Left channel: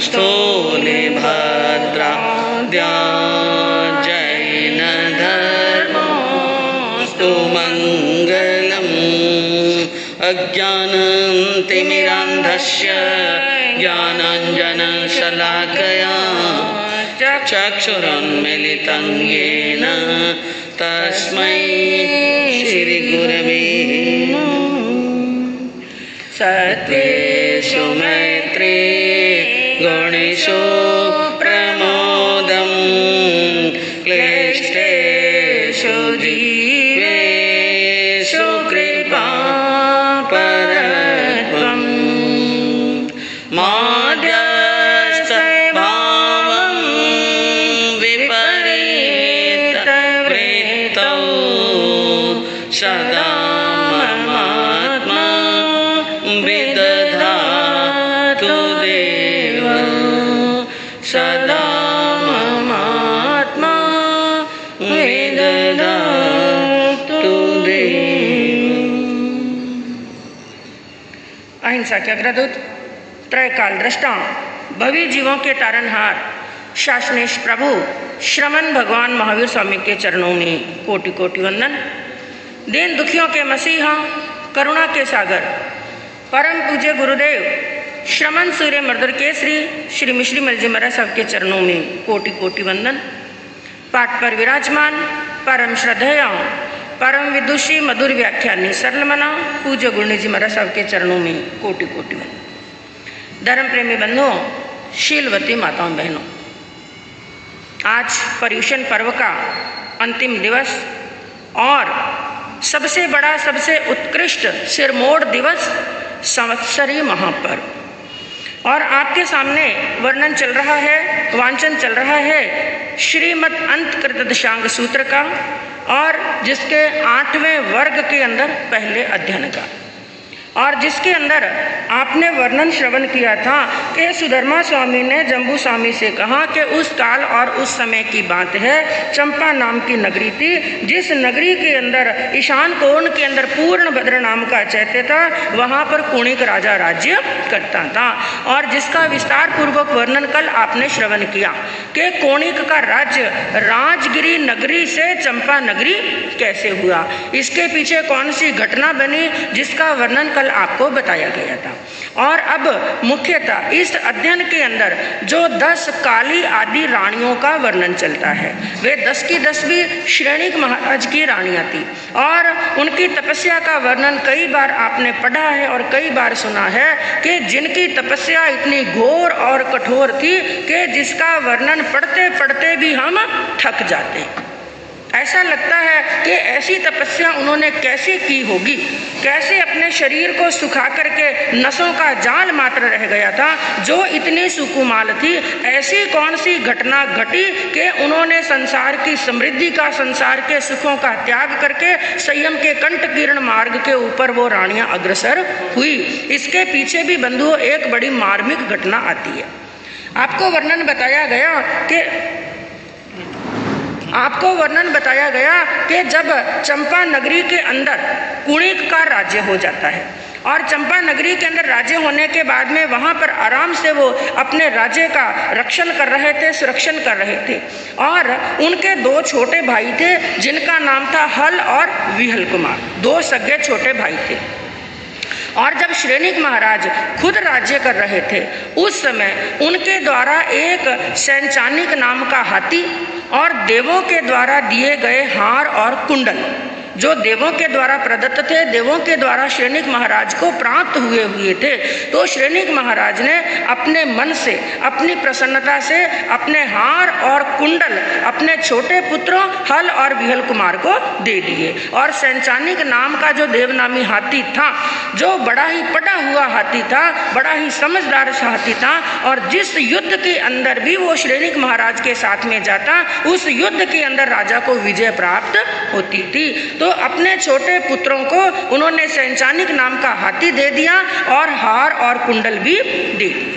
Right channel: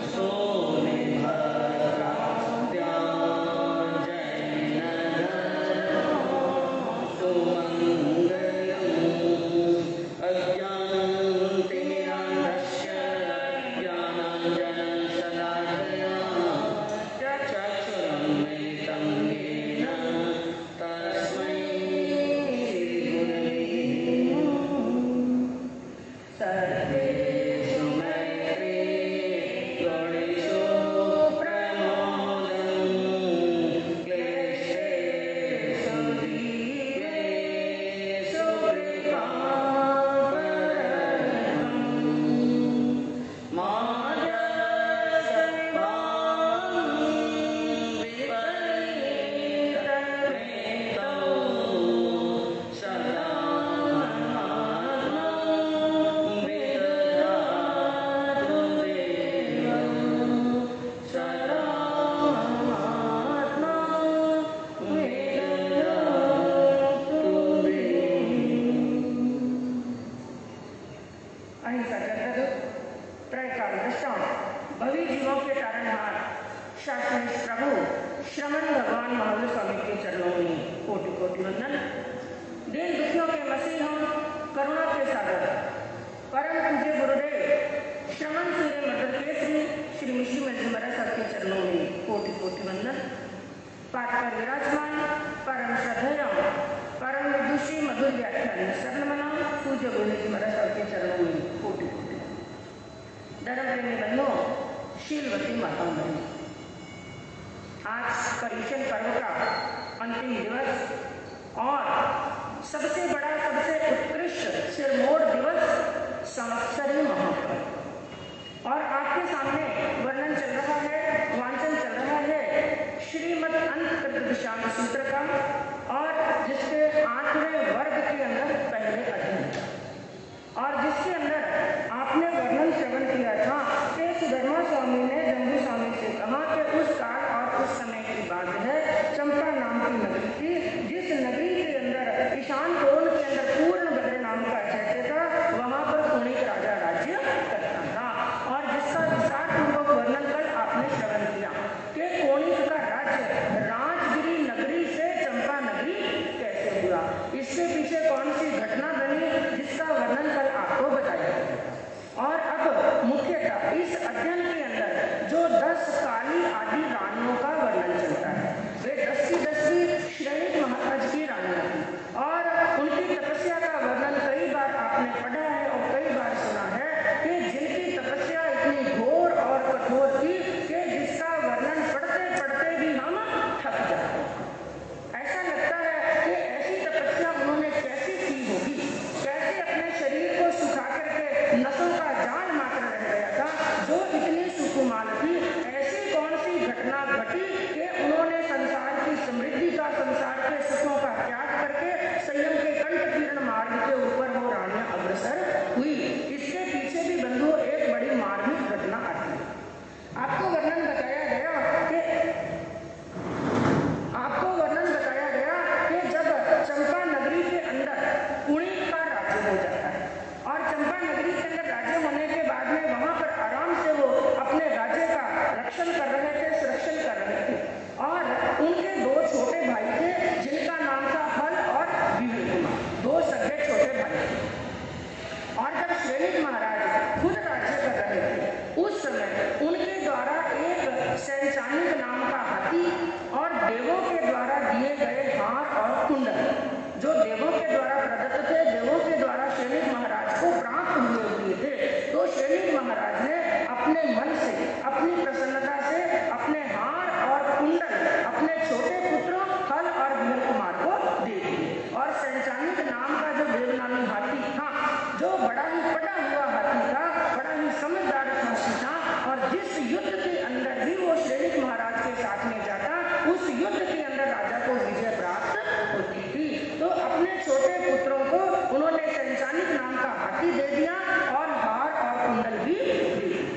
स्थूले भद्राद्या जैनधर्मोऽस्तु मङ्गलम्। अज्ञानतिमिरान्धस्य ज्ञानाञ्जनशलाकया चक्षुरुन्मीलितं येन तस्मै श्रीगुरवे नमः। सत्त्वेषु मैत्रे गुणेषु प्रमोदं क्लिष्टेषु जीवेषु कृपा परत्वम्। माध्यस्थभावं विपरीतवृत्तौ सदा ममात्मा विदधातु देव। सदा ममात्मा विदधातु देव। अहिंसा के अग्रदूत, त्रयकाल दृष्टा, भवी जीवों के तारनहार, शासनेश प्रभु श्रमण भगवान महावीर स्वामी के चरणों में कोटि कोटि वंदन। दीन दुखियों के मसीहा, करुणा के सागर, परम पूज्य गुरुदेव श्रमण सूर्य मर्दर केसरी श्री मिश्री मल जी महाराज साहब के चरणों में कोटि कोटि वंदन। पाठ पर विराजमान परम श्रद्धेय परम विदुषी मधुर व्याख्यानी सरल मना पूज्य गुरुनी जी महाराज साहब के चरणों में कोटि कोटि वंदन। धर्म प्रेमी बंधुओं, शीलवती माताओं बहनों, आज पर्युषण पर्व का अंतिम दिवस और सबसे बड़ा सबसे उत्कृष्ट सिरमोड़ दिवस संवत्सरी महापर्व, और आपके सामने वर्णन चल रहा है, वांचन चल रहा है श्रीमद् अंतकृत दशांग सूत्र का, और जिसके 8वें वर्ग के अंदर पहले अध्ययन का, और जिसके अंदर आपने वर्णन श्रवण किया था कि सुधर्मा स्वामी ने जम्बू स्वामी से कहा कि उस काल और उस समय की बात है, चंपा नाम की नगरी थी, जिस नगरी के अंदर ईशान कोण के अंदर पूर्ण भद्र नाम का चैत्य था, वहाँ पर कुणिक राजा राज्य करता था, और जिसका विस्तार पूर्वक वर्णन कल आपने श्रवण किया कि कोणिक का राज्य राजगिरी नगरी से चंपा नगरी कैसे हुआ, इसके पीछे कौन सी घटना बनी, जिसका वर्णन कल आपको बताया गया था। और अब मुख्यतः इस अध्ययन के अंदर जो 10 काली आदि रानियों का वर्णन चलता है, वे 10 की 10 भी श्रेणिक महाराज की रानियां थी, और उनकी तपस्या का वर्णन कई बार आपने पढ़ा है और कई बार सुना है कि जिनकी तपस्या इतनी घोर और कठोर थी कि जिसका वर्णन पढ़ते पढ़ते भी हम थक जाते। ऐसा लगता है कि ऐसी तपस्या उन्होंने कैसे की होगी, कैसे अपने शरीर को सुखा करके नसों का जाल मात्र रह गया था जो इतनी सुकुमाल थी। ऐसी कौन सी घटना घटी कि उन्होंने संसार की समृद्धि का, संसार के सुखों का त्याग करके संयम के कंटकीर्ण मार्ग के ऊपर वो रानियां अग्रसर हुई। इसके पीछे भी बंधुओं एक बड़ी मार्मिक घटना आती है। आपको वर्णन बताया गया कि जब चंपा नगरी के अंदर कुणिक का राज्य हो जाता है और चंपा नगरी के अंदर राज्य होने के बाद में वहाँ पर आराम से वो अपने राज्य का रक्षण कर रहे थे, सुरक्षण कर रहे थे। और उनके 2 छोटे भाई थे जिनका नाम था हल और विहल कुमार, 2 सगे छोटे भाई थे। और जब श्रेणिक महाराज खुद राज्य कर रहे थे उस समय उनके द्वारा एक सैंचानिक नाम का हाथी और देवों के द्वारा दिए गए हार और कुंडल, जो देवों के द्वारा प्रदत्त थे, देवों के द्वारा श्रेणिक महाराज को प्राप्त हुए थे, तो श्रेणिक महाराज ने अपने मन से, अपनी प्रसन्नता से अपने हार और कुंडल अपने छोटे पुत्रों हल और विहल कुमार को दे दिए। और सैंचानिक नाम का जो देवनामी हाथी था, जो बड़ा ही पढ़ा हुआ हाथी था, बड़ा ही समझदार हाथी था, और जिस युद्ध के अंदर भी वो श्रेणिक महाराज के साथ में जाता, उस युद्ध के अंदर राजा को विजय प्राप्त होती थी। तो अपने छोटे पुत्रों को उन्होंने सैंचानिक नाम का हाथी दे दिया और हार और कुंडल भी दे दिए।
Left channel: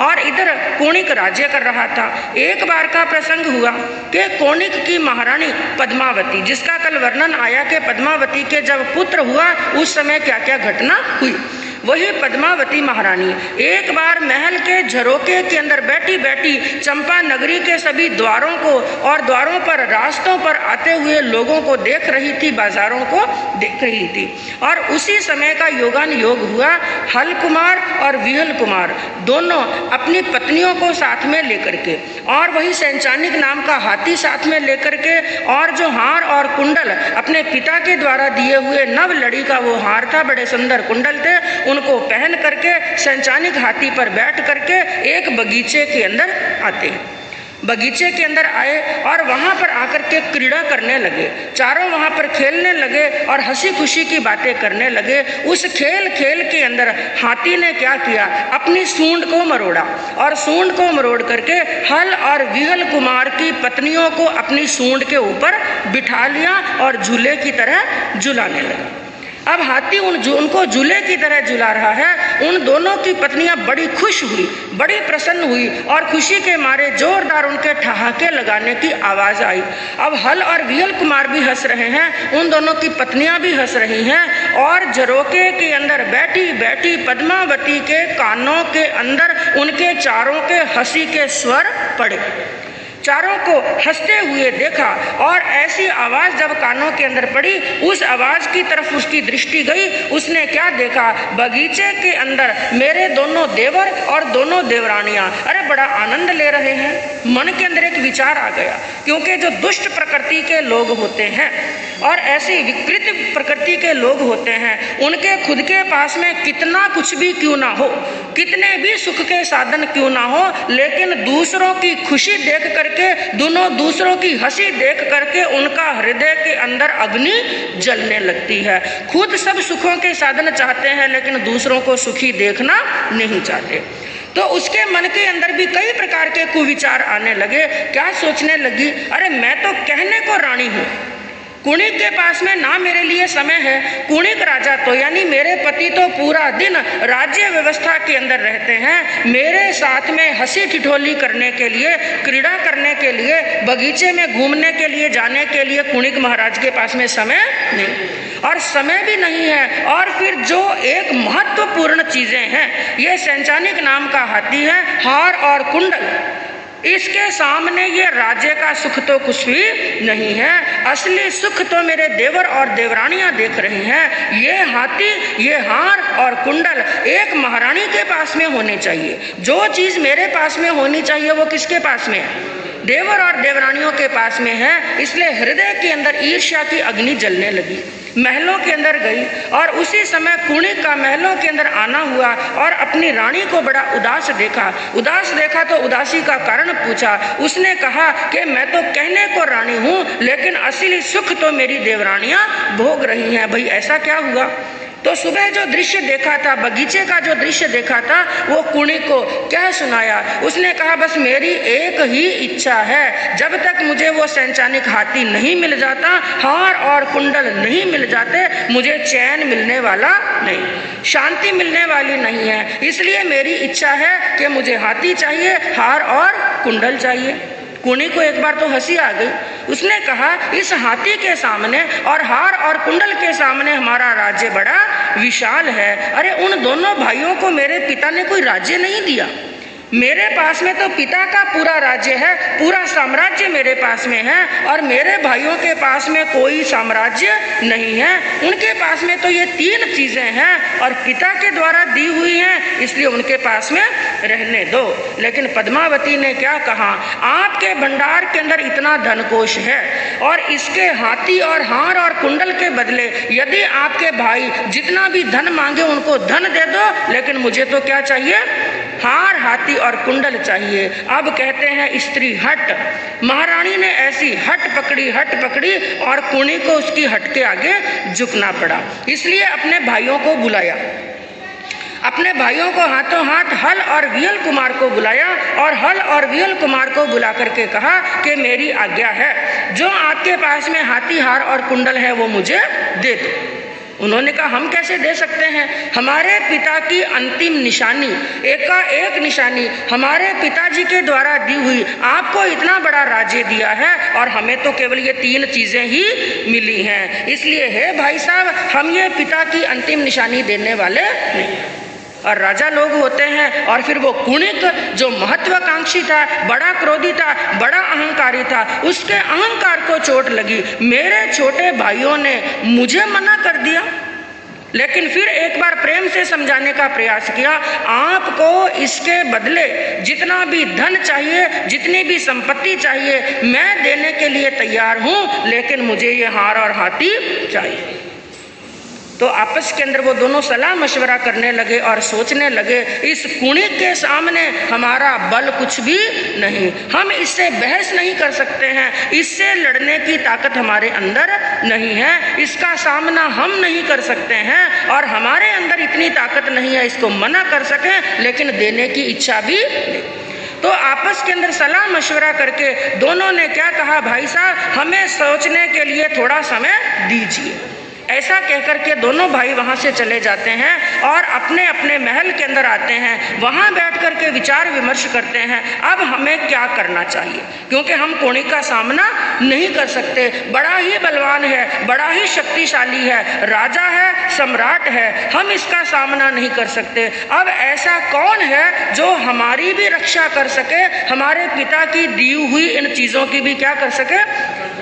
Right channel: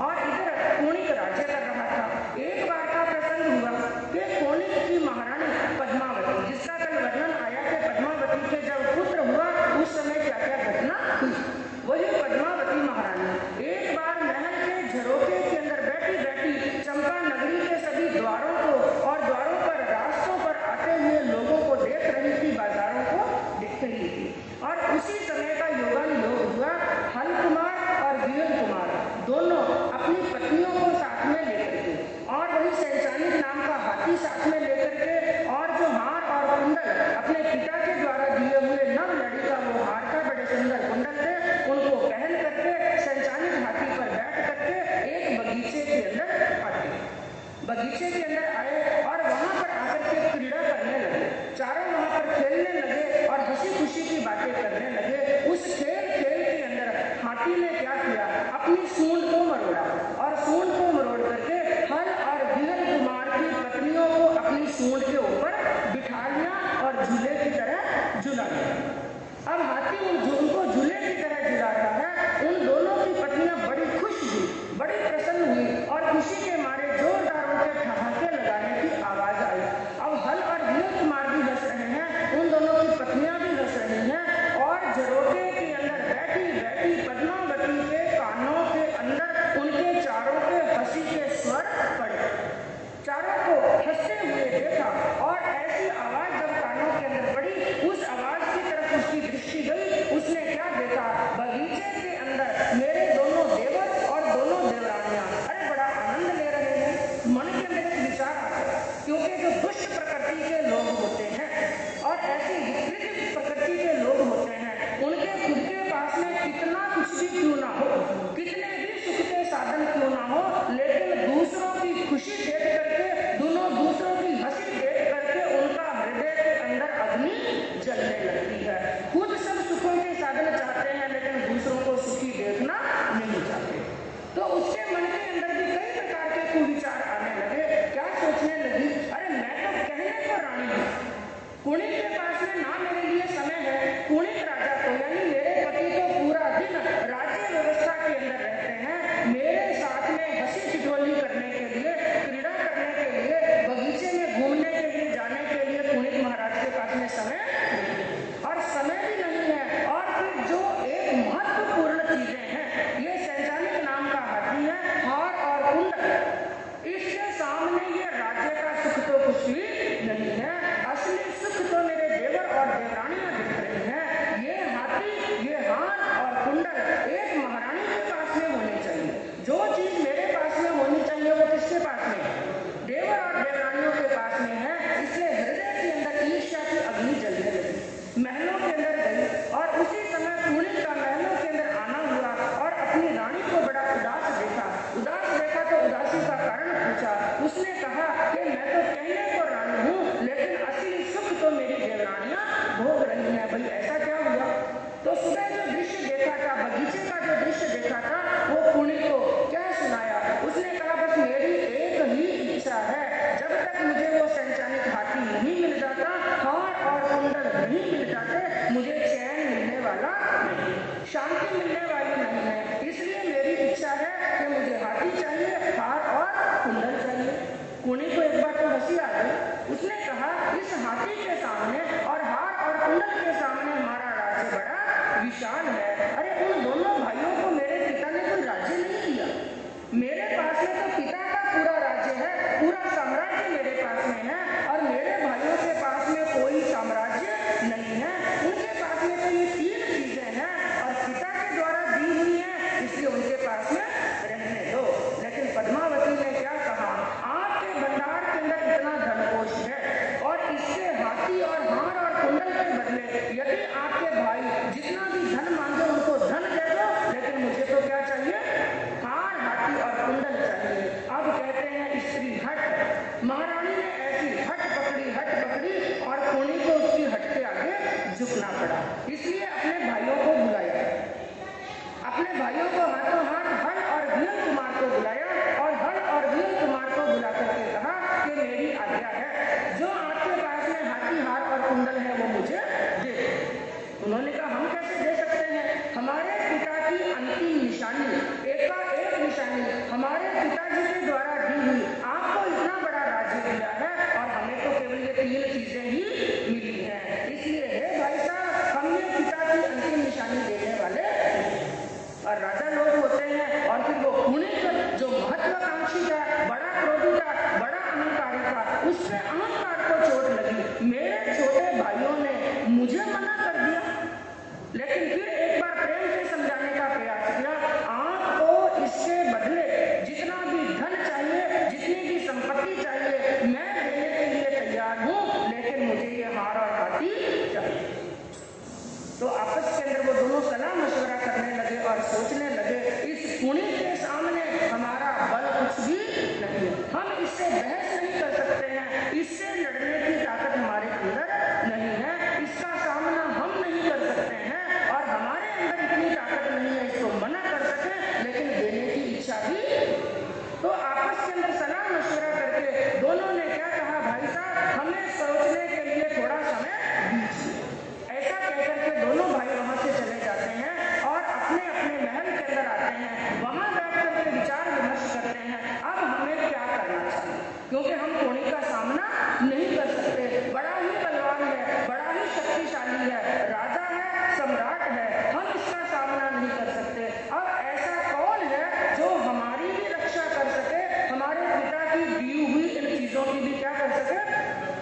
और इधर कोणिक राज्य कर रहा था। एक बार का प्रसंग हुआ कि कोणिक की महारानी पद्मावती, जिसका कल वर्णन आया कि पद्मावती के जब पुत्र हुआ उस समय क्या क्या घटना हुई। वही पद्मावती महारानी एक बार महल के झरोके के अंदर बैठी बैठी चंपा नगरी के सभी द्वारों को और द्वारों पर रास्तों पर आते हुए लोगों को देख रही थी, बाजारों को देख रही थी। और उसी समय का योगान योग हुआ। हल कुमार और विहल कुमार दोनों अपनी पत्नियों को साथ में लेकर के और वही सैंचानिक नाम का हाथी साथ में लेकर के और जो हार और कुंडल अपने पिता के द्वारा दिए हुए नव लड़ी का वो हार था, बड़े सुंदर कुंडल थे, उनको पहन करके सैंचानिक हाथी पर बैठ करके एक बगीचे के अंदर आते हैं। बगीचे के अंदर आए और वहाँ पर आकर के क्रीड़ा करने लगे। चारों वहाँ पर खेलने लगे और हंसी खुशी की बातें करने लगे। उस खेल के अंदर हाथी ने क्या किया, अपनी सूंड को मरोड़ा और सूंड को मरोड़ करके हल और विहल कुमार की पत्नियों को अपनी सूंड के ऊपर बिठा लिया और झूले की तरह झुलाने लगा। अब हाथी उनको झूले की तरह झुला रहा है। उन दोनों की पत्नियां बड़ी खुश हुई, बड़ी प्रसन्न हुई और खुशी के मारे जोरदार उनके ठहाके लगाने की आवाज आई। अब हल और विहल कुमार भी हंस रहे हैं, उन दोनों की पत्नियां भी हंस रही हैं और झरोके के अंदर बैठी बैठी पद्मावती के कानों के अंदर उनके चारों के हंसी के स्वर पड़े। चारों को हंसते हुए देखा और ऐसी आवाज जब कानों के अंदर पड़ी, उस आवाज की तरफ उसकी दृष्टि गई। उसने क्या देखा, बगीचे के अंदर मेरे दोनों देवर और दोनों देवरानियां अरे बड़ा आनंद ले रहे हैं। मन के अंदर एक विचार आ गया, क्योंकि जो दुष्ट प्रकृति के लोग होते हैं और ऐसी विकृत प्रकृति के लोग होते हैं, उनके खुद के पास में कितना कुछ भी क्यों ना हो, कितने भी सुख के साधन क्यों ना हो, लेकिन दूसरों की खुशी देख करके, दोनों दूसरों की हंसी देख करके उनका हृदय के अंदर अग्नि जलने लगती है। खुद सब सुखों के साधन चाहते हैं लेकिन दूसरों को सुखी देखना नहीं चाहते। तो उसके मन के अंदर भी कई प्रकार के कुविचार आने लगे। क्या सोचने लगी, अरे मैं तो कहने को रानी हूँ, कुणिक के पास में ना मेरे लिए समय है। कुणिक राजा तो यानी मेरे पति तो पूरा दिन राज्य व्यवस्था के अंदर रहते हैं, मेरे साथ में हंसी ठिठोली करने के लिए, क्रीड़ा करने के लिए, बगीचे में घूमने के लिए जाने के लिए कुणिक महाराज के पास में समय नहीं, और समय भी नहीं है। और फिर जो एक महत्वपूर्ण चीजें हैं, ये सैंचानिक नाम का हाथी है, हार और कुंडल, इसके सामने ये राज्य का सुख तो कुछ भी नहीं है। असली सुख तो मेरे देवर और देवरानियां देख रही हैं। ये हाथी, ये हार और कुंडल एक महारानी के पास में होने चाहिए। जो चीज मेरे पास में होनी चाहिए वो किसके पास में है, देवर और देवरानियों के पास में है। इसलिए हृदय के अंदर ईर्ष्या की अग्नि जलने लगी। महलों के अंदर गई और उसी समय कुणिक का महलों के अंदर आना हुआ और अपनी रानी को बड़ा उदास देखा तो उदासी का कारण पूछा। उसने कहा कि मैं तो कहने को रानी हूँ लेकिन असली सुख तो मेरी देवरानियां भोग रही हैं। भाई ऐसा क्या हुआ? तो सुबह जो दृश्य देखा था, बगीचे का जो दृश्य देखा था, वो कुणिक को क्या सुनाया। उसने कहा बस मेरी एक ही इच्छा है, जब तक मुझे वो सैंचानिक हाथी नहीं मिल जाता, हार और कुंडल नहीं मिल जाते, मुझे चैन मिलने वाला नहीं, शांति मिलने वाली नहीं है। इसलिए मेरी इच्छा है कि मुझे हाथी चाहिए, हार और कुंडल चाहिए। कुणिक को एक बार तो हंसी आ गई। उसने कहा इस हाथी के सामने और हार और कुंडल के सामने हमारा राज्य बड़ा विशाल है। अरे उन दोनों भाइयों को मेरे पिता ने कोई राज्य नहीं दिया, मेरे पास में तो पिता का पूरा राज्य है, पूरा साम्राज्य मेरे पास में है, और मेरे भाइयों के पास में कोई साम्राज्य नहीं है। उनके पास में तो ये तीन चीजें हैं और पिता के द्वारा दी हुई हैं, इसलिए उनके पास में रहने दो। लेकिन पद्मावती ने क्या कहा, आपके भंडार के अंदर इतना धनकोश है और इसके हाथी और हार और कुंडल के बदले यदि आपके भाई जितना भी धन मांगे उनको धन दे दो, लेकिन मुझे तो क्या चाहिए, हार, हाथी और कुंडल चाहिए। अब कहते हैं स्त्री हट। महारानी ने ऐसी हट पकड़ी और कुणिक को उसकी हट के आगे झुकना पड़ा। इसलिए अपने भाइयों को बुलाया, अपने भाइयों को हाथों हाथ हल और विहल कुमार को बुलाया और हल और विहल कुमार को बुला करके कहा कि मेरी आज्ञा है, जो आपके पास में हाथी, हार और कुंडल है वो मुझे दे दो। उन्होंने कहा हम कैसे दे सकते हैं, हमारे पिता की अंतिम निशानी, एकाएक निशानी हमारे पिताजी के द्वारा दी हुई, आपको इतना बड़ा राज्य दिया है और हमें तो केवल ये 3 चीजें ही मिली हैं, इसलिए हे भाई साहब हम ये पिता की अंतिम निशानी देने वाले नहीं। और राजा लोग होते हैं और फिर वो कुणिक जो महत्वाकांक्षी था, बड़ा क्रोधी था, बड़ा अहंकारी था, उसके अहंकार को चोट लगी, मेरे छोटे भाइयों ने मुझे मना कर दिया। लेकिन फिर एक बार प्रेम से समझाने का प्रयास किया, आपको इसके बदले जितना भी धन चाहिए, जितनी भी संपत्ति चाहिए मैं देने के लिए तैयार हूं, लेकिन मुझे ये हार और हाथी चाहिए। तो आपस के अंदर वो दोनों सलाह मशवरा करने लगे और सोचने लगे, इस कुणिक के सामने हमारा बल कुछ भी नहीं, हम इससे बहस नहीं कर सकते हैं, इससे लड़ने की ताकत हमारे अंदर नहीं है, इसका सामना हम नहीं कर सकते हैं और हमारे अंदर इतनी ताकत नहीं है इसको मना कर सकें, लेकिन देने की इच्छा भी नहीं। तो आपस के अंदर सलाह मशवरा करके दोनों ने क्या कहा, भाई साहब हमें सोचने के लिए थोड़ा समय दीजिए। ऐसा कहकर के दोनों भाई वहाँ से चले जाते हैं और अपने अपने महल के अंदर आते हैं, वहाँ बैठ कर के विचार विमर्श करते हैं अब हमें क्या करना चाहिए, क्योंकि हम कुणिक का सामना नहीं कर सकते, बड़ा ही बलवान है, बड़ा ही शक्तिशाली है, राजा है, सम्राट है, हम इसका सामना नहीं कर सकते। अब ऐसा कौन है जो हमारी भी रक्षा कर सके, हमारे पिता की दी हुई इन चीज़ों की भी क्या कर सके,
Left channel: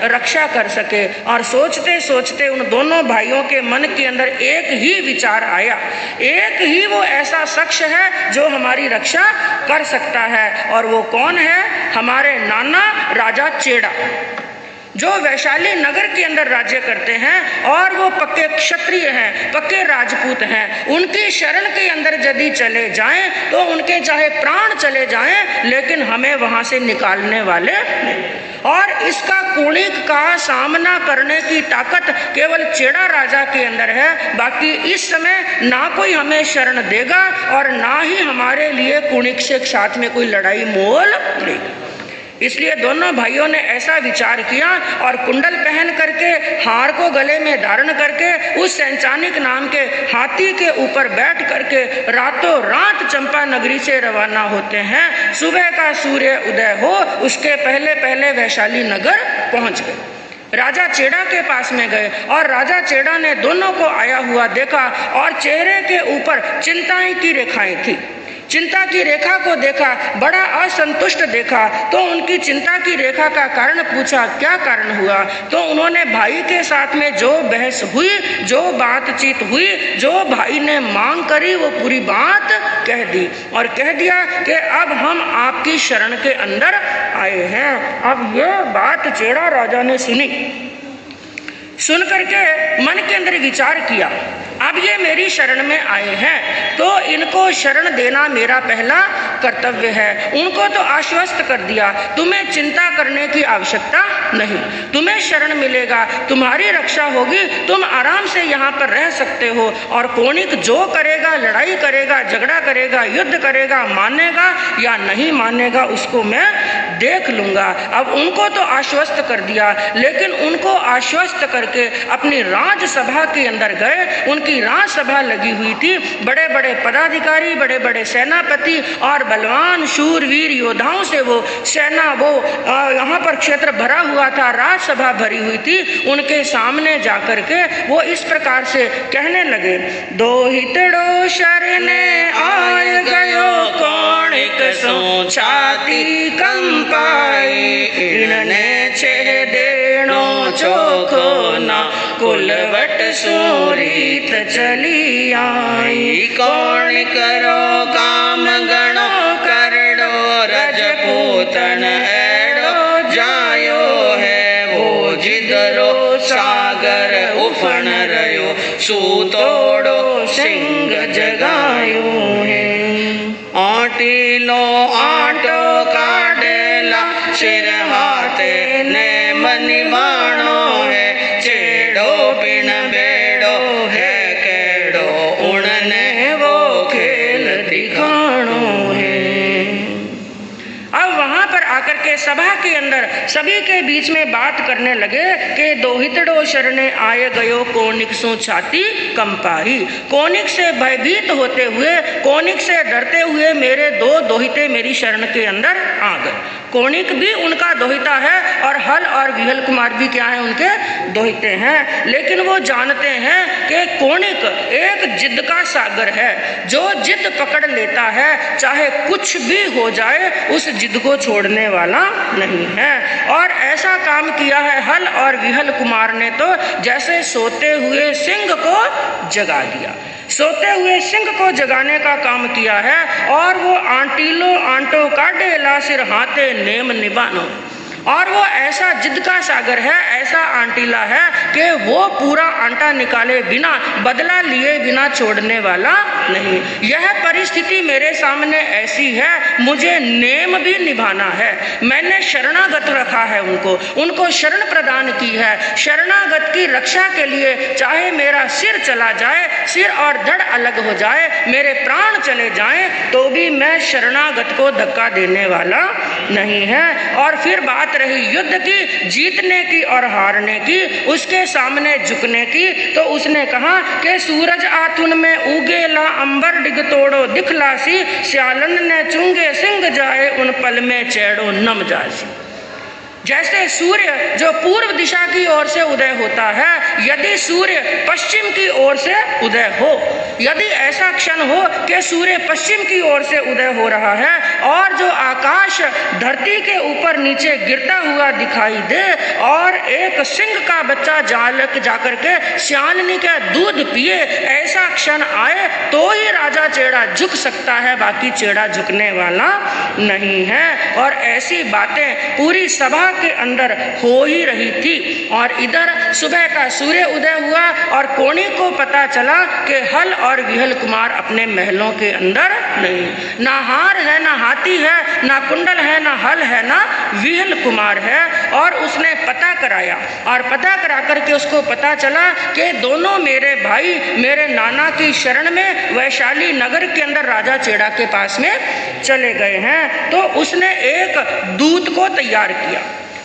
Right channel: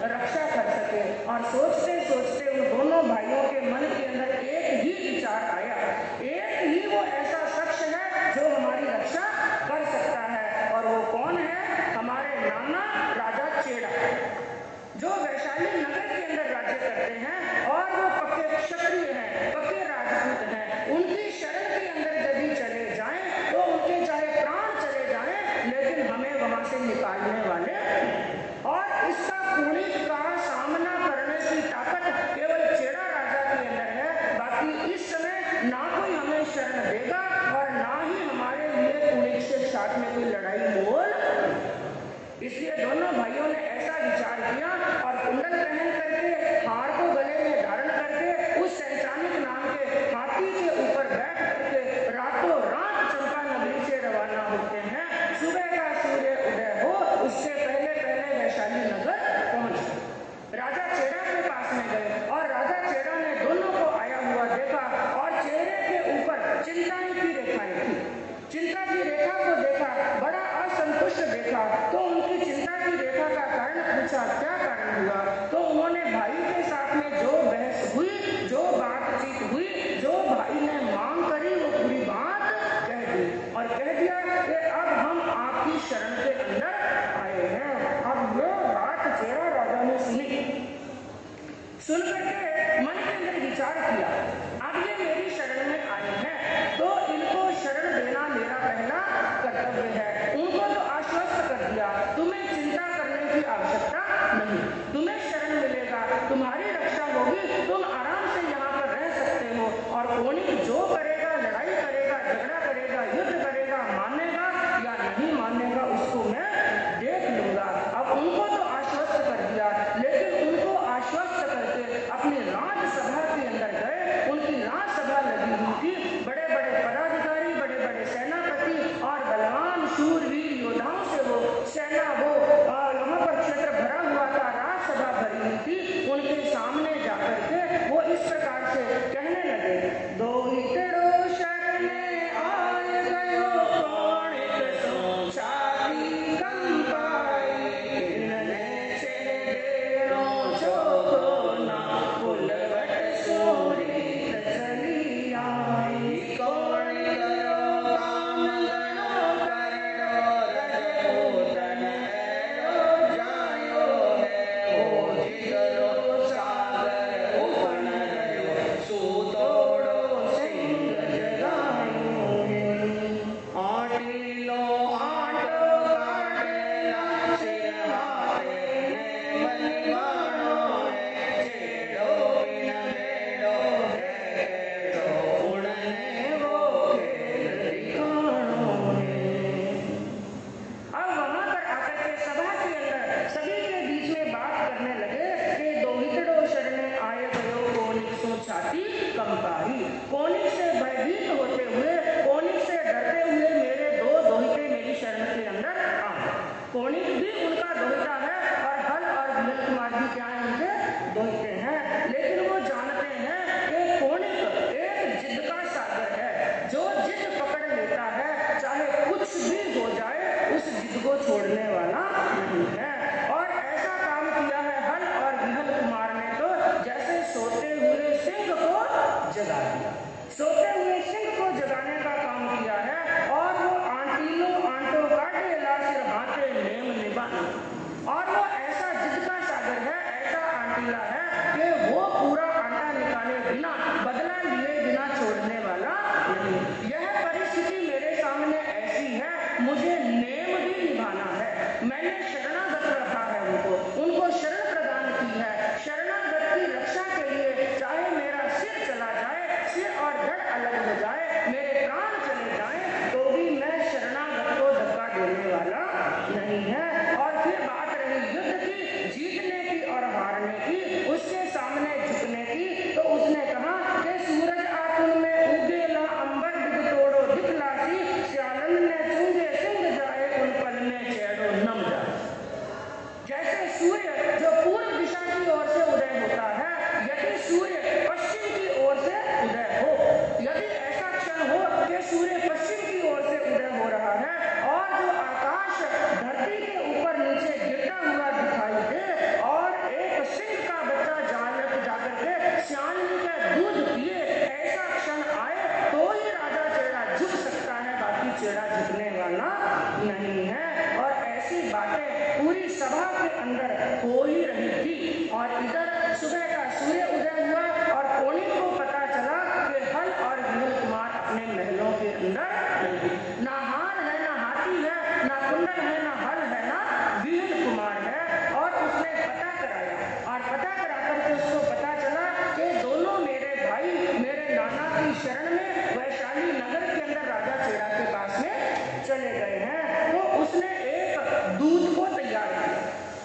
रक्षा कर सके। और सोचते सोचते उन दोनों भाइयों के मन के अंदर एक ही विचार आया, एक ही वो ऐसा शख्स है जो हमारी रक्षा कर सकता है, और वो कौन है, हमारे नाना राजा चेड़ा, जो वैशाली नगर के अंदर राज्य करते हैं और वो पक्के क्षत्रिय हैं, पक्के राजपूत हैं। उनकी शरण के अंदर यदि चले जाएं तो उनके चाहे प्राण चले जाएं, लेकिन हमें वहां से निकालने वाले नहीं। और इसका कुणिक का सामना करने की ताकत केवल चेड़ा राजा के अंदर है, बाकी इस समय ना कोई हमें शरण देगा और ना ही हमारे लिए कुणिक से साथ में कोई लड़ाई मोल लेगा। इसलिए दोनों भाइयों ने ऐसा विचार किया और कुंडल पहन करके, हार को गले में धारण करके, उस सैंचानिक नाम के हाथी के ऊपर बैठ करके रातों रात चंपा नगरी से रवाना होते हैं। सुबह का सूर्य उदय हो उसके पहले पहले वैशाली नगर पहुंच गए। राजा चेड़ा के पास में गए और राजा चेड़ा ने दोनों को आया हुआ देखा और चेहरे के ऊपर चिंताएं की रेखाएं थी। चिंता की रेखा को देखा, बड़ा असंतुष्ट देखा, तो उनकी चिंता की रेखा का कारण पूछा, क्या कारण हुआ? तो उन्होंने भाई के साथ में जो बहस हुई, जो बातचीत हुई, जो भाई ने मांग करी, वो पूरी बात कह दी और कह दिया कि अब हम आपकी शरण के अंदर आए हैं। अब ये बात चेड़ा राजा ने सुनी, सुन करके मन के अंदर विचार किया, अब ये मेरी शरण में आए हैं तो इनको शरण देना मेरा पहला कर्तव्य है। उनको तो आश्वस्त कर दिया, तुम्हें चिंता करने की आवश्यकता नहीं, तुम्हें शरण मिलेगा, तुम्हारी रक्षा होगी, तुम आराम से यहाँ पर रह सकते हो। और कोणिक जो करेगा, लड़ाई करेगा, झगड़ा करेगा, युद्ध करेगा, मानेगा या नहीं मानेगा उसको मैं देख लूँगा। अब उनको तो आश्वस्त कर दिया, लेकिन उनको आश्वस्त करके अपनी राजसभा के अंदर गए। उनकी राजसभा लगी हुई थी, बड़े बड़े पदाधिकारी, बड़े बड़े सेनापति और बलवान शूरवीर योद्धाओं से वो सेना, वो यहाँ पर क्षेत्र भरा हुआ था, राजसभा भरी हुई थी। उनके सामने जाकर के वो इस प्रकार से कहने लगे, दो हितड़ो शरणे आय गयो कोणिक सो छाती कंपाई, इनने छे देणो चोखो ना कुलवट सूरीत चली आई। कौन करो काम गणो करड़ो, रजपूतन एड़ो जायो है, वो जिदरो सागर उफण रयो, सूतोड़ो सिंह जगायो है। आटीलो आटो काटेला, सिर हाथे ने मनिवाणो है, चेड़ो बिन बेड़ो है केड़ो, उड़ने वो खेल आकर के सभा के अंदर सभी के बीच में बात करने लगे कि दोहितड़ो शरणे आए गयो कोनिक सो छाती कंपाई। कोनिक से भयभीत होते हुए, कोनिक से डरते हुए मेरे दो दोहिते मेरी शरण के अंदर आ गए। कोनिक भी उनका दोहिता है और हल और विहल कुमार भी क्या है, उनके दोहिते हैं। लेकिन वो जानते हैं कि कोनिक एक जिद का सागर है, जो जिद पकड़ लेता है चाहे कुछ भी हो जाए उस जिद को छोड़ने वाला नहीं है। और ऐसा काम किया है हल और विहल कुमार ने, तो जैसे सोते हुए सिंह को जगा दिया। सोते हुए सिंह को जगाने का काम किया है। और वो आंटीलो आंटो काटे ला सिर हाथे नेम निभानो। और वो ऐसा जिद का सागर है, ऐसा आंटीला है कि वो पूरा आंटा निकाले बिना, बदला लिए बिना छोड़ने वाला नहीं। यह परिस्थिति मेरे सामने ऐसी है, मुझे नेम भी निभाना है। मैंने शरणागत रखा है, उनको शरण प्रदान की है। शरणागत की रक्षा के लिए चाहे मेरा सिर चला जाए, सिर और धड़ अलग हो जाए, मेरे प्राण चले जाएं, तो भी मैं शरणागत को धक्का देने वाला नहीं है। और फिर बात रही युद्ध की, जीतने की और हारने की, उसके सामने झुकने की, तो उसने कहा कि सूरज आथुन में उगेला अंबर डिग तोड़ो दिखलासी, स्यालन ने चुंगे सिंह जाए उन पल में चैड़ो नम जासी। जैसे सूर्य जो पूर्व दिशा की ओर से उदय होता है, यदि सूर्य पश्चिम की ओर से उदय हो, यदि ऐसा क्षण हो कि सूर्य पश्चिम की ओर से उदय हो रहा है और जो आकाश धरती के ऊपर नीचे गिरता हुआ दिखाई दे और एक सिंह का बच्चा जाकर के श्यालनी का दूध पिए, ऐसा क्षण आए तो ही राजा चेड़ा झुक सकता है, बाकी चेड़ा झुकने वाला नहीं है। और ऐसी बातें पूरी सभा के अंदर हो ही रही थी। और इधर सुबह का सूर्य उदय हुआ और कोनी को पता चला कि हल और विहल कुमार अपने महलों के अंदर नहीं। ना हार है, ना हाथी है, ना कुंडल है, ना हल है, ना विहल कुमार है। और उसने पता कराया और पता करा करके उसको पता चला कि दोनों मेरे भाई मेरे नाना की शरण में वैशाली नगर के अंदर राजा चेड़ा के पास में चले गए हैं। तो उसने एक दूत को तैयार किया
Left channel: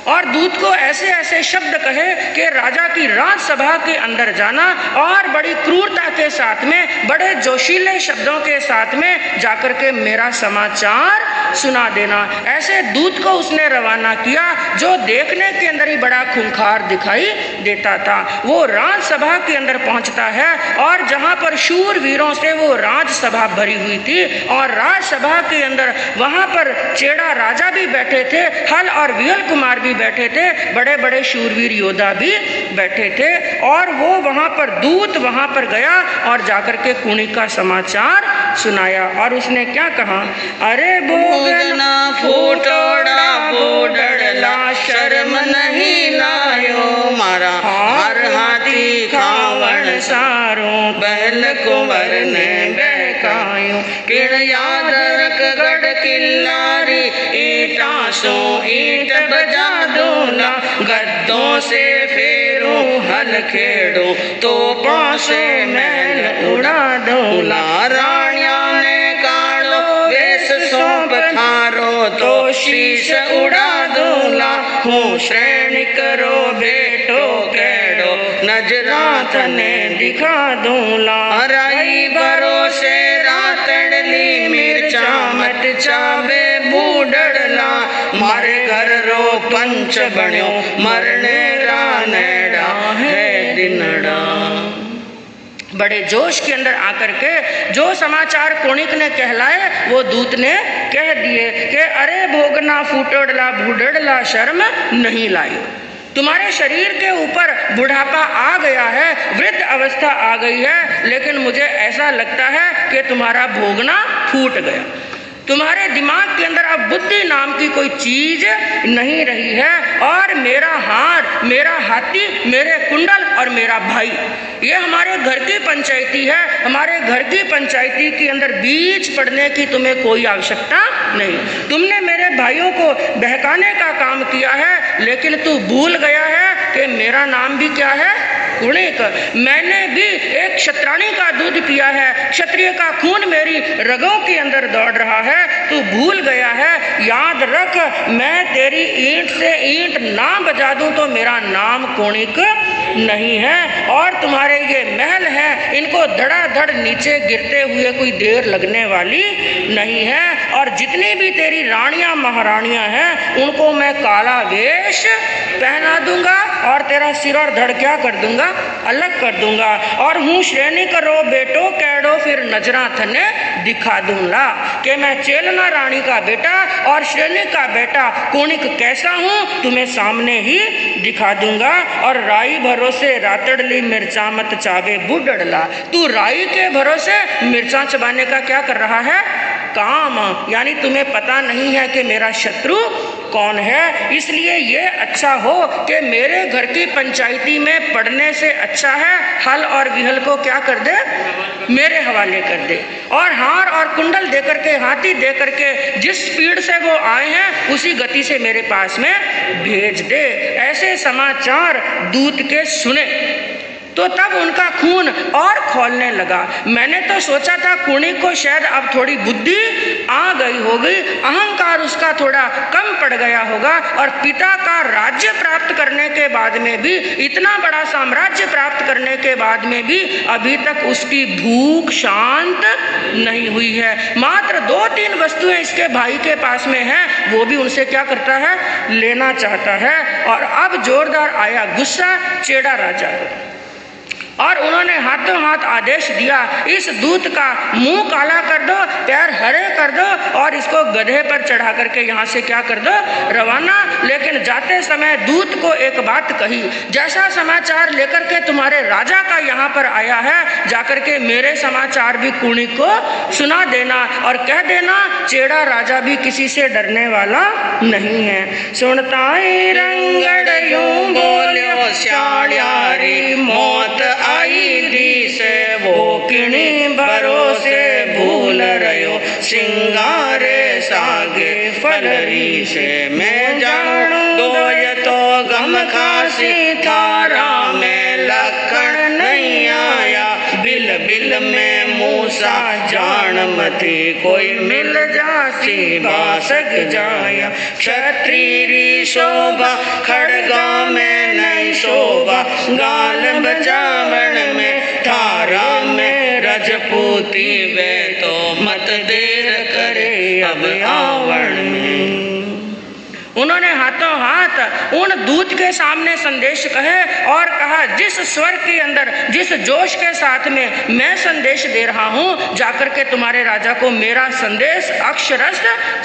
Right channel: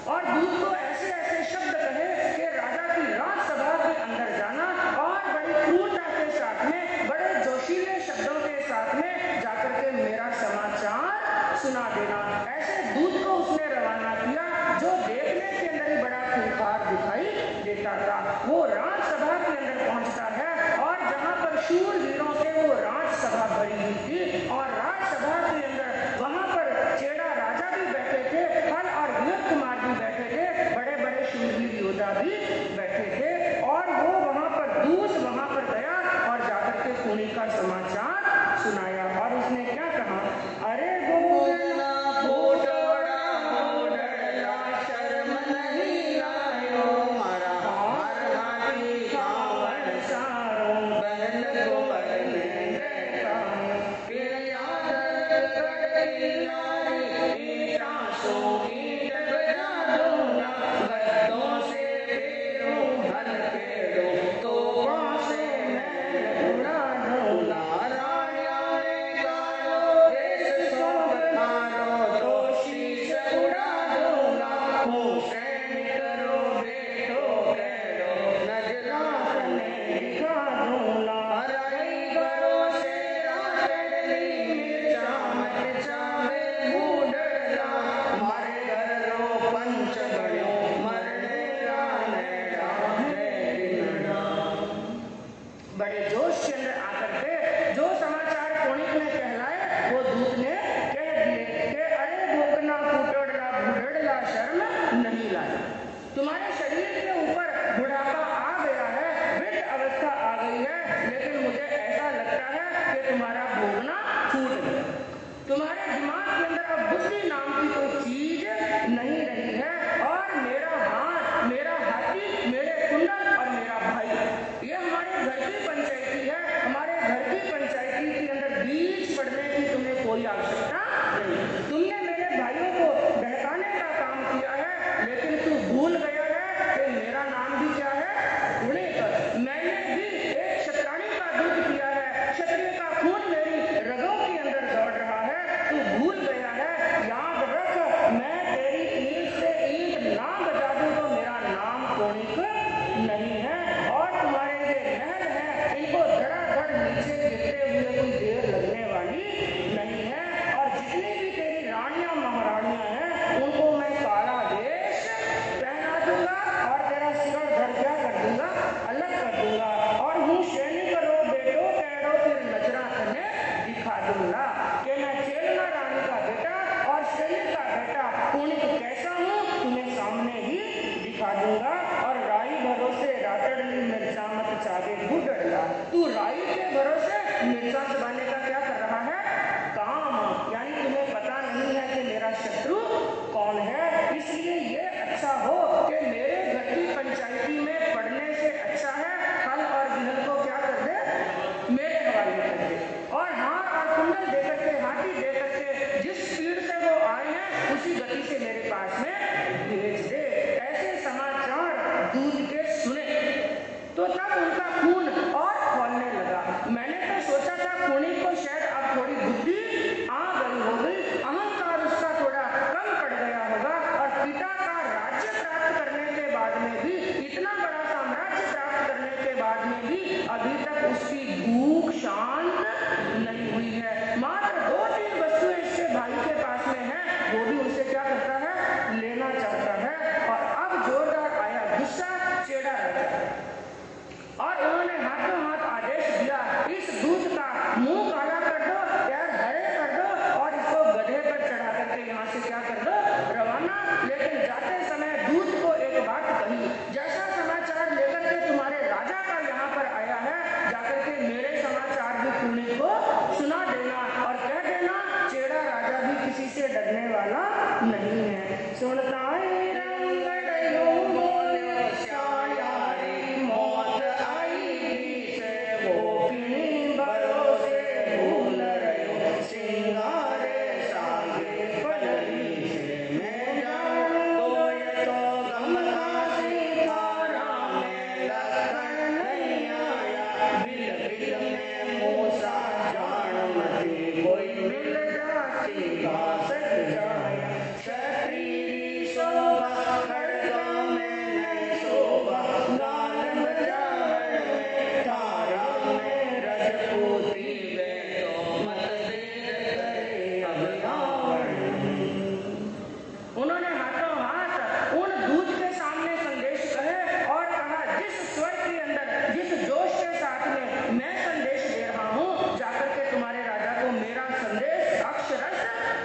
और दूत को ऐसे ऐसे शब्द कहे कि राजा की राजसभा के अंदर जाना और बड़ी क्रूरता के साथ में, बड़े जोशीले शब्दों के साथ में जाकर के मेरा समाचार सुना देना। ऐसे दूत को उसने रवाना किया जो देखने के अंदर ही बड़ा खूंखार दिखाई देता था। वो राजसभा के अंदर पहुंचता है और जहां पर शूर वीरों से वो राजसभा भरी हुई थी और राजसभा के अंदर वहां पर चेड़ा राजा भी बैठे थे, हल और विहल कुमार भी बैठे थे, बड़े बड़े शूरवीर योद्धा भी बैठे थे। और वो वहां पर दूत वहां पर गया और जाकर के कुणी का समाचार सुनाया। और उसने क्या कहा, अरे बोगना फूटोड़ा बोडड़ला शर्म नहीं लायो, मारा हर हाथी खावण सारो बैल कुंवर ने बहकायो, किण याद रख गढ़ किल्लारी ईटा सो ईट बजा दूला, गद्दों से फेरो हल खेड़ो तो पासे मैल उड़ा दूला, राणिया ने कालो वेश सौंप थारो तो शीश उड़ा दूला, हूँ श्रेणी करो बेटो केड़ो नजरात ने दिखा दूला, राई भरोसे रातड़ली मिर्चा मत चाबे बूढ़ड़ला, मारे घर रो पंच बण्यो मरने रानेड़ा है दिनड़ा। बड़े जोश के अंदर आकर के जो समाचार कोणिक ने कहलाए वो दूत ने कह दिए कि अरे भोगना फूटड़ला बूढ़ड़ला शर्म नहीं लायो, तुम्हारे शरीर के ऊपर बुढ़ापा आ गया है, वृद्ध अवस्था आ गई है, लेकिन मुझे ऐसा लगता है कि तुम्हारा भोगना फूट गया। तुम्हारे दिमाग के अंदर अब बुद्धि नाम की कोई चीज नहीं रही है और मेरा हार, मेरा हाथी, मेरे कुंडल और मेरा भाई, ये हमारे घर की पंचायती है। हमारे घर की पंचायती के अंदर बीच पड़ने की तुम्हें कोई आवश्यकता नहीं। तुमने मेरे भाइयों को बहकाने का काम किया है, लेकिन तू भूल गया है कि मेरा नाम भी क्या है, कुणिक, मैंने भी एक क्षत्राणी का दूध पिया है, क्षत्रिय का खून मेरी रगों के अंदर दौड़ रहा है, तू भूल गया है। याद रख, मैं तेरी ईंट से ईंट ना बजा दूं तो मेरा नाम कुणिक नहीं है। और तुम्हारे ये महल हैं, इनको धड़ाधड़ नीचे गिरते हुए कोई देर लगने वाली नहीं है। और जितनी भी तेरी रानियां महारानियां हैं, उनको मैं काला वेश पहना दूंगा और तेरा सिर और धड़ क्या कर दूंगा, अलग कर दूंगा। और हूँ श्रेणी करो बेटो कैडो, फिर नजरा थने दिखा दूंगा कि मैं चेलना रानी का बेटा और श्रेणी का बेटा कुणिक कैसा हूँ, तुम्हें सामने ही दिखा दूंगा। और राई भरोसे रातड़ली मिर्चा मत चावे बुडड़ला, तू राई के भरोसे मिर्चा चबाने का क्या कर रहा है, काम। यानी तुम्हें पता नहीं है कि मेरा शत्रु कौन है। इसलिए ये अच्छा हो कि मेरे घर की पंचायती में पढ़ने से अच्छा है हल और विहल को क्या कर दे, मेरे हवाले कर दे। और हार और कुंडल दे करके, हाथी दे करके जिस स्पीड से वो आए हैं उसी गति से मेरे पास में भेज दे। ऐसे समाचार दूत के सुने तो तब उनका खून और खौलने लगा। मैंने तो सोचा था कुणिक को शायद अब थोड़ी बुद्धि आ गई होगी, अहंकार उसका थोड़ा कम पड़ गया होगा, और पिता का राज्य प्राप्त करने के बाद में भी, इतना बड़ा साम्राज्य प्राप्त करने के बाद में भी अभी तक उसकी भूख शांत नहीं हुई है। मात्र 2-3 वस्तुएं इसके भाई के पास में हैं, वो भी उनसे क्या करता है, लेना चाहता है। और अब जोरदार आया गुस्सा चेड़ा राजा को, और उन्होंने हाथों हाथ आदेश दिया, इस दूत का मुंह काला कर दो, पैर हरे कर दो और इसको गधे पर चढ़ा करके यहाँ से क्या कर दो, रवाना। लेकिन जाते समय दूत को एक बात कही, जैसा समाचार लेकर के तुम्हारे राजा का यहाँ पर आया है, जाकर के मेरे समाचार भी कुणिक को सुना देना और कह देना चेड़ा राजा भी किसी से डरने वाला नहीं है। सुनताई रंगड़ यूं बोलियो श्याल्यारी मौत आई दी से, वो किणी भरोसे भूल रहो सिंगारे सागे फलरी से। मैं जानू दोय तो गम खासी थारा में लखन नहीं आया, बिल बिल में मूसा जान मती कोई मिल जासी बासक जाया। क्षत्रिय शोभा खड़गा में नहीं शोभा, गाल बचावन में थारा में रजपूती वे तो मत देर करे अब आवण में। उन्होंने हाथों हाथ उन दूत के सामने संदेश कहे और कहा, जिस स्वर के अंदर, जिस जोश के साथ में मैं संदेश दे रहा हूँ, जाकर के तुम्हारे राजा को मेरा संदेश अक्षरश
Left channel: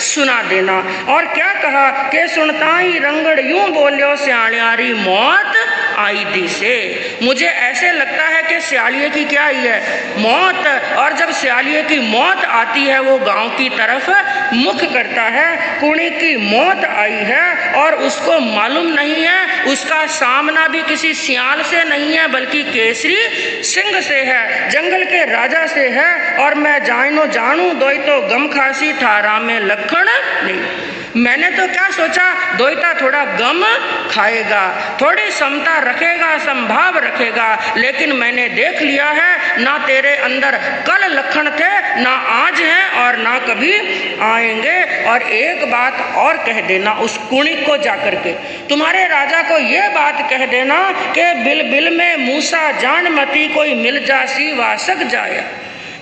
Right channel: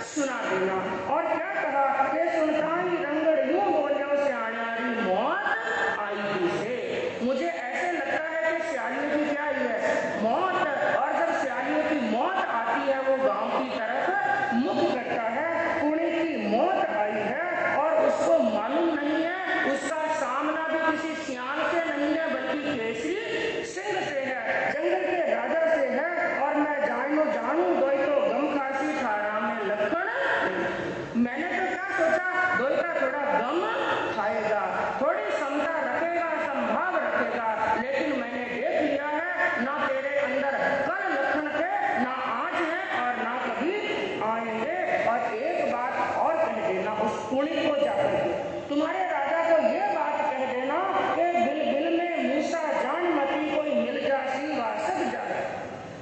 सुना देना। और क्या कहा कि सुनता ही रंगड़ यूं बोलियो सियाण्यारी मौत आई दी से। मुझे ऐसे लगता है कि सियालिये की क्या आई है, मौत। और जब सियालिये की मौत आती है वो गांव की तरफ मुख करता है। कुणिक की मौत आई है और उसको मालूम नहीं है उसका सामना भी किसी सियाल से नहीं है बल्कि केसरी सिंह से है, जंगल के राजा से है। और मैं जानो जानू दोई तो गम खासी थारा में लखन नहीं। मैंने तो क्या सोचा, दोईता थोड़ा गम खाएगा, थोड़ी समता रखेगा, संभाव रखेगा, लेकिन मैंने देख लिया है ना तेरे अंदर कल लक्षण थे, ना आज हैं और ना कभी आएंगे। और एक बात और कह देना उस कुणिक को, जाकर के तुम्हारे राजा को यह बात कह देना कि बिल बिल में मूसा जान मती कोई मिल जासी वासक जाया।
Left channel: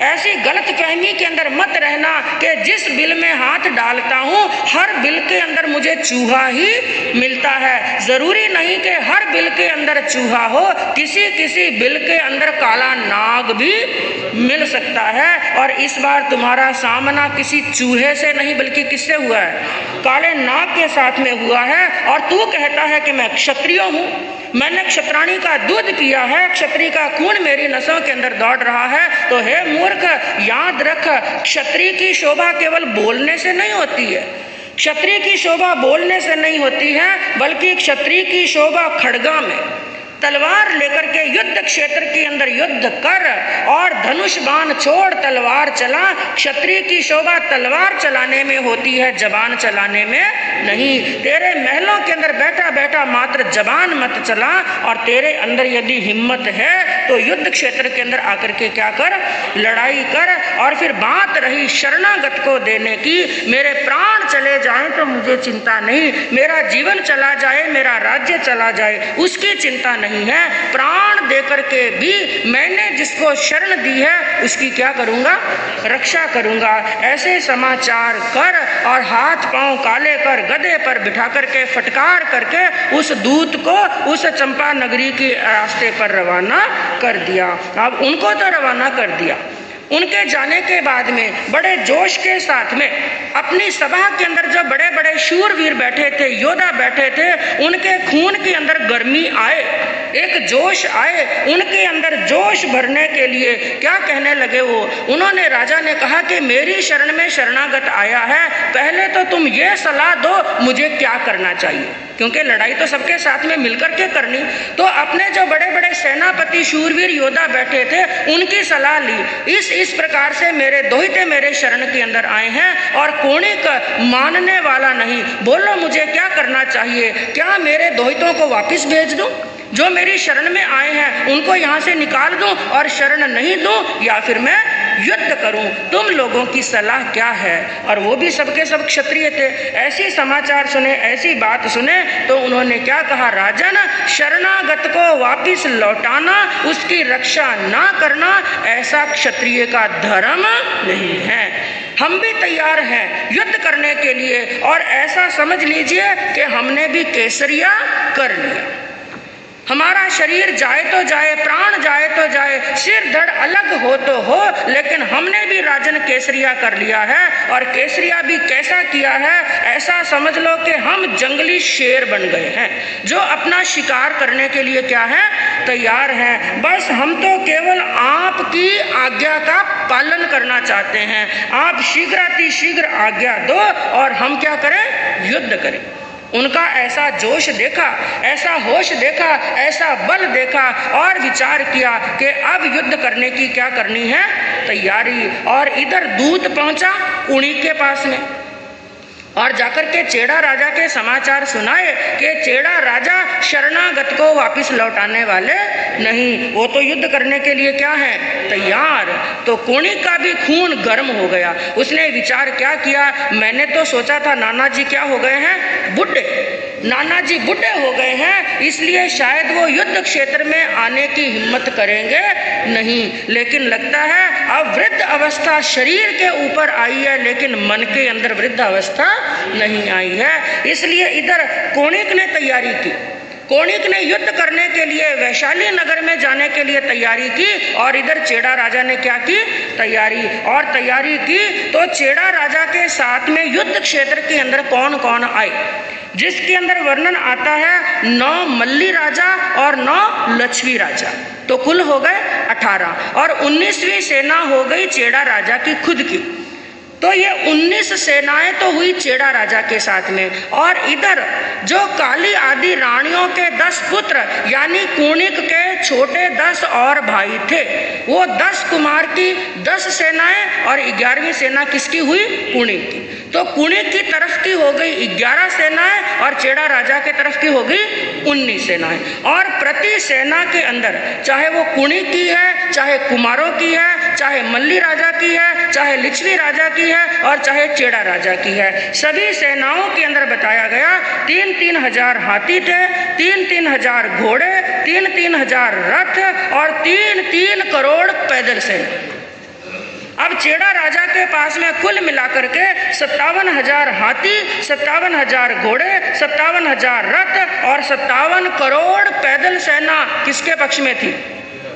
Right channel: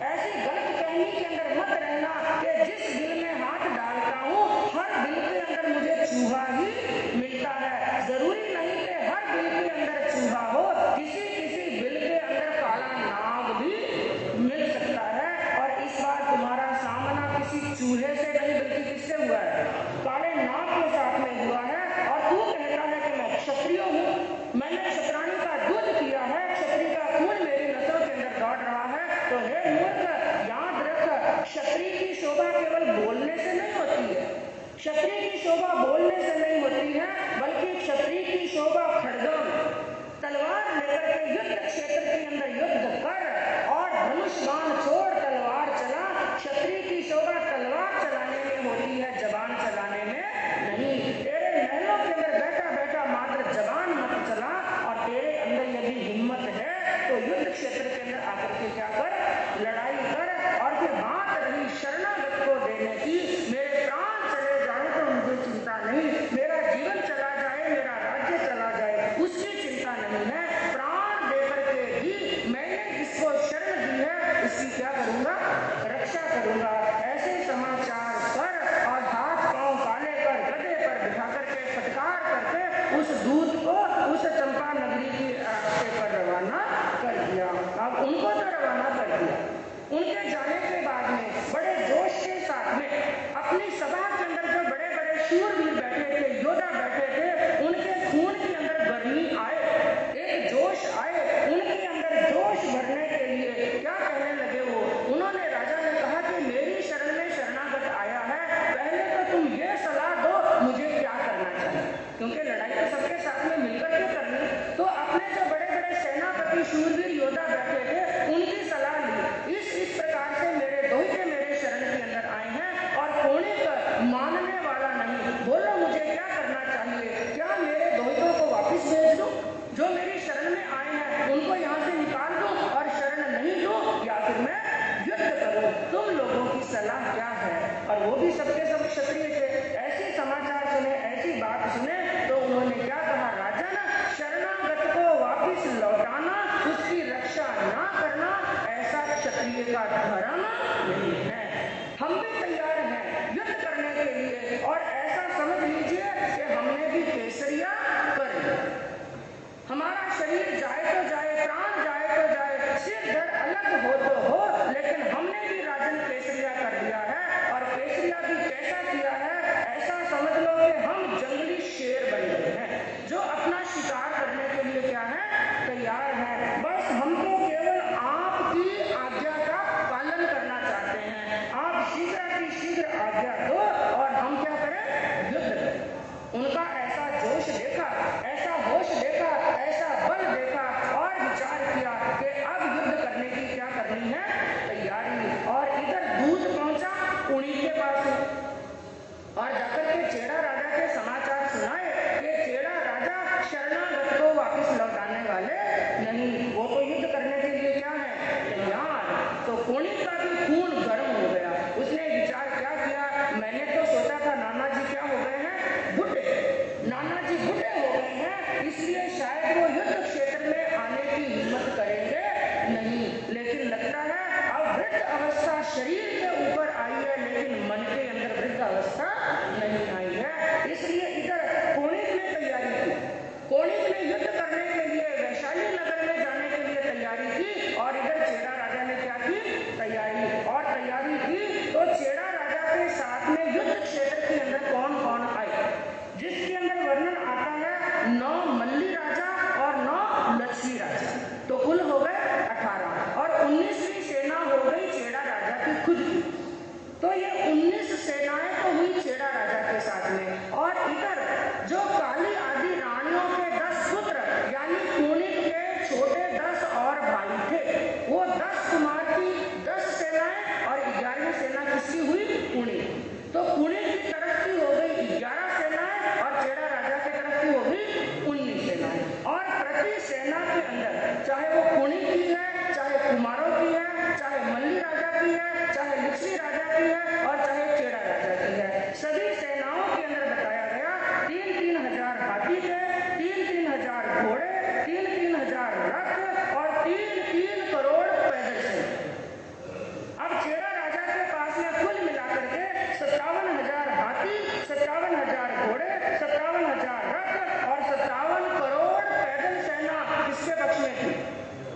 ऐसी गलत फहमी के अंदर मत रहना कि जिस बिल में हाथ डालता हूँ हर बिल के अंदर मुझे चूहा ही मिलता है। जरूरी नहीं कि हर बिल के अंदर चूहा हो, किसी किसी बिल के अंदर काला नाग भी मिल सकता है। और इस बार तुम्हारा सामना किसी चूहे से नहीं बल्कि किससे हुआ है, काले नाग के साथ में हुआ है। और तू कहता है कि मैं क्षत्रिय हूँ, मैंने क्षत्राणी का दूध पिया है, क्षत्रिय का खून मेरी नसों के अंदर दौड़ रहा है। तो हे मूर्ख, याद रख, क्षत्रिय की शोभा केवल बोलने से नहीं होती है, क्षत्रिय की शोभा बोलने से नहीं होती है, बल्कि क्षत्रिय की शोभा खड़गा में, तलवार लेकर के युद्ध क्षेत्र के अंदर युद्ध कर और धनुष बाण छोड़ तलवार चला। क्षत्रिय की शोभा तलवार चलाने में होती है, जबान चलाने में नहीं। तेरे महलों के अंदर बैठा बैठा मात्र जबान मत चला, और तेरे अंदर यदि हिम्मत है तो युद्ध क्षेत्र के अंदर आकर के क्या कर, लड़ाई कर। और फिर बात रही शरणागत को देने की, मेरे प्राण चले जाएं तो मुझे चिंता नहीं, मेरा जीवन चला जाए, मेरा राज्य चला जाए, उसकी चिंता नहीं है। प्राण देकर के भी मैंने जिसको शरण दी है उसकी क्या करूंगा, रक्षा करूंगा। ऐसे समाचार कर और हाथ पांव काले कर गधे पर बिठा करके फटकार करके उस दूत को उस चंपा नगरी के रास्ते पर रवाना कर दिया। अब उनको तो रवाना कर दिया, उनके जाने के बाद में बड़े जोश के साथ में अपनी सभा के अंदर जो बड़े बड़े शूरवीर बैठे थे, योद्धा बैठे थे, उनके खून के अंदर गर्मी आए, एक जोश आए। उनके अंदर जोश भरने के लिए क्या कहने लगे वो, उन्होंने, राजा ने कहा कि मेरी शरण में शरणागत आया है, पहले तो तुम ये सलाह दो मुझे क्या करना चाहिए, क्योंकि लड़ाई तो सबके साथ में मिलकर के करनी। तो अपने जो बड़े बड़े सेनापति शूरवीर योद्धा बैठे थे उनकी सलाह ली। इस प्रकार से मेरे दोहिते मेरे शरण के अंदर आए हैं और कोणी का मानने वाला नहीं, बोलो मुझे क्या करना चाहिए। क्या मेरे दोहितों को वापस भेज दूं, जो मेरी शरण में आए हैं उनको यहाँ से निकाल दूं और शरण नहीं दूं, या फिर मैं युद्ध करूं, तुम लोगों की सलाह क्या है। और वो भी सबके सब क्षत्रिय थे। ऐसी समाचार सुने, ऐसी बात सुने तो उन्होंने क्या कहा, राजन, शरणागत को वापिस लौटाना, उसकी रक्षा ना करना, ऐसा क्षत्रिय का धर्म नहीं है। हम भी तैयार हैं युद्ध करने के लिए, और ऐसा समझ लीजिए कि हमने भी केसरिया कर लिया। हमारा शरीर जाए तो जाए, प्राण जाए तो जाए, सिर धड़ अलग हो तो हो, लेकिन हमने भी राजन केसरिया कर लिया है। और केसरिया भी कैसा किया है, ऐसा समझ लो कि हम जंगली शेर बन गए हैं, जो अपना शिकार करने के लिए क्या है, तैयार हैं। बस हम तो केवल आपकी आज्ञा का पालन करना चाहते हैं। आप शीघ्रातिशीघ्र आज्ञा दो और हम क्या करें, युद्ध करें। उनका ऐसा जोश देखा, ऐसा होश देखा, ऐसा बल देखा, और विचार किया कि अब युद्ध करने की क्या करनी है, तैयारी। और इधर दूत पहुंचा उन्हीं के पास में, और जाकर के चेड़ा राजा के समाचार सुनाए कि चेड़ा राजा शरणागत को वापस लौटाने वाले नहीं, वो तो युद्ध करने के लिए क्या है, तैयार। तो कोणी का भी खून गर्म हो गया। उसने विचार क्या किया, मैंने तो सोचा था नाना जी क्या हो गए हैं, बुढ़े, नाना जी बुढ़े हो गए हैं, इसलिए शायद वो युद्ध क्षेत्र में आने की हिम्मत करेंगे नहीं। लेकिन लगता है अब वृद्ध अवस्था शरीर के ऊपर आई है, लेकिन मन के अंदर वृद्ध अवस्था नहीं आई है। इसलिए इधर कोणिक ने तैयारी की, कोणिक ने युद्ध करने के लिए वैशाली नगर में जाने के लिए तैयारी की, और इधर चेड़ा राजा ने क्या की, तैयारी। और तैयारी की तो चेड़ा राजा के साथ में युद्ध क्षेत्र के अंदर कौन कौन आए, जिसके अंदर वर्णन आता है 9 मल्ली राजा और 9 लक्ष्मी राजा, तो कुल हो गए 18, और 19वीं सेना हो गई चेड़ा राजा की खुद की। तो ये 19 सेनाएं तो हुई चेड़ा राजा के साथ में। और इधर जो काली आदि रानियों के 10 पुत्र यानी कुणिक के छोटे 10 और भाई थे, वो 10 कुमार की 10 सेनाएं और 11वीं सेना किसकी हुई, कुणिक की। तो कुणिक की तरफ की हो गई 11 सेनाएं और चेड़ा राजा के तरफ की हो गई 19 सेनाएं। और प्रति सेना के अंदर चाहे वो कुणिक की है, चाहे कुमारों की है, चाहे मल्ली राजा की है, चाहे लिच्छवी राजा की है, और चाहे चेड़ा राजा की है, सभी सेनाओं के अंदर बताया गया 3-3 हजार हाथी थे, 3-3 हजार घोड़े, 3-3 हजार रथ और 3-3 करोड़ पैदल सेना। अब चेड़ा राजा के पास में कुल मिलाकर के 57 हजार हाथी, 57 हजार घोड़े, 57 हजार रथ और 57 करोड़ पैदल सेना किसके पक्ष में थी,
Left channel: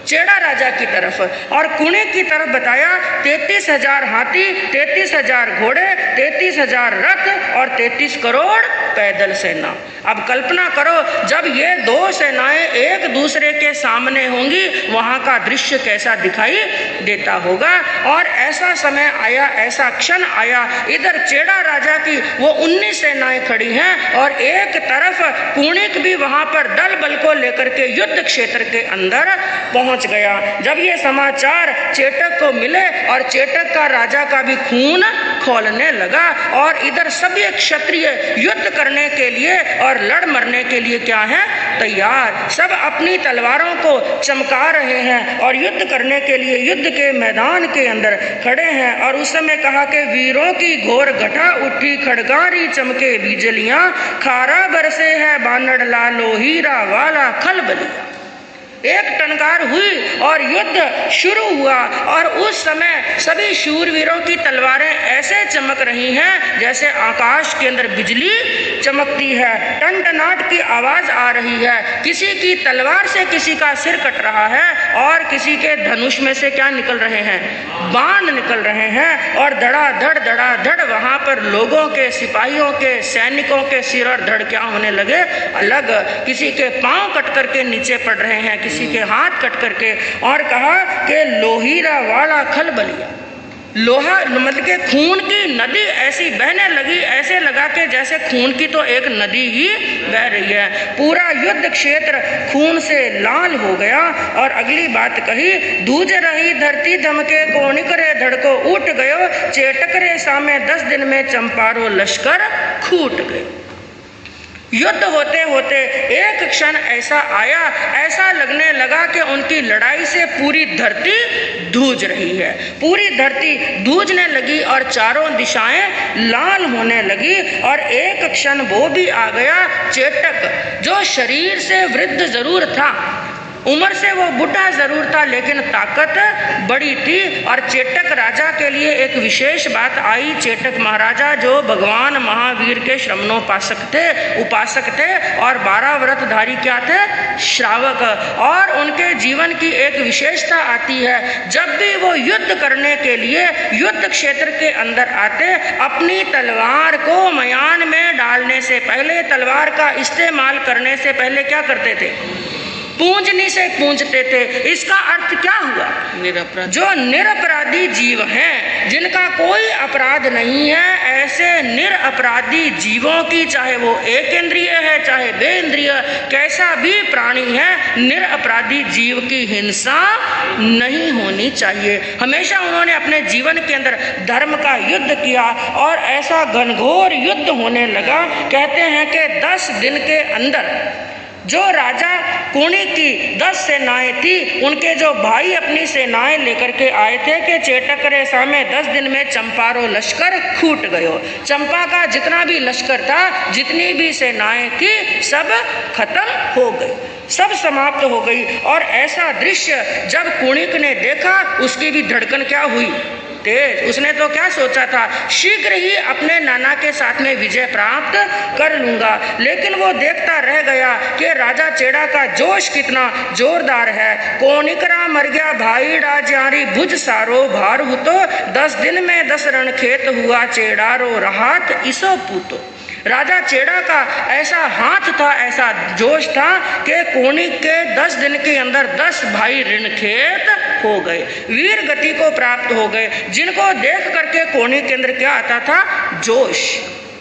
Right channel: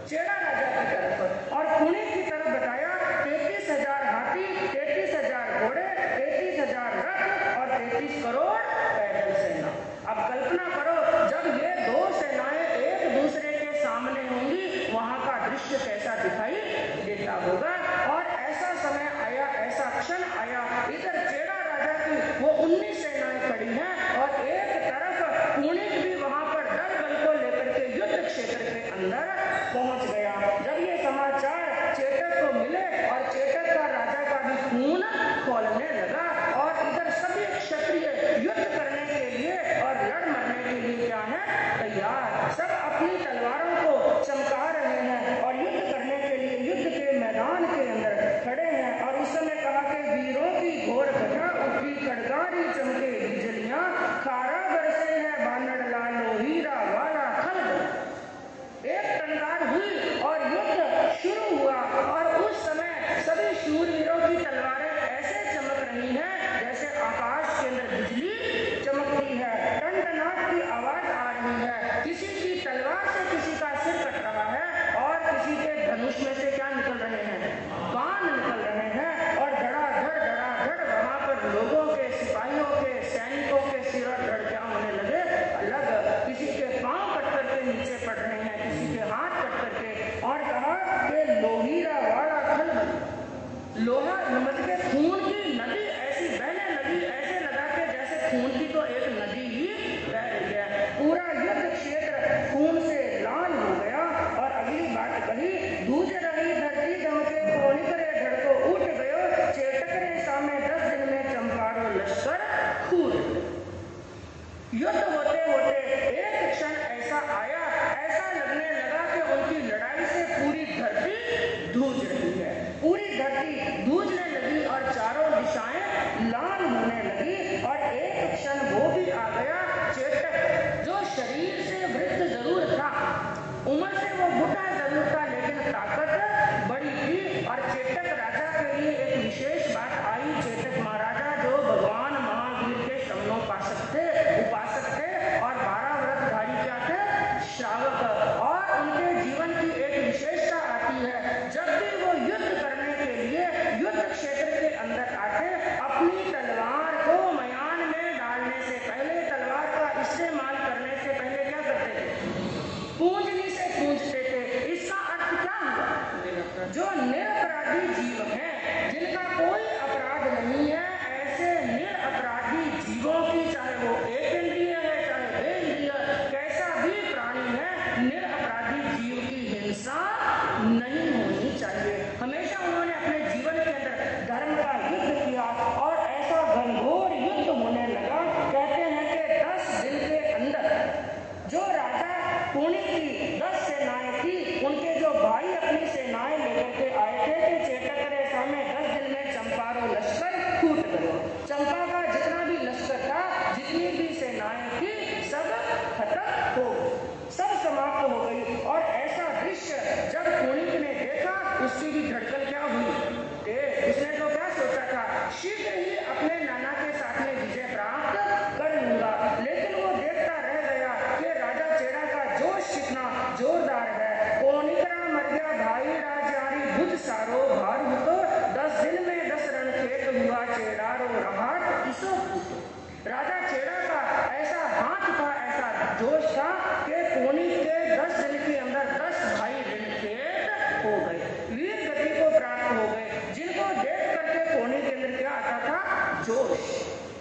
चेड़ा राजा की तरफ। और कुणिक की तरफ बताया 33 हजार हाथी, 33 हजार घोड़े, 33 हजार रथ और 33 करोड़ पैदल सेना। अब कल्पना करो जब ये दो सेनाएं एक दूसरे के सामने होंगी, वहां का दृश्य कैसा दिखाई देता होगा। और ऐसा समय आया, ऐसा क्षण आया, इधर चेड़ा राजा की वो 19 सेनाएं खड़ी हैं और एक तरफ कुणिक भी वहां पर दल बल को लेकर के युद्ध क्षेत्र के अंदर पहुंच गया। जब ये समाचार चेटक को मिले और चेटक का राजा का भी खून खौलने लगा और इधर सभी क्षत्रिय युद्ध करने के लिए और लड़ मरने के लिए क्या है, तैयार। सब अपनी तलवारों को चमका रहे हैं और युद्ध करने के लिए युद्ध के मैदान के अंदर खड़े हैं। और उस समय कहा कि वीरों की घोर घटा उठी, खड़गारी चमके बिजलियां, खारा बरसे है बानड़ लालो, हीरा वाला खलबलिया। एक टंकार हुई और युद्ध शुरू हुआ और उस समय सभी शूरवीरों की तलवारें ऐसे चमक रही हैं जैसे आकाश के अंदर बिजली चमकती है। टनटनाट की आवाज आ रही है, किसी की तलवार से किसी का सिर कट रहा है और किसी के धनुष में से क्या निकल रहे हैं, बाण निकल रहे हैं। और धड़ाधड़ वहां पर लोगों के, सिपाहियों के, सैनिकों के सिर और धड़ क्या होने लगे, अलग। किसी के पांव कट करके नीचे पड़ रहे हैं, किसी के हाथ कट करके। और कहा कि लोहीरा वाला खलबलिया, लोहा मतलब के खून की नदी ऐसी बहने लगी, ऐसे लगा के जैसे खून की तो एक नदी ही बह रही है। पूरा युद्ध क्षेत्र खून से लाल हो गया। और अगली बात कही, दूज रही धरती धमके, कोणिक रे धड़को उठ गयो, चेटक रे सामे 10 दिन में चंपारो लश्कर खूट गए। युद्ध होते होते एक क्षण ऐसा आया, ऐसा लगने लगा कि उनकी लड़ाई से पूरी धरती धूज रही है। पूरी धरती धूजने लगी और चारों दिशाएं लाल होने लगी। और एक क्षण वो भी आ गया, चेटक, जो शरीर से वृद्ध जरूर था, उम्र से वो बुढ़ा जरूर था, लेकिन ताकत बड़ी थी। और चेटक राजा के लिए एक विशेष बात आई। चेटक महाराजा जो भगवान महावीर के श्रमणोपासक थे, उपासक थे और 12 व्रतधारी क्या थे, श्रावक। और उनके जीवन की एक विशेषता आती है, जब भी वो युद्ध करने के लिए युद्ध क्षेत्र के अंदर आते, अपनी तलवार को मयान में डालने से पहले, तलवार का इस्तेमाल करने से पहले क्या करते थे, पूंजनी से पूंजते थे। इसका अर्थ क्या हुआ, निरपराधी। जो निरपराधी जीव हैं, जिनका कोई अपराध नहीं है, ऐसे निरपराधी जीवों की, चाहे वो एक इंद्रिय है चाहे बेइंद्रिय, कैसा भी प्राणी है, निरपराधी जीव की हिंसा नहीं होनी चाहिए। हमेशा उन्होंने अपने जीवन के अंदर धर्म का युद्ध किया और ऐसा घनघोर युद्ध होने लगा। कहते हैं कि 10 दिन के अंदर जो राजा कुणी की 10 सेनाएं थी, उनके जो भाई अपनी सेनाएं लेकर के आए थे कि चेटक रे सामे 10 दिन में चंपारो लश्कर खूट गयो। चंपा का जितना भी लश्कर था, जितनी भी सेनाएं थी, सब खत्म हो गई, सब समाप्त हो गई। और ऐसा दृश्य जब कुणिक ने देखा, उसकी भी धड़कन क्या हुई, तेज। उसने तो क्या सोचा था, शीघ्र ही अपने नाना के साथ में विजय प्राप्त कर लूंगा। लेकिन वो देखता रह गया कि राजा चेड़ा का जोश कितना जोरदार है। कोणिकरा मर गया भाई राजारी, भुज सारो भार हुतो, 10 दिन में 10 रण खेत हुआ, चेड़ारो रहात इसो पूतो। राजा चेड़ा का ऐसा हाथ था, ऐसा जोश था कि कोणिक के 10 दिन के अंदर 10 भाई ऋण खेत हो गए, वीर गति को प्राप्त हो गए, जिनको देख करके कोणिक के अंदर क्या आता था, जोश।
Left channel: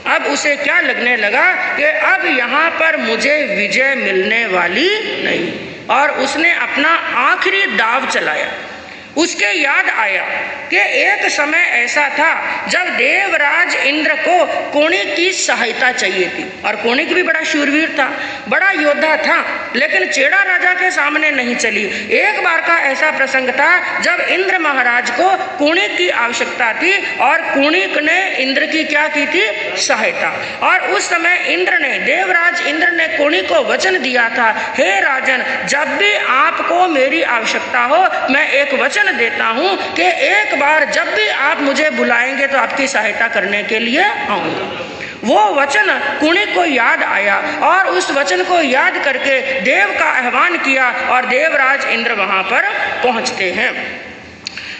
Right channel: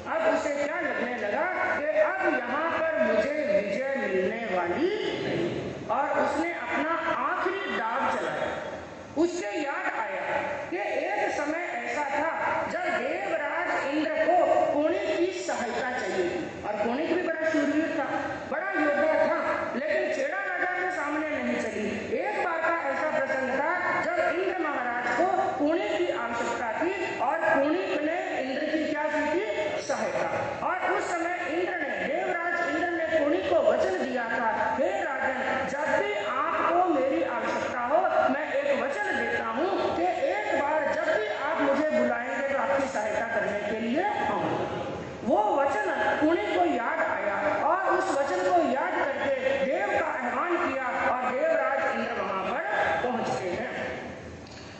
अब उसे क्या लगने लगा कि अब यहाँ पर मुझे विजय मिलने वाली नहीं। और उसने अपना आखिरी दाव चलाया। उसके याद आया कि एक समय ऐसा था जब देवराज इंद्र को कोणिक की सहायता चाहिए थी। और कोणिक भी बड़ा शूरवीर था, बड़ा योद्धा था, लेकिन चेड़ा राजा के सामने नहीं चली। एक बार का ऐसा प्रसंग था जब इंद्र महाराज को कोणिक की आवश्यकता थी और कोणिक ने इंद्र की क्या की थी, सहायता। और उस समय इंद्र ने, देवराज इंद्र ने कोणिक को वचन दिया था, हे राजन, जब भी आपको मेरी आवश्यकता हो, मैं एक वचन देता हूं कि एक बार जब भी आप मुझे बुलाएंगे तो आपकी सहायता करने के लिए आऊंगा। वो वचन कुणिक को याद आया और उस वचन को याद करके देव का आह्वान किया और देवराज इंद्र वहां पर पहुंचते हैं।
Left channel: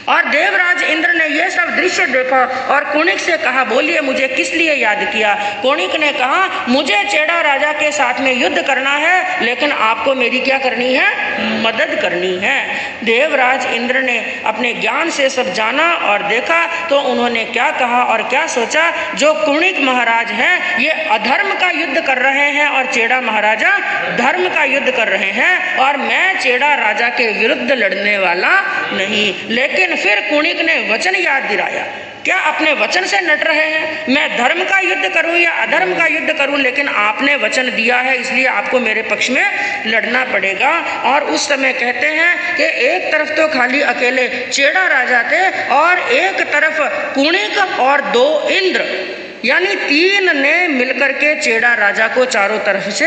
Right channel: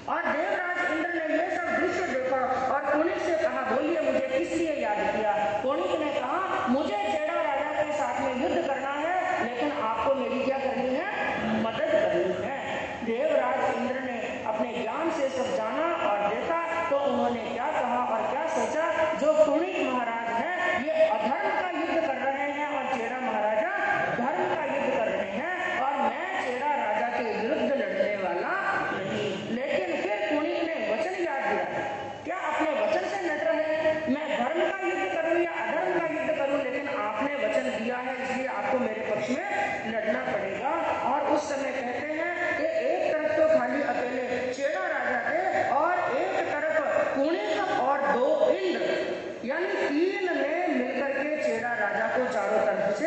और देवराज इंद्र ने यह सब दृश्य देखा और कुणिक से कहा, बोलिए मुझे किस लिए याद किया। कुणिक ने कहा, मुझे चेड़ा राजा के साथ में युद्ध करना है, लेकिन आपको मेरी क्या करनी है, मदद करनी है। देवराज इंद्र ने अपने ज्ञान से सब जाना और देखा तो उन्होंने क्या कहा और क्या सोचा, जो कुणिक महाराज हैं ये अधर्म का युद्ध कर रहे हैं और चेड़ा महाराजा धर्म का युद्ध कर रहे हैं, और मैं चेड़ा राजा के विरुद्ध लड़ने वाला नहीं। लेकिन फिर कुणिक ने वचन याद दिलाया, क्या अपने वचन से नट रहे हैं, मैं धर्म का युद्ध करूं या अधर्म का युद्ध करूं, लेकिन आपने वचन दिया है इसलिए आपको मेरे पक्ष में लड़ना पड़ेगा। और उस समय कहते हैं कि एक तरफ तो खाली अकेले चेड़ा राजा थे और एक तरफ कुणिक और 2 इंद्र, यानी 3 ने मिलकर के चेड़ा राजा को चारों तरफ से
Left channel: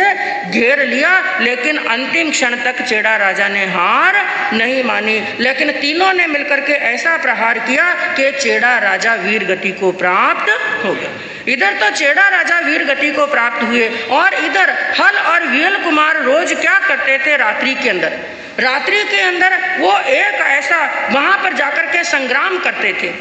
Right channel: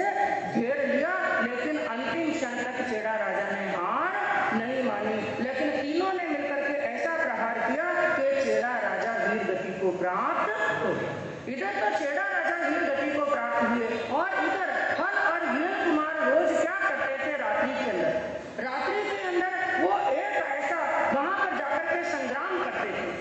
घेर लिया। लेकिन अंतिम क्षण तक चेड़ा राजा ने हार नहीं मानी, लेकिन तीनों ने मिलकर के ऐसा प्रहार किया कि चेड़ा राजा वीर गति को प्राप्त हो गया। इधर तो चेड़ा राजा वीर गति को प्राप्त हुए और इधर हल और विहल कुमार रोज क्या करते थे, रात्रि के अंदर वो एक ऐसा वहां पर जाकर के संग्राम करते थे।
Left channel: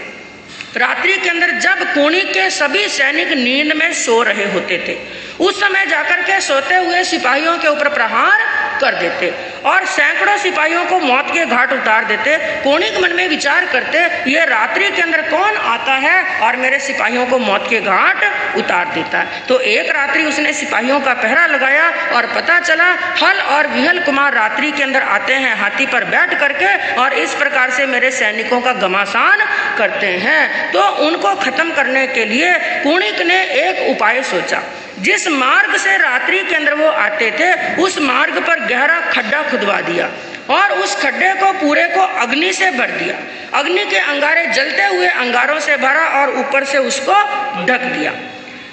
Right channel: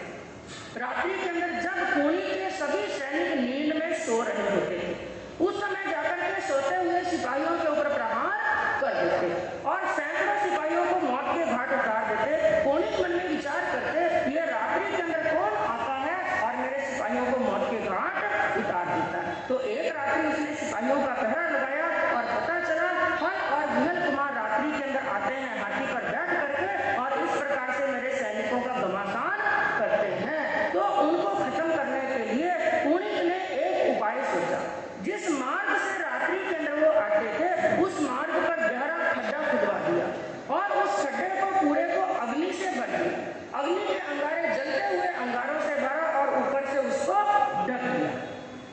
रात्रि के अंदर जब कुणिक के सभी सैनिक नींद में सो रहे होते थे, उस समय जाकर के सोते हुए सिपाहियों के ऊपर प्रहार कर देते और सैकड़ों सिपाहियों को मौत के घाट उतार देते। कुणिक मन में विचार करते, ये रात्रि के अंदर कौन आता है और मेरे सिपाहियों को मौत के घाट उतार देता है। तो एक रात्रि उसने सिपाहियों का पहरा लगाया और पता चला हल और विहल कुमार रात्रि के अंदर आते हैं हाथी पर बैठ करके और इस प्रकार से मेरे सैनिकों का घमासान करते हैं। तो उनको खत्म करने के लिए कुणिक ने एक उपाय सोचा। जिस मार्ग से रात्रि के अंदर वो आते थे उस मार्ग पर गहरा खड्डा खुदवा दिया और उस खड्डे को पूरे को अग्नि से भर दिया। अग्नि के अंगारे जलते हुए अंगारों से भरा और ऊपर से उसको ढक दिया।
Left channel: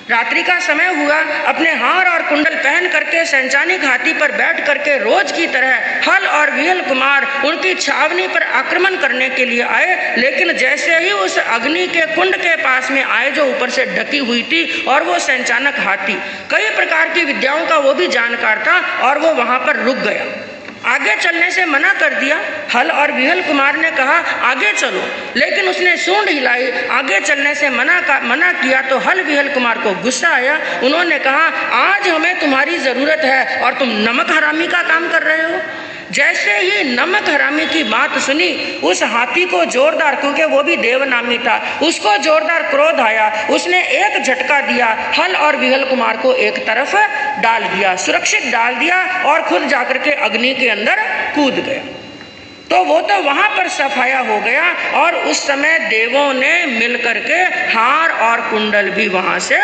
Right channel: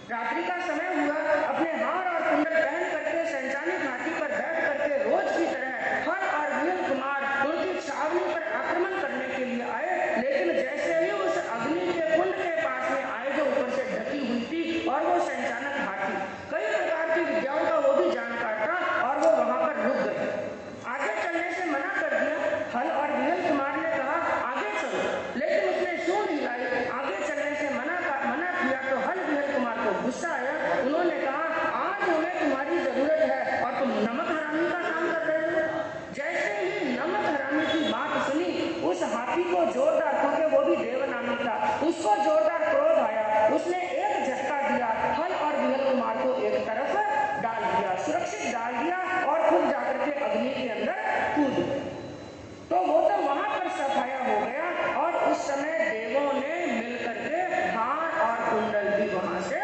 रात्रि का समय हुआ, अपने हार और कुंडल पहन करके संचानिक हाथी पर बैठ करके रोज की तरह हल और विहल कुमार उनकी छावनी पर आक्रमण करने के लिए आए। लेकिन जैसे ही उस अग्नि के कुंड के पास में आए जो ऊपर से ढकी हुई थी, और वो संचानक हाथी कई प्रकार की विद्याओं का वो भी जानकार था और वो वहां पर रुक गया। आगे चलने से मना कर दिया। हल और विहल कुमार ने कहा आगे चलो, लेकिन उसने सूंड हिलाई, आगे चलने से मना किया। तो हल विहल कुमार को गुस्सा आया। उन्होंने कहा आज हमें तुम्हारी जरूरत है और तुम नमक हरामी का काम कर रहे हो। जैसे ही नमक हरामी की बात सुनी, उस हाथी को जोरदार, क्योंकि वो भी देवनामी था, उसको जोरदार क्रोध आया। उसने एक झटका दिया, हल और विहल कुमार को एक तरफ डाल दिया, सुरक्षित डाल दिया और खुद जाकर के अग्नि के अंदर कूद गया। तो वो तो वहां पर सफाया हो गया और उस समय देवों ने मिलकर के हार और कुंडल भी वहां से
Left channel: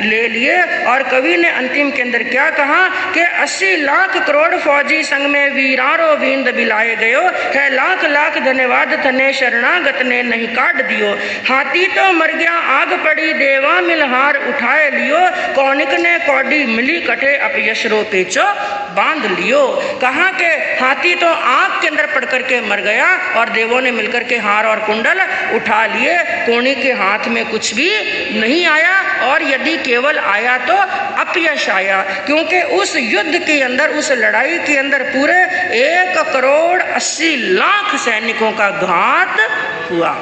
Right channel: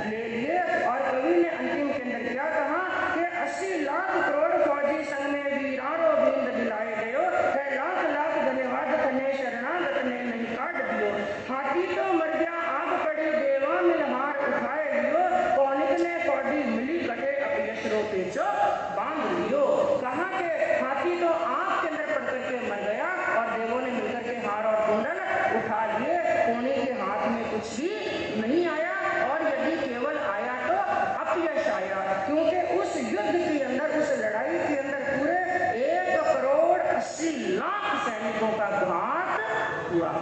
ले लिए। और कवि ने अंतिम के अंदर क्या कहा कि 80 लाख करोड़ फौजी संग में वीरारो बींद बिलाए गयो है, लाख लाख धन्यवाद थने शरणागत ने नहीं काट दियो। हाथी तो मर गया आग पड़ी देवा मिल हार उठाए लियो, कौनिक ने कौडी मिली कटे अपयशरो पेचो बांध लियो। कहा के हाथी तो आग के अंदर पड़ करके मर गया और देवों ने मिलकर के हार और कुंडल उठा लिए। कोणी के हाथ में कुछ भी नहीं आया और यदि केवल आया तो अपयश आया, क्योंकि उस युद्ध के अंदर, उस लड़ाई के अंदर पूरे 1 करोड़ 80 लाख सैनिकों का घात हुआ।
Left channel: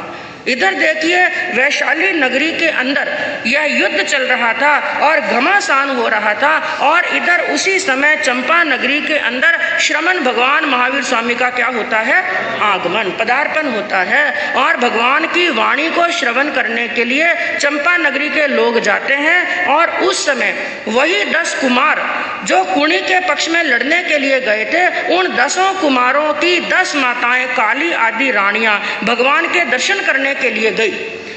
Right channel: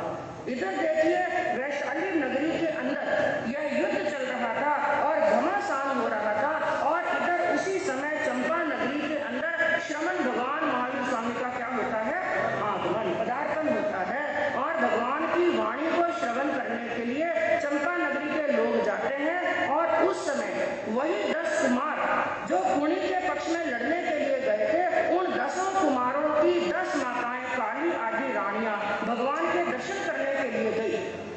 इधर देखिए वैशाली नगरी के अंदर यह युद्ध चल रहा था और घमासान हो रहा था, और इधर उसी समय चंपा नगरी के अंदर श्रमण भगवान महावीर स्वामी का क्या होता है, आगमन, पदार्पण होता है। और भगवान की वाणी को श्रवण करने के लिए चंपा नगरी के लोग जाते हैं। और उस समय वही 10 कुमार जो कुणी के पक्ष में लड़ने के लिए गए थे, उन 10 कुमारों की 10 माताएं, काली आदि रानियां भगवान के दर्शन करने के लिए गई।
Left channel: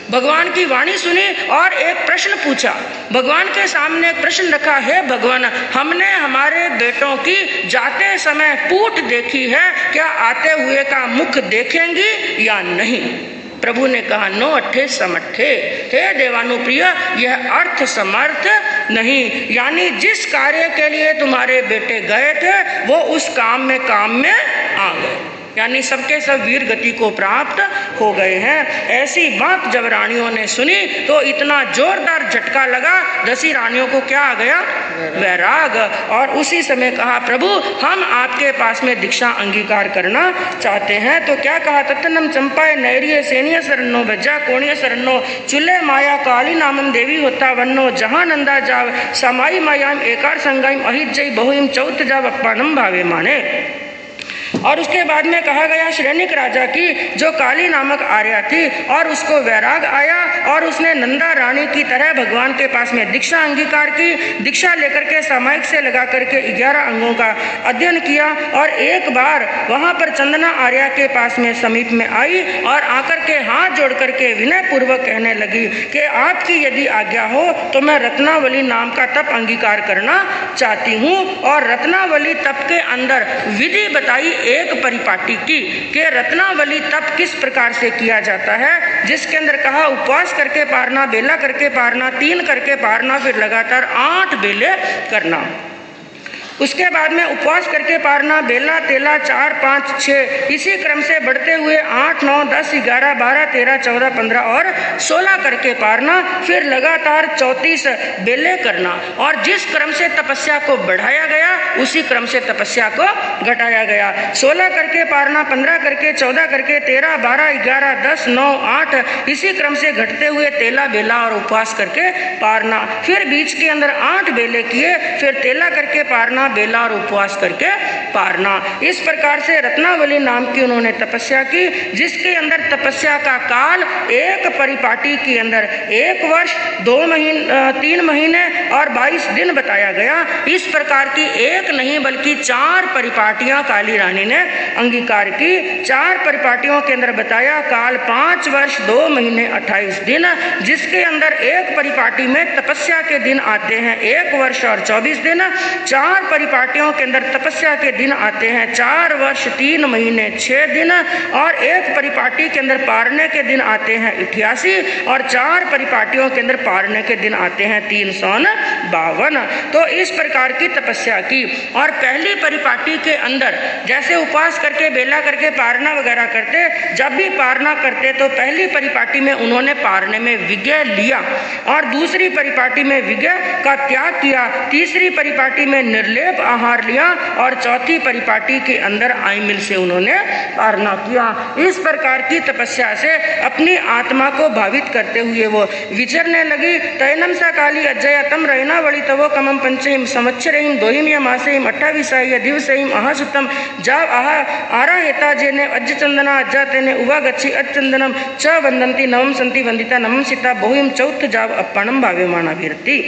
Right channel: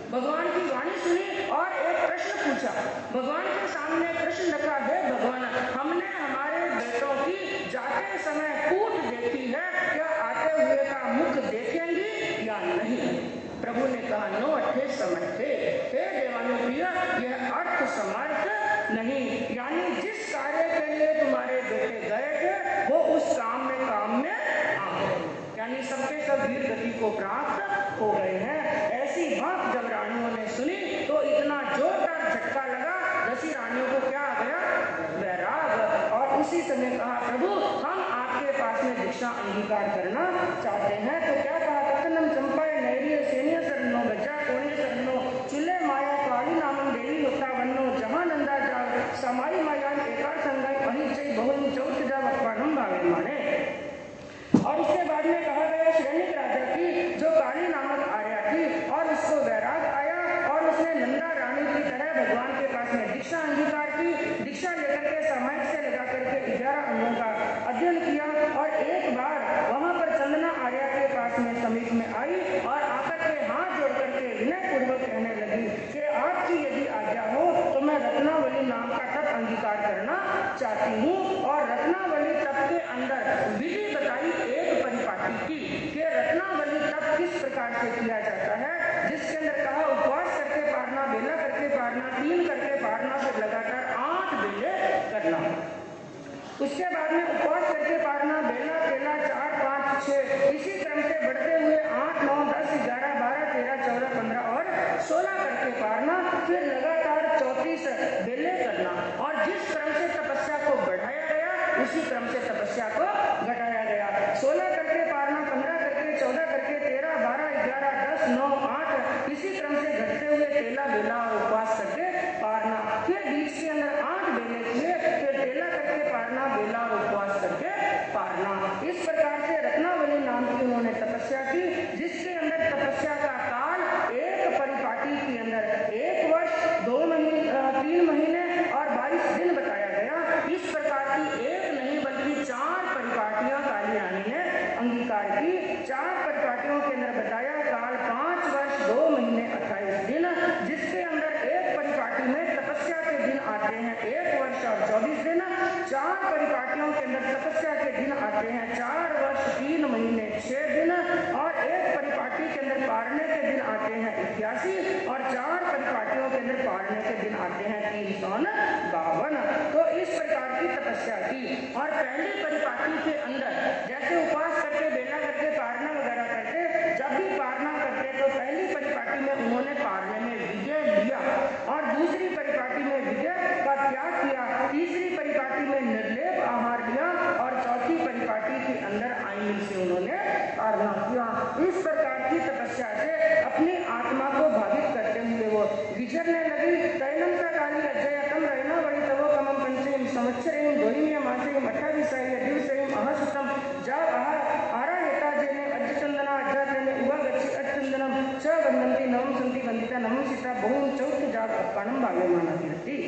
भगवान की वाणी सुनी और एक प्रश्न पूछा। भगवान के सामने एक प्रश्न रखा, है भगवान, हमने हमारे बेटों की जाते समय पूठ देखी है, क्या आते हुए का मुख देखेंगी या नहीं? प्रभु ने कहा, नो अट्ठे समट्ठे, हे देवानुप्रिय, यह अर्थ समर्थ नहीं। यानी जिस कार्य के लिए तुम्हारे बेटे गए थे वो उस काम में आ गए। यानी सबके सब वीर गति को प्राप्त हो गए हैं। ऐसी बात जब रानियों ने सुनी तो इतना जोरदार झटका लगा, 10 रानियों को क्या आ गया? वैराग। और उसी समय कहा, प्रभु हम आपके पास में दीक्षा अंगीकार करना चाहते हैं। तो क्या कहा? तत्नम चंपाए नैरिय सेनीय शरणो बज्जा कोणीय शरणो चुल्ले माया काली नामम देवी होता वन्नो जहां नंदा जाव समाई मायाम एकार संगाइम अहित जय बहुम चौथ जाव अप्पानम भावे माने। और उसके बाद में कहा गया श्रेणिक राजा की जो काली नामक आर्या थी और उसको वैराग आया और उसने नंदा रानी की तरह भगवान के पास में दीक्षा अंगीकार की। दीक्षा लेकर के सामायिक से लगा करके 11 अंगों का अध्ययन किया और एक बार वहां पर चंदना आर्या के पास में समीप में आई और आकर के हाथ जोड़ करके विनय पूर्वक कहने लगी कि आपकी यदि आज्ञा हो तो मैं रत्नावली नाम का तप अंगीकार करना चाहती हूँ। और रत्नावली तप के अंदर विधि बताई एक परिपाटी की कि रत्नावली तप किस प्रकार से किया जाता है, जिसके अंदर कहा उपवास करके पारना, बेला करके पारना, 3 करके पारना, फिर लगातार 8 बेले करना। उसके बाद में उपवास करके पारना, बेला, तेला, 4, 5, 6 इसी क्रम से बढ़ते हुए 8, 9, 10, 11, 12, 13, 14, 15 और 16 करके पारना, फिर लगातार 34 बेले करना। और जिस क्रम से तपस्या को बढ़ाया गया उसी क्रम से तपस्या को घटाया गया। 16 करके पारना, 15 करके, 14 करके, 13, 12, 11, 10, 9, 8 इसी क्रम से घटते हुए तेला, बेला और उपवास करके पारना। फिर बीच के अंदर 8 बेले किए, फिर तेला करके पारना, बेला और उपवास करके पारना। इस प्रकार से रत्नावली नाम की उन्होंने तपस्या की, जिसके अंदर तपस्या का काल एक परिपाटी के अंदर 1 वर्ष 3 महीने और 22 दिन बताया गया। इस प्रकार की एक नहीं बल्कि 4 परिपाटियां काली रानी ने अंगीकार की। 4 परिपाटियों के अंदर बताया काल 5 वर्ष 2 महीने 28 दिन, जिसके अंदर एक परिपाटी में तपस्या के दिन आते हैं 1 वर्ष और 24 दिन। 4 परिपाटियों के अंदर तपस्या के दिन आते हैं 4 वर्ष 3 महीने 6 दिन, और एक परिपाटी के अंदर पारने के दिन आते हैं 88, और 4 परिपाटियों के अंदर पारने के दिन आते हैं 352। तो इस प्रकार की तपस्या की। और पहली परिपाटी के अंदर जैसे उपवास करके, बेला करके पारना वगैरह करते, जब भी पारना करते तो पहली परिपाटी में उन्होंने पारने में विजय लिया और दूसरी परिपाटी में विजय का त्याग किया, तीसरी परिपाटी में निर्लेप आहार लिया और चौथी परिपाटी के अंदर आईमिल से उन्होंने पारना किया। इस प्रकार की तपस्या से अपनी आत्मा को भावित करते हुए वो विचरने लगी। तैनम सा काली अजय तम रैना वली तवो कमम पंचम संवत्सरहिम दोहिम या मासेहिम 28 दिवसहिम अहासुतम जाव आहा आरा हेता जेने अज्ज चंदना अज्जा तेने उवा गच्छी अच्चंदनम च वंदंती नवम संति वंदिता नमम सीता बहुम चौथ जाव अपणम भाव्यमाना वीरती।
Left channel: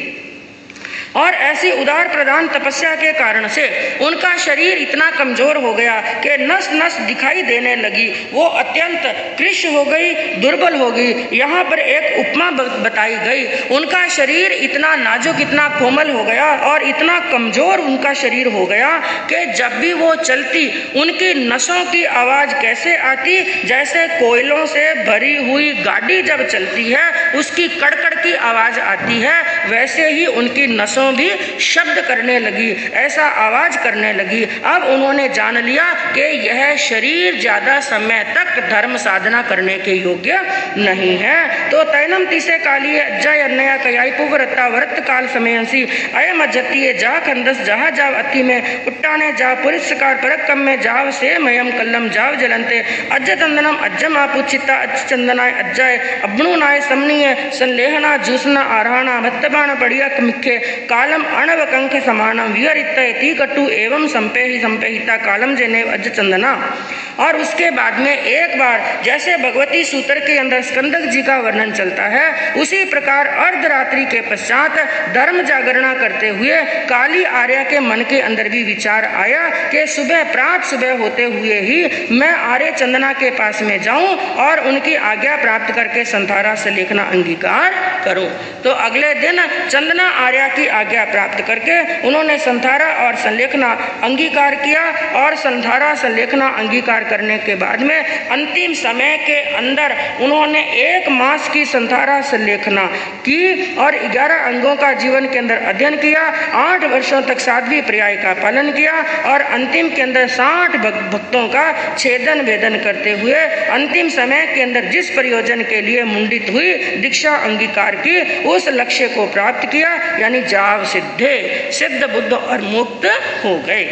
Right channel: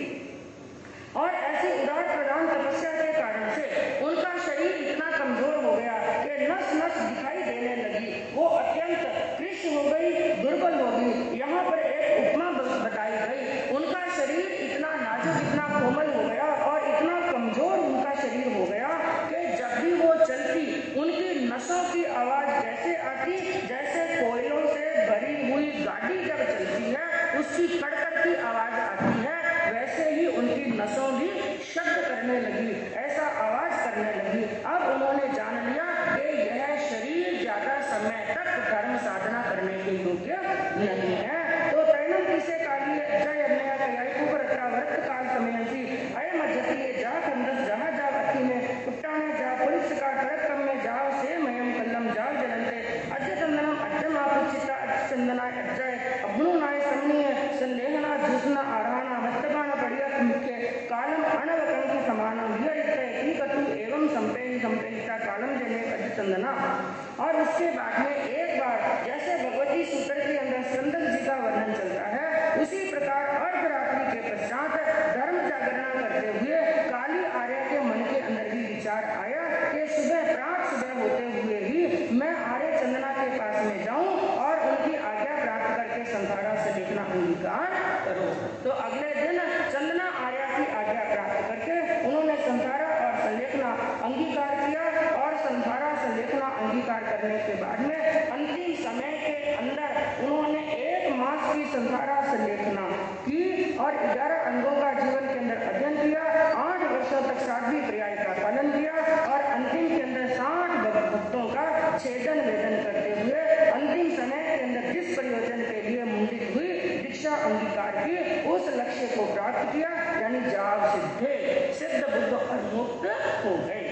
और ऐसी उदार प्रदान तपस्या के कारण से उनका शरीर इतना कमजोर हो गया कि नस नस दिखाई देने लगी, वो अत्यंत कृश हो गई, दुर्बल हो गई। यहाँ पर एक उपमा बताई गई, उनका शरीर इतना नाजुक, इतना कोमल हो गया और इतना कमजोर उनका शरीर हो गया कि जब भी वो चलती उनकी नसों की आवाज कैसे आती, जैसे कोयलों से भरी हुई गाड़ी जब चलती है उसकी कड़कड़ की आवाज आती है, वैसे ही उनकी नसों भी शब्द करने लगी, ऐसा आवाज करने लगी। अब उन्होंने जान लिया कि यह शरीर ज्यादा समय तक धर्म साधना करने के योग्य नहीं है। तो तैनम तीसे काली अज्जय अन्नया कयाई पुवरत्ता वरत काल समयसी अयम अज्जतीय जा खंदस जहा जाव अति में उट्टाने जा पुरिस्कार परक कम में जाव से मयम कल्लम जाव जलंते अज्ज तंदनम अज्जम आपुचिता अज्ज चंदनाय अज्जय अब्नुनाय समनीय संलेहना जूसना आराना भत्तबाण बढ़िया मिखे कालम अणव कंख समानम विहरित कटु एवं संपेहिता कालम जने अज चंदना। और उसके बाद में एक बार जैसे भगवती सूत्र के अंदर स्कंदक जी का वर्णन चलता है, उसी प्रकार अर्धरात्रि के पश्चात धर्म जागरणा करते हुए काली आर्या के मन के अंदर भी विचार आया कि प्रात सुबह होते हुए ही मैं आर्य चंदना के पास में जाऊं और उनकी आज्ञा प्राप्त करके संथारा से लेखना अंगीकार करूं। तो अगले दिन चंदना आर्या की आज्ञा प्राप्त करके उन्होंने संधारा और संलेखना अंगीकार किया और संधारा संलेखना अंगीकार करने के बाद में अंतिम समय के अंदर उन्होंने 1 मास की संधारा संलेखना की और 11 अंगों का जीवन के अंदर अध्ययन किया। 8 वर्षों तक साध्वी पर्याय का पालन किया और अंतिम के अंदर 60 भक्तों का छेदन वेदन करते हुए अंतिम समय के अंदर जिस प्रयोजन के लिए मुंडित हुई दीक्षा अंगीकार की उस लक्ष्य को प्राप्त किया, यानी जाव सिद्धे, सिद्ध बुद्ध और मुक्त हो गए।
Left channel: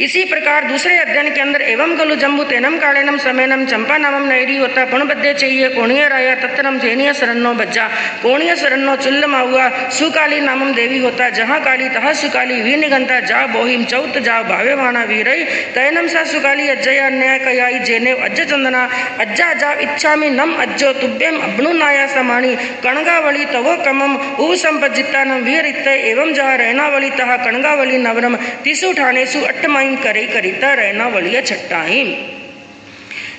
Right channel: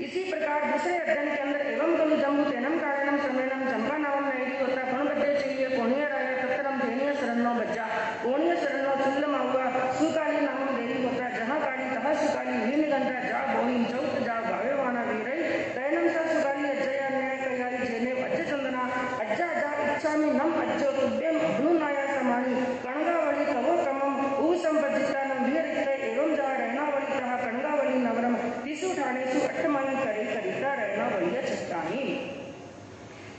इसी प्रकार दूसरे अध्ययन के अंदर एवं खलु जम्बू तेनम कालेनम समेनम चंपा नामम नैरी होता पण बद्दे चाहिए कोणीय राया तत्तरम थेनीय शरणो बज्जा कोणीय शरणो चुल्ल माहुआ सुकाली नामम देवी होता जहाँ काली तहाँ सुकाली वी निगंता जा बोहिम चौथ जा भावे वाणा वीरई तैनम सा सुकाली अज्जया अन्याय कयाई जेने अज्ज चंदना अज्जा जा इच्छामि नम अज्जो तुभ्यम अब्नु नाया समाणी कणगावली तवो कमम उ संपजितानम वीर इत्ते एवं जा रहनावली तहा कणगावली नवरम तिसु ठानेसु अट्टमाई करे करिता रहना वलिया छट्टाइन।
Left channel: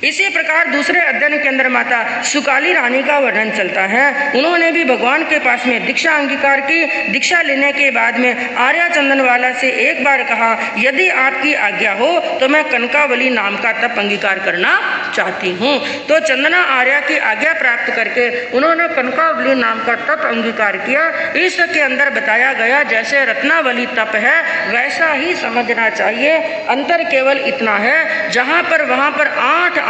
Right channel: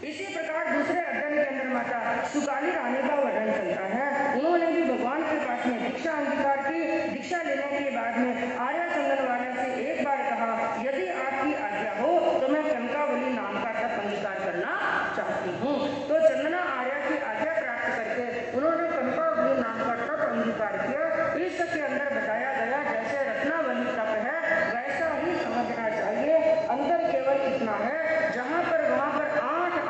इसी प्रकार दूसरे अध्ययन के अंदर माता सुकाली रानी का वर्णन चलता है। उन्होंने भी भगवान के पास में दीक्षा अंगीकार की। दीक्षा लेने के बाद में आर्या चंदनवाला से एक बार कहा, यदि आपकी आज्ञा हो तो मैं कनकावली नाम का तप अंगीकार करना चाहती हूँ। तो चंदना आर्या की आज्ञा प्राप्त करके उन्होंने कनकावली नाम का तप अंगीकार किया। इसके अंदर बताया गया जैसे रत्नावली तप है वैसा ही समझना चाहिए। अंतर केवल इतना है, जहाँ पर वहाँ पर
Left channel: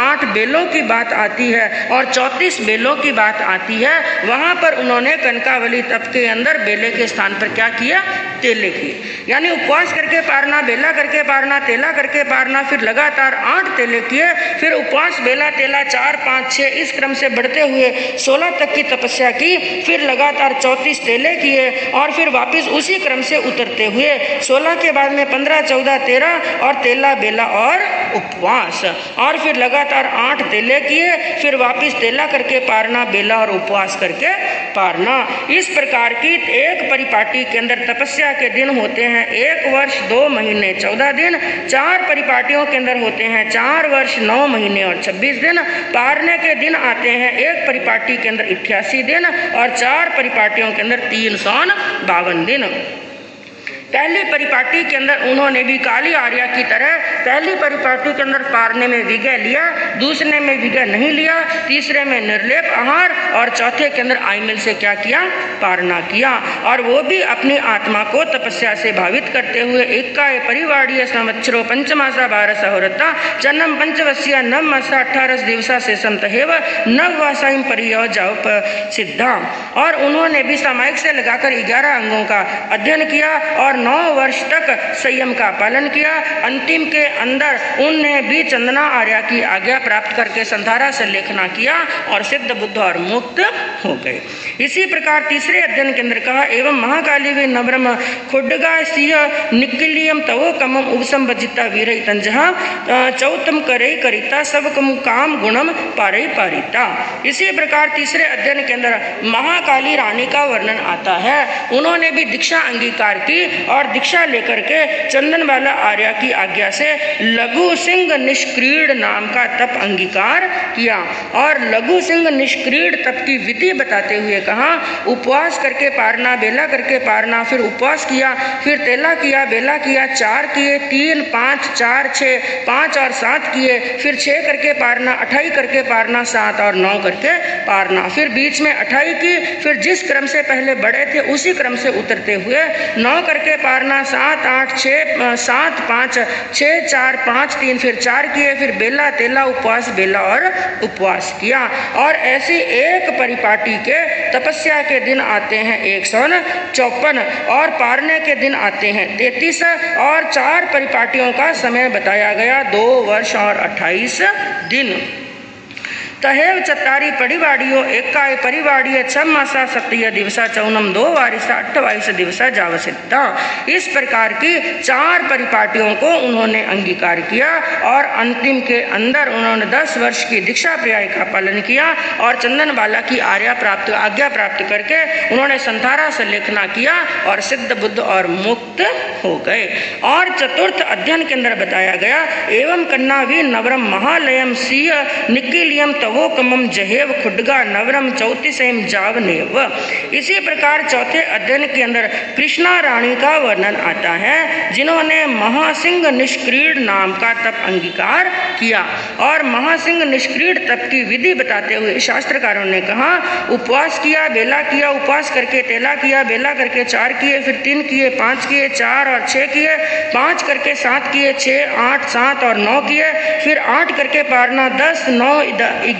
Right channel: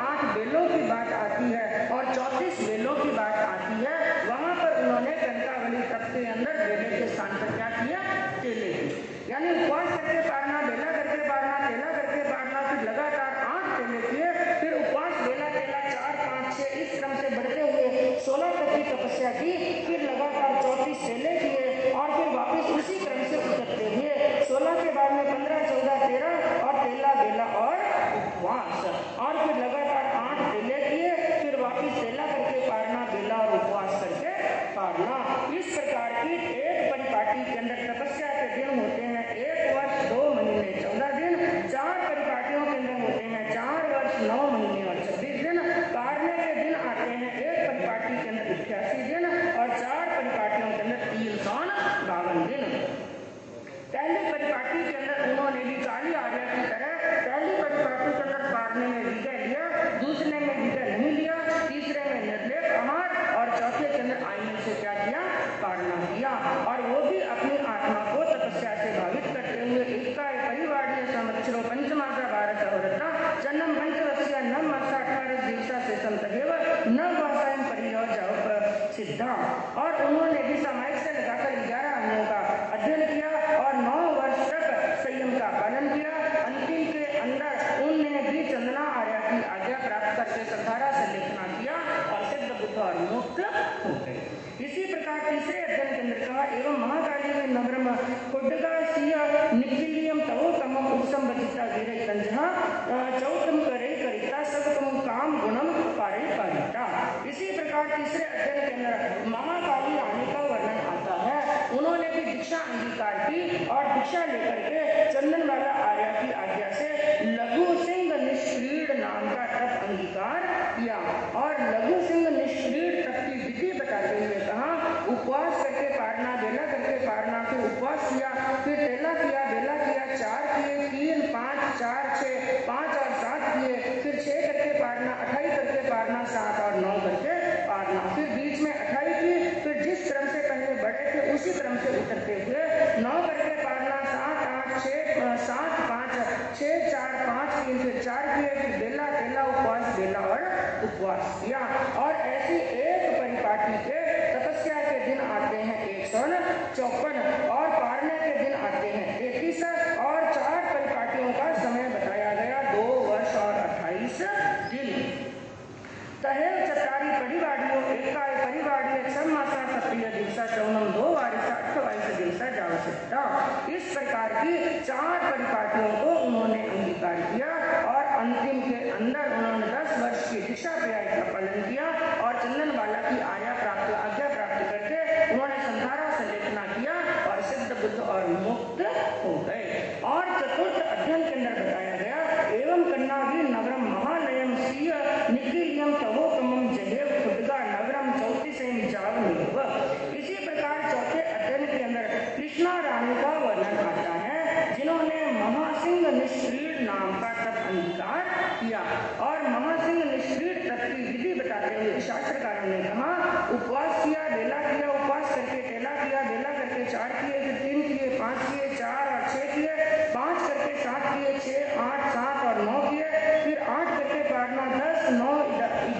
8 बेलों की बात आती है और 34 बेलों की बात आती है, वहाँ पर उन्होंने कनकावली तप के अंदर बेले के स्थान पर क्या किया, तेले किए। यानी उपवास करके पारना, बेला करके पारना, तेला करके पारना, फिर लगातार 8 तेले किए, फिर उपवास, बेला, तेला 4, 5, 6 इस क्रम से बढ़ते हुए 16 तक की तपस्या की, फिर लगातार 34 तेले किए और फिर वापस उसी क्रम से उतरते हुए 16 के बाद में 15, 14, 13 और तेला, बेला और उपवास, और फिर लगातार 8 तेले किए, फिर वापस तेला करके पारना, बेला और उपवास करके पारना। इस प्रकार की एक परिपाटी के अंदर तपस्या के दिन होते हैं 1 वर्ष 2 महीने 14 दिन, 4 परिपाटियों के अंदर होते हैं 4 वर्ष 9 महीने और 26 दिन, पारने के दिन आते हैं एक परिपाटी के अंदर 88 दिन और 4 परिपाटियों के अंदर 352 दिन। पहली परिपाटी के अंदर उन्होंने भी काली आर्या की तरह पहली परिपाटी के अंदर पारने में विजय लिया, दूसरे में विजय नहीं लिया, तीसरे में निर्लेप आहार और चौथे के अंदर आईमिल से क्या किया, पारना किया। और वो भी अपनी आत्मा को तपस्या से भावित करते हुए एकाय परिवाड़ीय संवत्सरो पंचमासा 12 होरता जन्म पंचवस्या नव मासा 18 दिवसा से संतहेव नववासाइम परियो जाओ सिद्धा। और उन्होंने भी सामायिक से लगाकर 11 अंगों का अध्ययन किया और 9 वर्ष तक संयम का पालन किया। अंतिम के अंदर उनने भी चंदना आर्या की आज्ञा प्राप्त करके संधारा संलेखना किया और सिद्ध बुद्ध और मुक्त हो गए। इसी प्रकार तीसरे अध्ययन के अंदर कहा, एवं महाकाली वे नवरम खुड्डगा सिंह निकिलियम तवो कमम उपसंबजिता वीरई तंजहा चौतम करई करिता सब कम काम गुणम पारई पारिता। इसी प्रकार तीसरे अध्ययन के अंदर महाकाली रानी का वर्णन आता है। उन्होंने भी दीक्षा अंगीकार की और दीक्षा लेकर के चंदनवाला आर्या की आज्ञा से लघु सिंह निष्क्रीड नाम का तप अंगीकार किया। और लघु सिंह निष्क्रीड तप की विधि बताते हुए कहा, उपवास करके पारना, बेला करके पारना, फिर उपवास किया, फिर तेला किया, बेला किया, 4 किए, 3, 5, 4, 6, 5 और 7 किए, फिर 6 करके पारना, 28 करके पारना, 7 और 9 करके पारना, फिर बीच में 28 की, फिर जिस क्रम से पहले बढ़े थे उसी क्रम से उतरते हुए 9 करके पारना, 7, 8, 6, 7, 5, 6, 4, 5, 3, फिर 4 किए, फिर बेला, तेला, उपवास, बेला और उपवास किया। और ऐसी एक परिपाटी के तपस्या के दिन आते हैं 154 और पारने के दिन आते हैं 33 और 4 परिपाटियों का समय बताया गया 2 वर्ष और 28 दिन। तहेव चत्तारी परिवाड़ियों एकाय परिवाड़ीय 6 मासा 7 दिवसा 14 2 वारिसा 28 दिवसा जावसिद्धा। इस प्रकार की 4 परिपाटियों को उन्होंने अंगीकार किया और अंतिम के अंदर उन्होंने 10 वर्ष की दीक्षा पर्याय का पालन किया और चंदनवाला की आज्ञा प्राप्त करके उन्होंने संधारा संलेखना किया और सिद्ध बुद्ध और मुक्त हो गए। और चतुर्थ अध्ययन के अंदर बताया गया, एवं कन्ना भी नवरम महालयम सिंह निकिलियम तवो कमम जहेव खुडगा नवरम चौतीसेम जावनेव। इसी प्रकार चौथे अध्ययन के अंदर कृष्णा रानी का वर्णन आता है, जिन्होंने महासिंह निष्क्रीड नाम का तप अंगीकार किया। और महासिंह निष्क्रीड तप की विधि बताते हुए शास्त्रकारों ने कहा, उपवास किया, बेला किया, उपवास करके तेला किया, बेला करके 4 किए, फिर 3 किए, 5 किए, 4 और 6 किए, 5 करके 7 किए, 6, 8, 7 और 9 किए, फिर 8 करके पारना, 10, 9,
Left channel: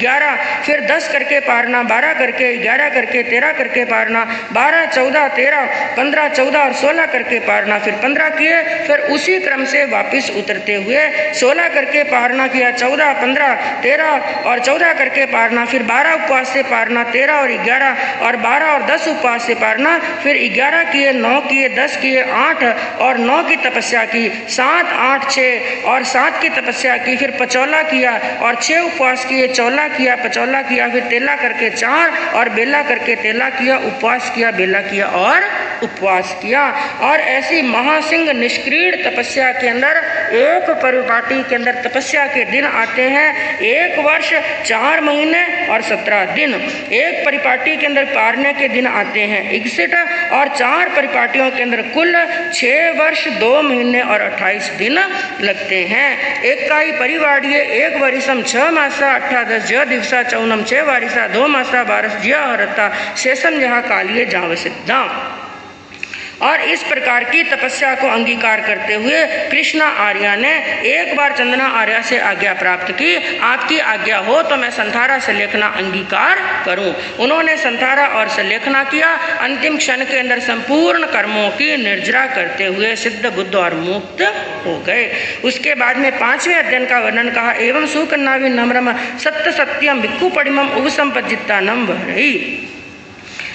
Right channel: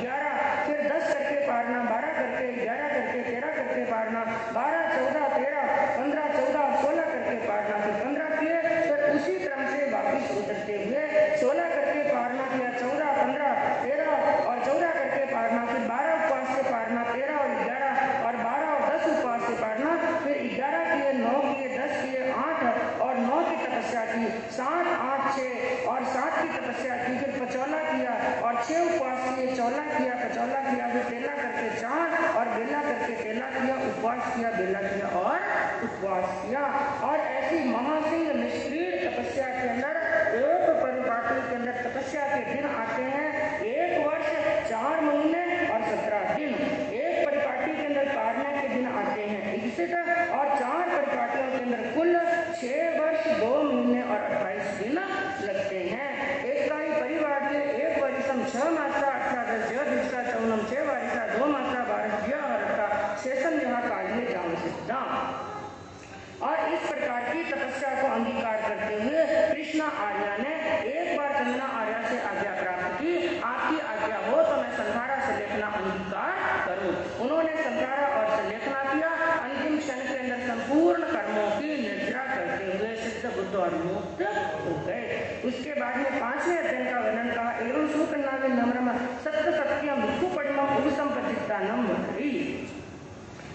11, फिर 10 करके पारना, 12 करके, 11 करके, 13 करके पारना, 12, 14, 13, 15, 14 और 16 करके पारना, फिर 15 किए, फिर उसी क्रम से वापस उतरते हुए 16 करके पारना किया, 14, 15, 13 और 14 करके पारना, फिर 12 उपवास से पारना, 13 और 11 और 12 और 10 उपवास से पारना, फिर 11 किए, 9 किए, 10 किए, 8 और 9 की तपस्या की, 7, 8, 6 और 7 की तपस्या की, फिर पचौला किया और 6 उपवास किए, चौला किया, पचौला किया, फिर तेला करके 4 और बेला करके तेला किया, उपवास किया, बेला किया और उपवास किया। और ऐसी महासिंह निष्क्रीड तपस्या के अंदर एक परिपाटी के अंदर तपस्या के दिन आते हैं 1 वर्ष 4 महीने और 17 दिन। एक परिपाटी के अंदर पारने के दिन आते हैं 61 और 4 परिपाटियों के अंदर कुल 6 वर्ष 2 महीने और 28 दिन लगते हैं। एक काई परिवाड़िये 1 वरिसम 6 मासा 18 ज दिवसा 14 6 वारिसा 2 मासा 12 ज हरता शेषम जहाँ कालिये जाव सिद्धा। और इस प्रकार की तपस्या को अंगीकार करते हुए कृष्णा आर्या ने एक बार चंदना आर्या से आज्ञा प्राप्त की, आपकी आज्ञा हो तो मैं संथारा से लेखना अंगीकार करूं। उन्होंने संथारा और से लेखना किया। अंतिम क्षण के अंदर संपूर्ण कर्मों की निर्जरा करते हुए सिद्ध बुद्ध और मुक्त हो गए। उसके बाद में 5वें अध्ययन का वर्णन कहा, एवं सुकन्नावि नम्रम सत्य सत्यम भिक्खु पडिमम उपसंपजिता नम भरई।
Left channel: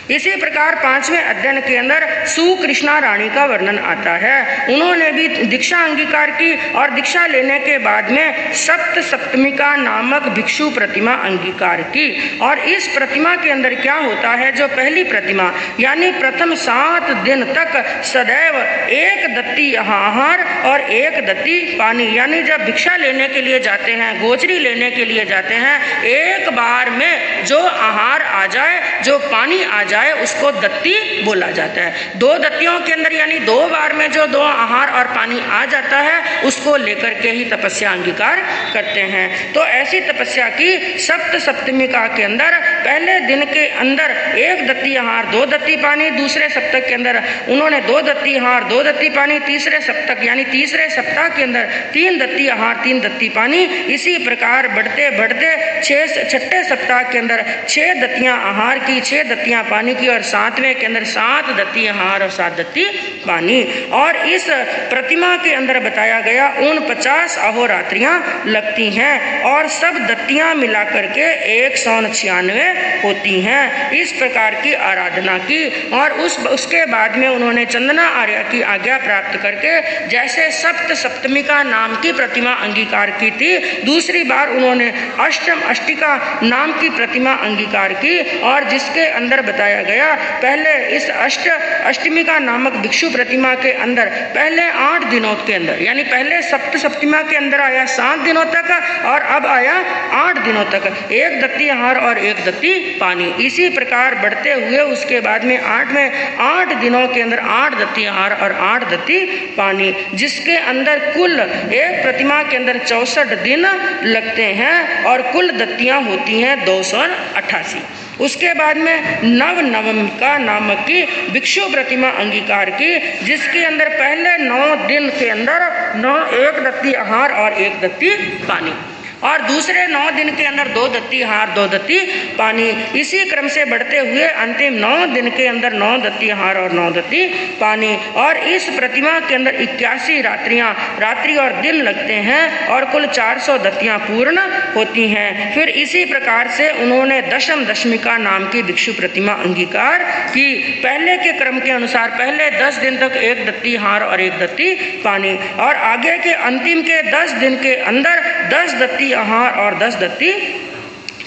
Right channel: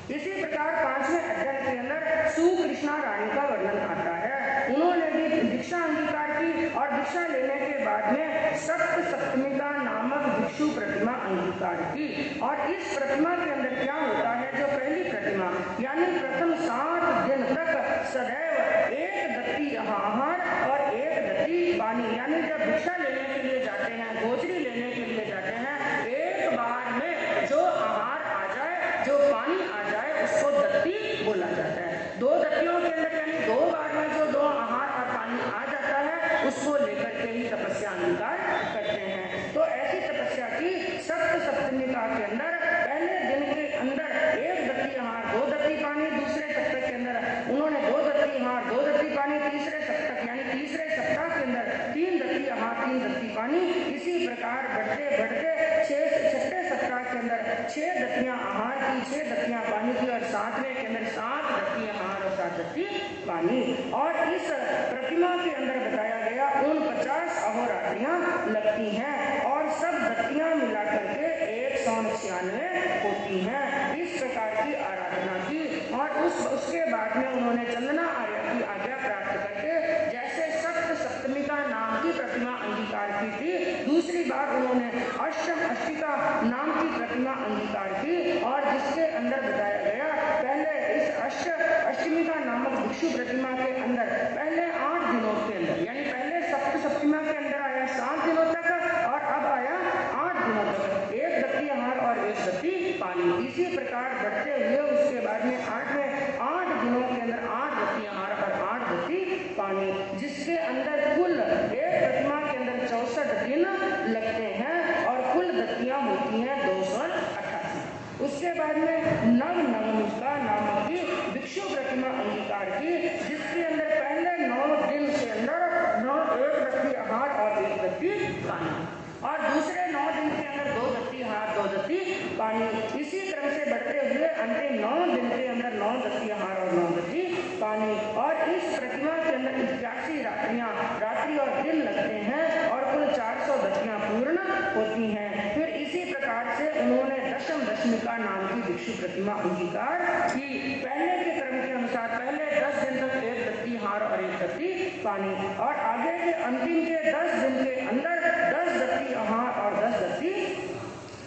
इसी प्रकार 5वें अध्ययन के अंदर सुकृष्णा रानी का वर्णन आता है। उन्होंने भी दीक्षा अंगीकार की और दीक्षा लेने के बाद में सप्त सप्तमिका नामक भिक्षु प्रतिमा अंगीकार की। और इस प्रतिमा के अंदर क्या होता है, जो पहली प्रतिमा यानी प्रथम 7 दिन तक सदैव 1 दत्ती आहार और 1 दत्ती पानी, यानी जब भिक्षा लेने के लिए जाते हैं, गोचरी लेने के लिए जाते हैं, एक बार में जो आहार आ जाए, जो पानी आ जाए, उसको दत्ती बोला जाता है। 2 दत्तियों के अंदर यानी 2 बार में जो 2 आहार और पानी आ जाता है, उसको लेकर के ही तपस्या अंगीकार करते हैं। तो ऐसी तपस्या की सप्त सप्तमिका के अंदर पहले दिन के अंदर 1 दत्ती आहार 2 दत्ती पानी, दूसरे सप्तक के अंदर उन्होंने 2 दत्ती आहार 2 दत्ती पानी, तीसरे सप्तक यानी तीसरे सप्ताह के अंदर 3 दत्ती आहार 3 दत्ती पानी। इसी प्रकार बढ़ते बढ़ते 6ठे सप्ताह के अंदर 6 दत्तियां आहार की, 6 दत्तियां पानी की और 7वें के अंदर 7 दत्ती आहार और 7 दत्ती पानी। और इस प्रतिमा के अंदर बताया गया 49 अहोरात्रियां लगती हैं और सब दत्तियां मिलाकर के 196 होती हैं। इस प्रकार की आराधना की और उसके बाद में उन्होंने चंदना आर्या की आज्ञा प्राप्त करके जैसे सप्त सप्तमिका नाम की प्रतिमा अंगीकार की थी, दूसरी बार उन्होंने अष्टम अष्टिका नाम की प्रतिमा अंगीकार की। और जिसके अंदर बताया गया पहले इस अष्टमिका नामक भिक्षु प्रतिमा के अंदर पहले 8 दिनों के अंदर, यानी पहले सप्त सप्तमिका के अंदर आया 7 दिनों तक और अब आया 8 दिनों तक 1 दत्ती आहार और 1 दत्ती पानी। इसी प्रकार बढ़ते हुए उसके बाद में 8 दिनों के अंदर 8 दत्ती आहार और 8 दत्ती पानी, जिसके अंदर कुल एक प्रतिमा के अंदर 64 दिन लगते हैं और कुल दत्तियां होती हैं 288। उसके बाद में नवमिका नामक की भिक्षु प्रतिमा अंगीकार की, जिसके अंदर पहले 9 दिन के अंदर 1 दत्ती आहार और 1 दत्ती पानी और दूसरे 9 दिन के अंदर 2 दत्ती आहार 2 दत्ती पानी। इसी क्रम से बढ़ते हुए अंतिम 9 दिन के अंदर 9 दत्ती आहार और 9 दत्ती पानी। और इस प्रतिमा के अंदर 81 रात्रि और दिन लगते हैं और कुल 400 दत्तियां पूर्ण होती हैं। फिर इसी प्रकार से उन्होंने दशमिका नाम की भिक्षु प्रतिमा अंगीकार की। पहले के क्रम के अनुसार पहले 10 दिन तक 1 दत्ती आहार और 1 दत्ती पानी और आगे के अंतिम के 10 दिन के अंदर 10 दत्ती आहार और 10 दत्ती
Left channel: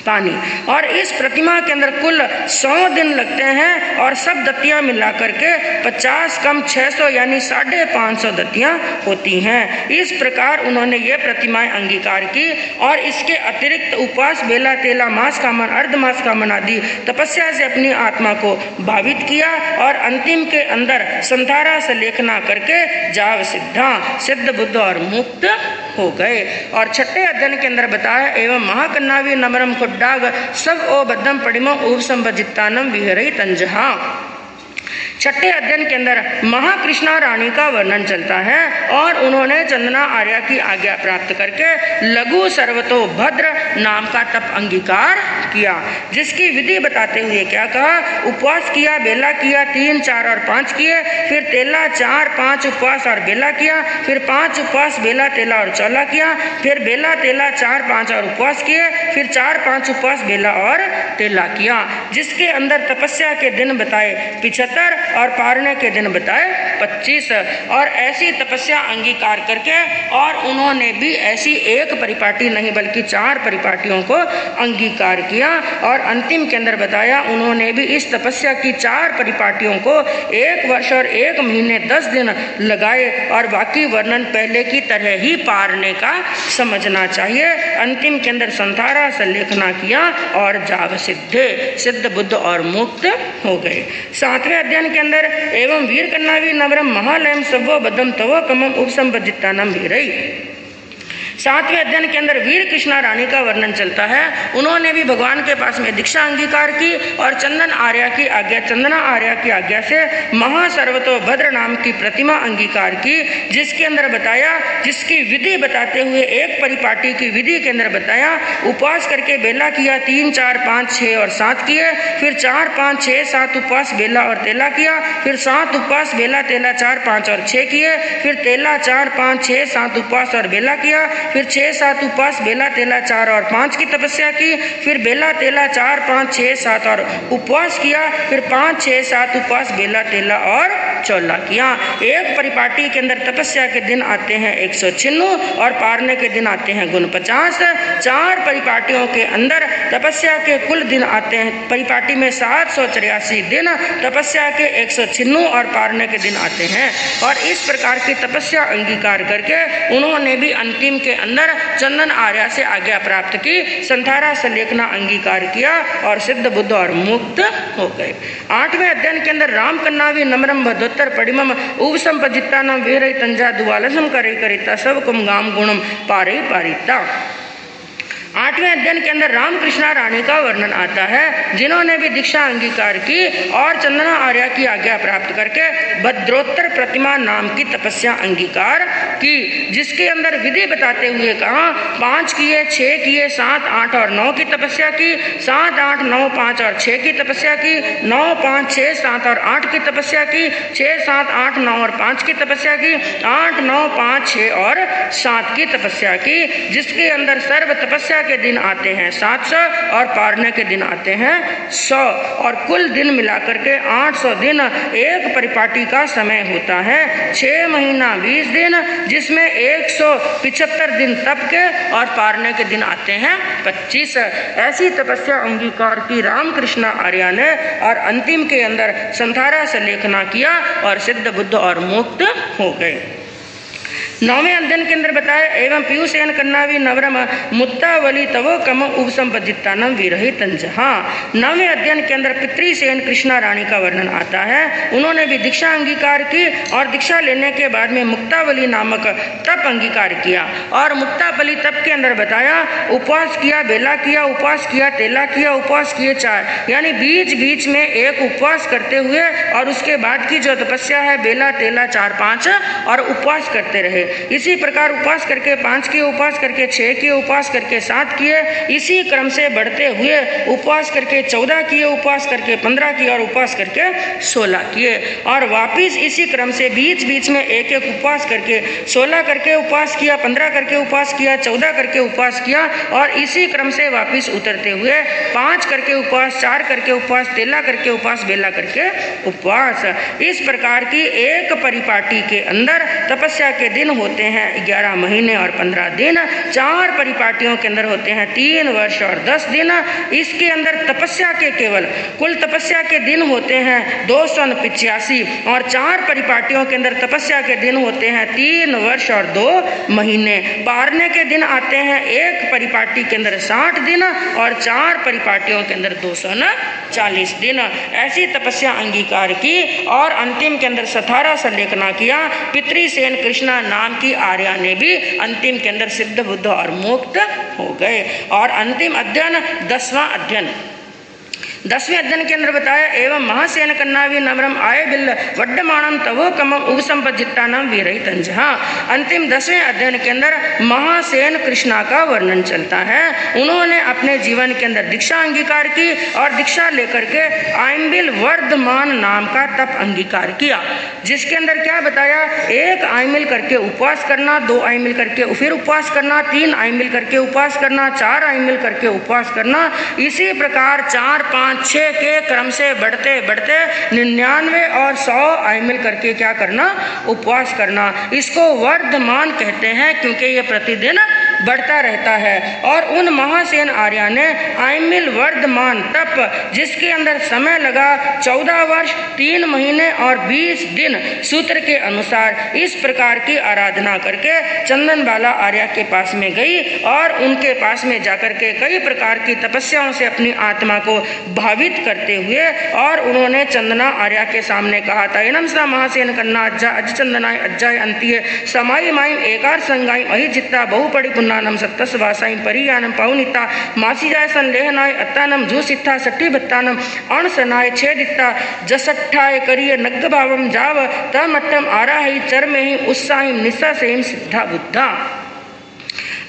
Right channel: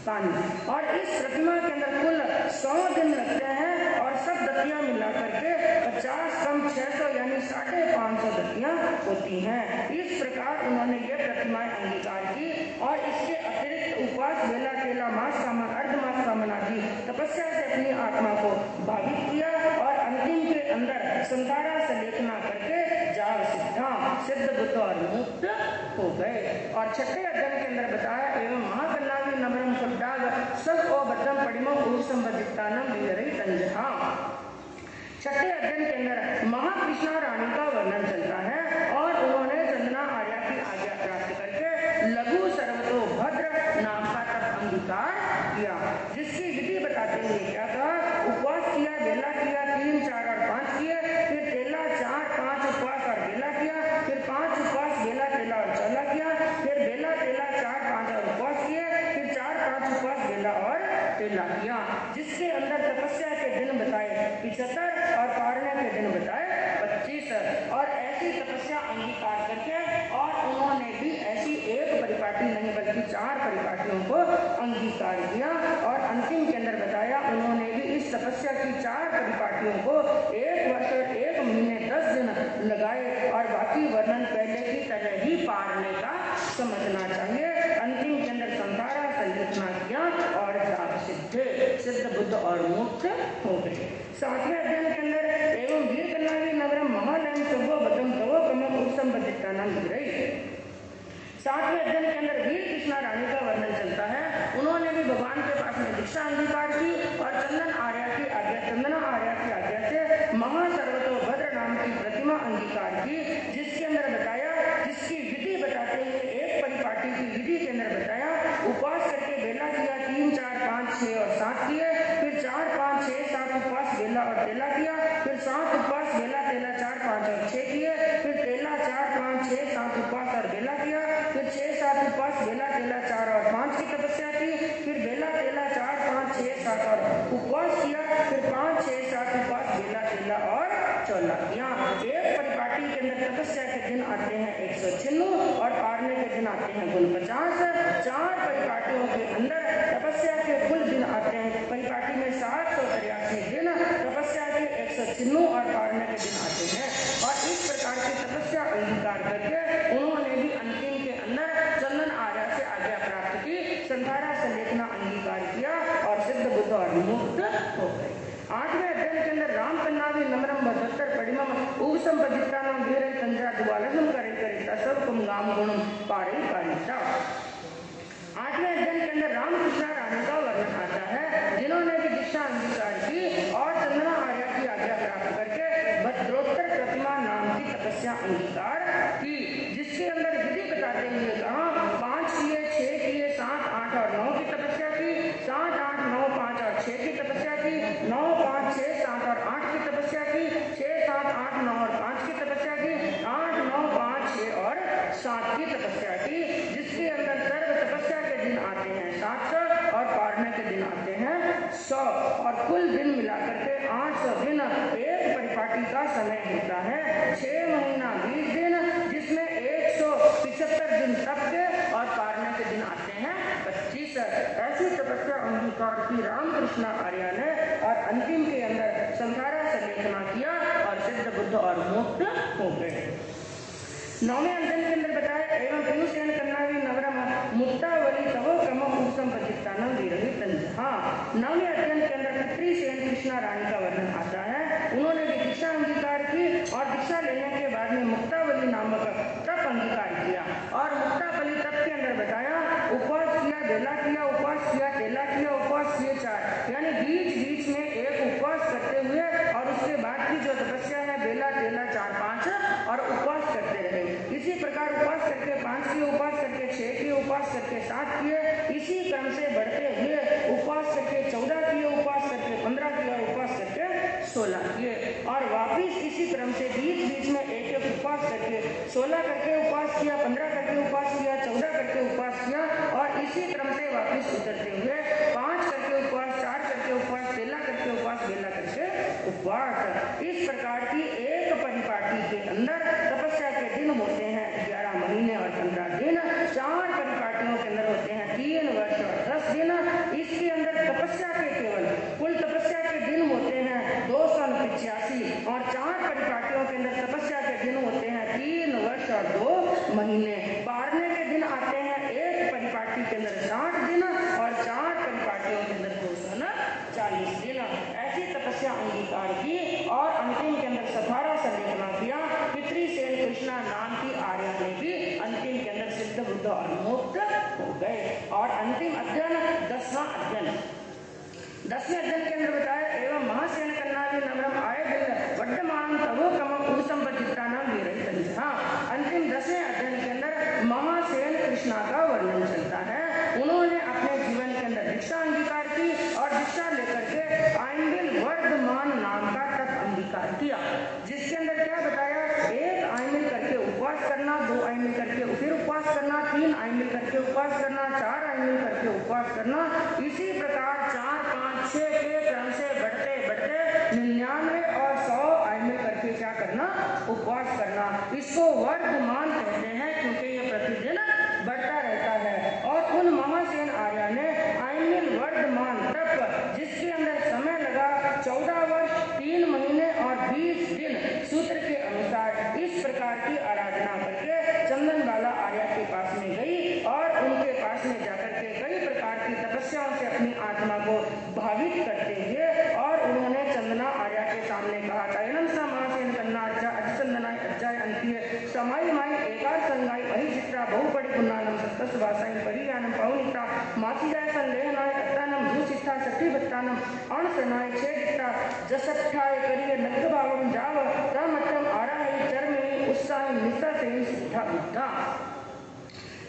पानी। और इस प्रतिमा के अंदर कुल 100 दिन लगते हैं और सब दत्तियां मिला करके 50 कम 600 यानी 550 दत्तियां होती हैं। इस प्रकार उन्होंने ये प्रतिमाएं अंगीकार की और इसके अतिरिक्त उपवास, बेला, तेला, मास कामन, अर्धमास कामन आदि तपस्या से अपनी आत्मा को भावित किया और अंतिम के अंदर संधारा से लेखना करके जाव सिद्धा, सिद्ध, बुद्ध और मुक्त हो गए। और छठे अध्ययन के अंदर बताया एवं महाकन्नावी नमरम खुड्डाग सब ओ बद्धम पडिमम उपसंपजित्तानम विहरई तंजहा। छठे अध्ययन के अंदर महाकृष्णा रानी का वर्णन चलता है और उन्होंने चंदना आर्या की आज्ञा प्राप्त करके लघु सर्वतो भद्र नाम का तप अंगीकार किया, जिसकी विधि बताते हुए क्या कहा, उपवास किया, बेला किया, 3, 4 और 5 किए, फिर तेला 4, 5 उपवास और बेला किया, फिर 5 उपवास, बेला, तेला और चौला किया, फिर बेला, तेला 4, 5 और उपवास किए, फिर 4, 5 उपवास, बेला और तेला किया, जिसके अंदर तपस्या के दिन बताए 75 और पारने के दिन बताए 25। और ऐसी तपस्या अंगीकार करके और उन्होंने भी ऐसी एक परिपाटी नहीं बल्कि 4 परिपाटियों को अंगीकार किया और अंतिम के अंदर बताया उन्होंने भी इस तपस्या की 4 परिपाटियों को 1 वर्ष और 1 महीने 10 दिन लगाए और बाकी वर्णन पहले की तरह ही पारने का समझना चाहिए। अंतिम के अंदर संधारा से लेखना किया और जाव सिद्धे, सिद्ध, बुद्ध और मुक्त हो गए। 7वें अध्ययन के अंदर एवं वीर कन्नावी नवरम महालयम सवो बदम तवो कमम उपसंपजित्तानम वीरई। 7वें अध्ययन के अंदर वीर कृष्णा रानी का वर्णन चलता है। उन्होंने भी भगवान के पास में दीक्षा अंगीकार की और चंदना आर्या की आज्ञा से महासर्वतो भद्र नाम की प्रतिमा अंगीकार की, जिसके अंदर बताया, जिसकी विधि बताते हुए एक परिपाटी की विधि के अंदर बताया उपवास करके बेला किया, 3, 4, 5, 6 और 7 किए, फिर 4, 5, 6, 7 उपवास, बेला और तेला किया, फिर 7 उपवास, बेला, तेला 4, 5 और 6 किए, फिर तेला 4, 5, 6, 7 उपवास और बेला किया, फिर 6, 7 उपवास, बेला, तेला 4 और 5 की तपस्या की, फिर बेला, तेला 4, 5, 6, 7 और उपवास किया, फिर 5, 6, 7 उपवास, बेला, तेला और चौला किया। एक परिपाटी के अंदर तपस्या के दिन आते हैं 196 और पारने के दिन आते हैं गुण 50। 4 परिपाटियों के अंदर तपस्या के कुल दिन आते हैं, परिपाटी में 783 दिन, तपस्या के 196 और पारने के दिन आते हैं। और इस प्रकार की तपस्या अंगीकार करके उन्होंने भी अंतिम के अंदर चंदन आर्या से आज्ञा प्राप्त की, संधारा से लेखना अंगीकार किया और सिद्ध, बुद्ध और मुक्त हो गए। 8वें अध्ययन के अंदर राम कन्नावी नम्रम भद्रोत्तर पडिमम उपसंपजित्तानम वीरई तंजा दुवालसम करे करिता सब कुम गाम गुणम पारई पारिता। 8वें अध्ययन के अंदर रामकृष्णा रानी का वर्णन आता है, जिन्होंने भी दीक्षा अंगीकार की और चंदना आर्या की आज्ञा प्राप्त करके भद्रोत्तर प्रतिमा नाम की तपस्या अंगीकार की, जिसके अंदर विधि बताते हुए कहा 5 किए, 6 किए, 7, 8 और 9 की तपस्या की, 7, 8, 9, 5 और 6 की तपस्या की, 9, 5, 6, 7 और 8 की तपस्या की, 6, 7, 8, 9 और 5 की तपस्या की, 8, 9, 5, 6 और 7 की तपस्या की, जिसके अंदर सर्व तपस्या के दिन आते हैं 700 और पारने के दिन आते हैं 100 और कुल दिन मिलाकर के 800 दिन एक परिपाटी का समय होता है। 6 महीना 20 दिन, जिसमें 175 दिन तप के और पारने के दिन आते हैं 25। ऐसी तपस्या अंगीकार की रामकृष्णा आर्या ने और अंतिम के अंदर संधारा से लेखना किया और सिद्ध, बुद्ध और मुक्त हो गए। 9वें अध्ययन के अंदर बताया एवं पीयूषेन कन्नावी नवरम मुत्तावली तवो कम उपसंपजित्तानम विरही तंजहा। 9वें अध्ययन के अंदर पितृसेन कृष्णा रानी का वर्णन आता है। उन्होंने भी दीक्षा अंगीकार की और दीक्षा लेने के बाद में मुक्तावली नामक तप अंगीकार किया और मुक्तावली तप के अंदर बताया उपवास किया, बेला किया, उपवास किया, तेला किया, उपवास किए 4, यानी बीच बीच में एक उपवास करते हुए और उसके बाद की जो तपस्या है बेला, तेला 4, 5 और उपवास करते रहे। इसी प्रकार उपवास करके 5 किए, उपवास करके 6 किए, उपवास करके 7 किए, इसी क्रम से बढ़ते हुए उपवास करके 14 किए, उपवास करके 15 किए और उपवास करके 16 किए और वापिस इसी क्रम से बीच बीच में एक एक उपवास करके 16 करके उपवास किया, 15 करके उपवास किया, 14 करके उपवास किया और इसी क्रम से वापिस उतरते हुए 5 करके उपवास, 4 करके उपवास, 13 करके उपवास, बेला करके उपवास। इस प्रकार की एक परिपाटी के अंदर तपस्या के दिन होते हैं 11 महीने और 15 दिन। 4 परिपाटियों के अंदर होते हैं 3 वर्ष और 10 दिन। इसके अंदर तपस्या के केवल कुल तपस्या के दिन होते हैं 285 और 4 परिपाटियों के अंदर तपस्या के दिन होते हैं 3 वर्ष और 2 महीने। पारने के दिन आते हैं 1 परिपाटी के अंदर 60 दिन और 4 परिपाटियों के अंदर 240 दिन। ऐसी तपस्या अंगीकार की और अंतिम के अंदर 17 संलेखना किया। पितृसेन कृष्णा नाम की आर्या ने भी अंतिम के अंदर सिद्ध बुद्ध और मुक्त हो गए। और अंतिम अध्ययन 10वां अध्ययन 10वें अध्ययन के अंदर बताया एवं महासेन कन्नावी नम्रम आय बिल्ल वड्डमाणम तवो कम उपसंपजिट्टानम वीरहितंजहा। अंतिम 10वें अध्ययन के अंदर महासेन कृष्णा का वर्णन चलता है। उन्होंने अपने जीवन के अंदर दीक्षा अंगीकार की और दीक्षा लेकर के आयम्बिल वर्धमान नाम का तप अंगीकार किया, जिसके अंदर क्या बताया 1 आयमिल करके उपवास करना, 2 आयमिल करके फिर उपवास करना, 3 आयमिल करके उपवास करना, 4 आयमिल करके उपवास करना। इसी प्रकार 4, 5, 6 के क्रम से बढ़ते बढ़ते 99 और 100 आयमिल करके क्या करना उपवास करना। इसको वर्धमान कहते हैं क्योंकि ये प्रतिदिन बढ़ता रहता है। और उन महासेन आर्या ने आयमिल वर्धमान तप जिसके अंदर समय लगा 14 वर्ष 3 महीने और 20 दिन सूत्र के अनुसार इस प्रकार की आराधना करके चंदन बाला आर्या के पास में गई और उनके पास में जाकर के कई प्रकार की तपस्याओं से अपनी आत्मा को भावित करते हुए और उन्होंने चंदना आर्या के सामने कहा था एनम सा महासेन कन्ना अज्जा अज चंदनाय अज्जाय अंतिय समाई माइम एकार संगाई अहि जित्ता बहुपड़ी पुन्नानम सत्तस वासाई परियानम पौनिता मासी जाय संलेहनाय अत्तानम जूसित्था सट्टी बत्तानम अणसनाय छेदित्ता जसट्ठाय करिय नग्ग भावम जाव तमट्टम आराहि चरमेहि उत्साहिम निस्सा सेम सिद्धा बुद्धा।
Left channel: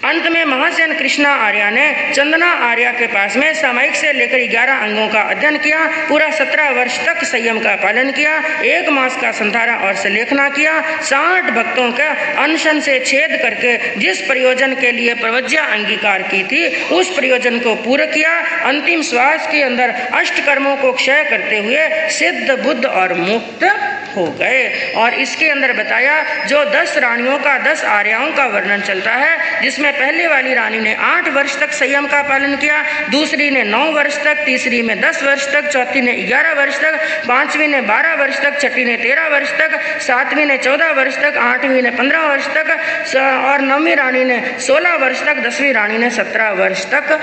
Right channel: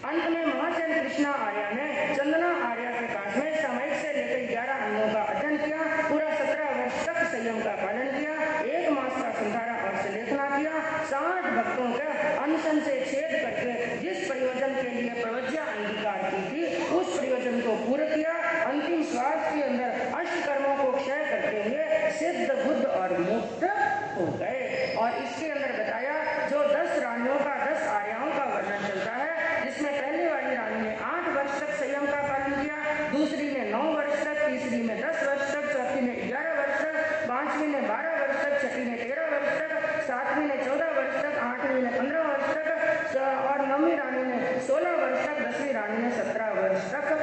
अंत में महासेन कृष्णा आर्या ने चंदना आर्या के पास में सामयिक से लेकर 11 अंगों का अध्ययन किया, पूरा 17 वर्ष तक संयम का पालन किया, 1 मास का संधारा और संलेखना किया, 60 भक्तों का अनशन से छेद करके जिस प्रयोजन के लिए प्रवज्ञा अंगीकार की थी उस प्रयोजन को पूरा किया। अंतिम श्वास के अंदर 8 कर्मों को क्षय करते हुए सिद्ध बुद्ध और मुक्त हो गए। और इसके अंदर बताया जो 10 रानियों का 10 आर्याओं का वर्णन चलता है, जिसमें पहले वाली रानी ने 8 वर्ष तक संयम का पालन किया, दूसरी ने 9 वर्ष तक, तीसरी में 10 वर्ष तक, चौथी ने 11 वर्ष तक, 5वीं ने 12 वर्ष तक, छठी ने 13 वर्ष तक, 7वीं ने 14 वर्ष तक, 8वीं ने 15 वर्ष तक और 9वीं रानी ने 16 वर्ष तक, 10वीं रानी ने 17 वर्ष तक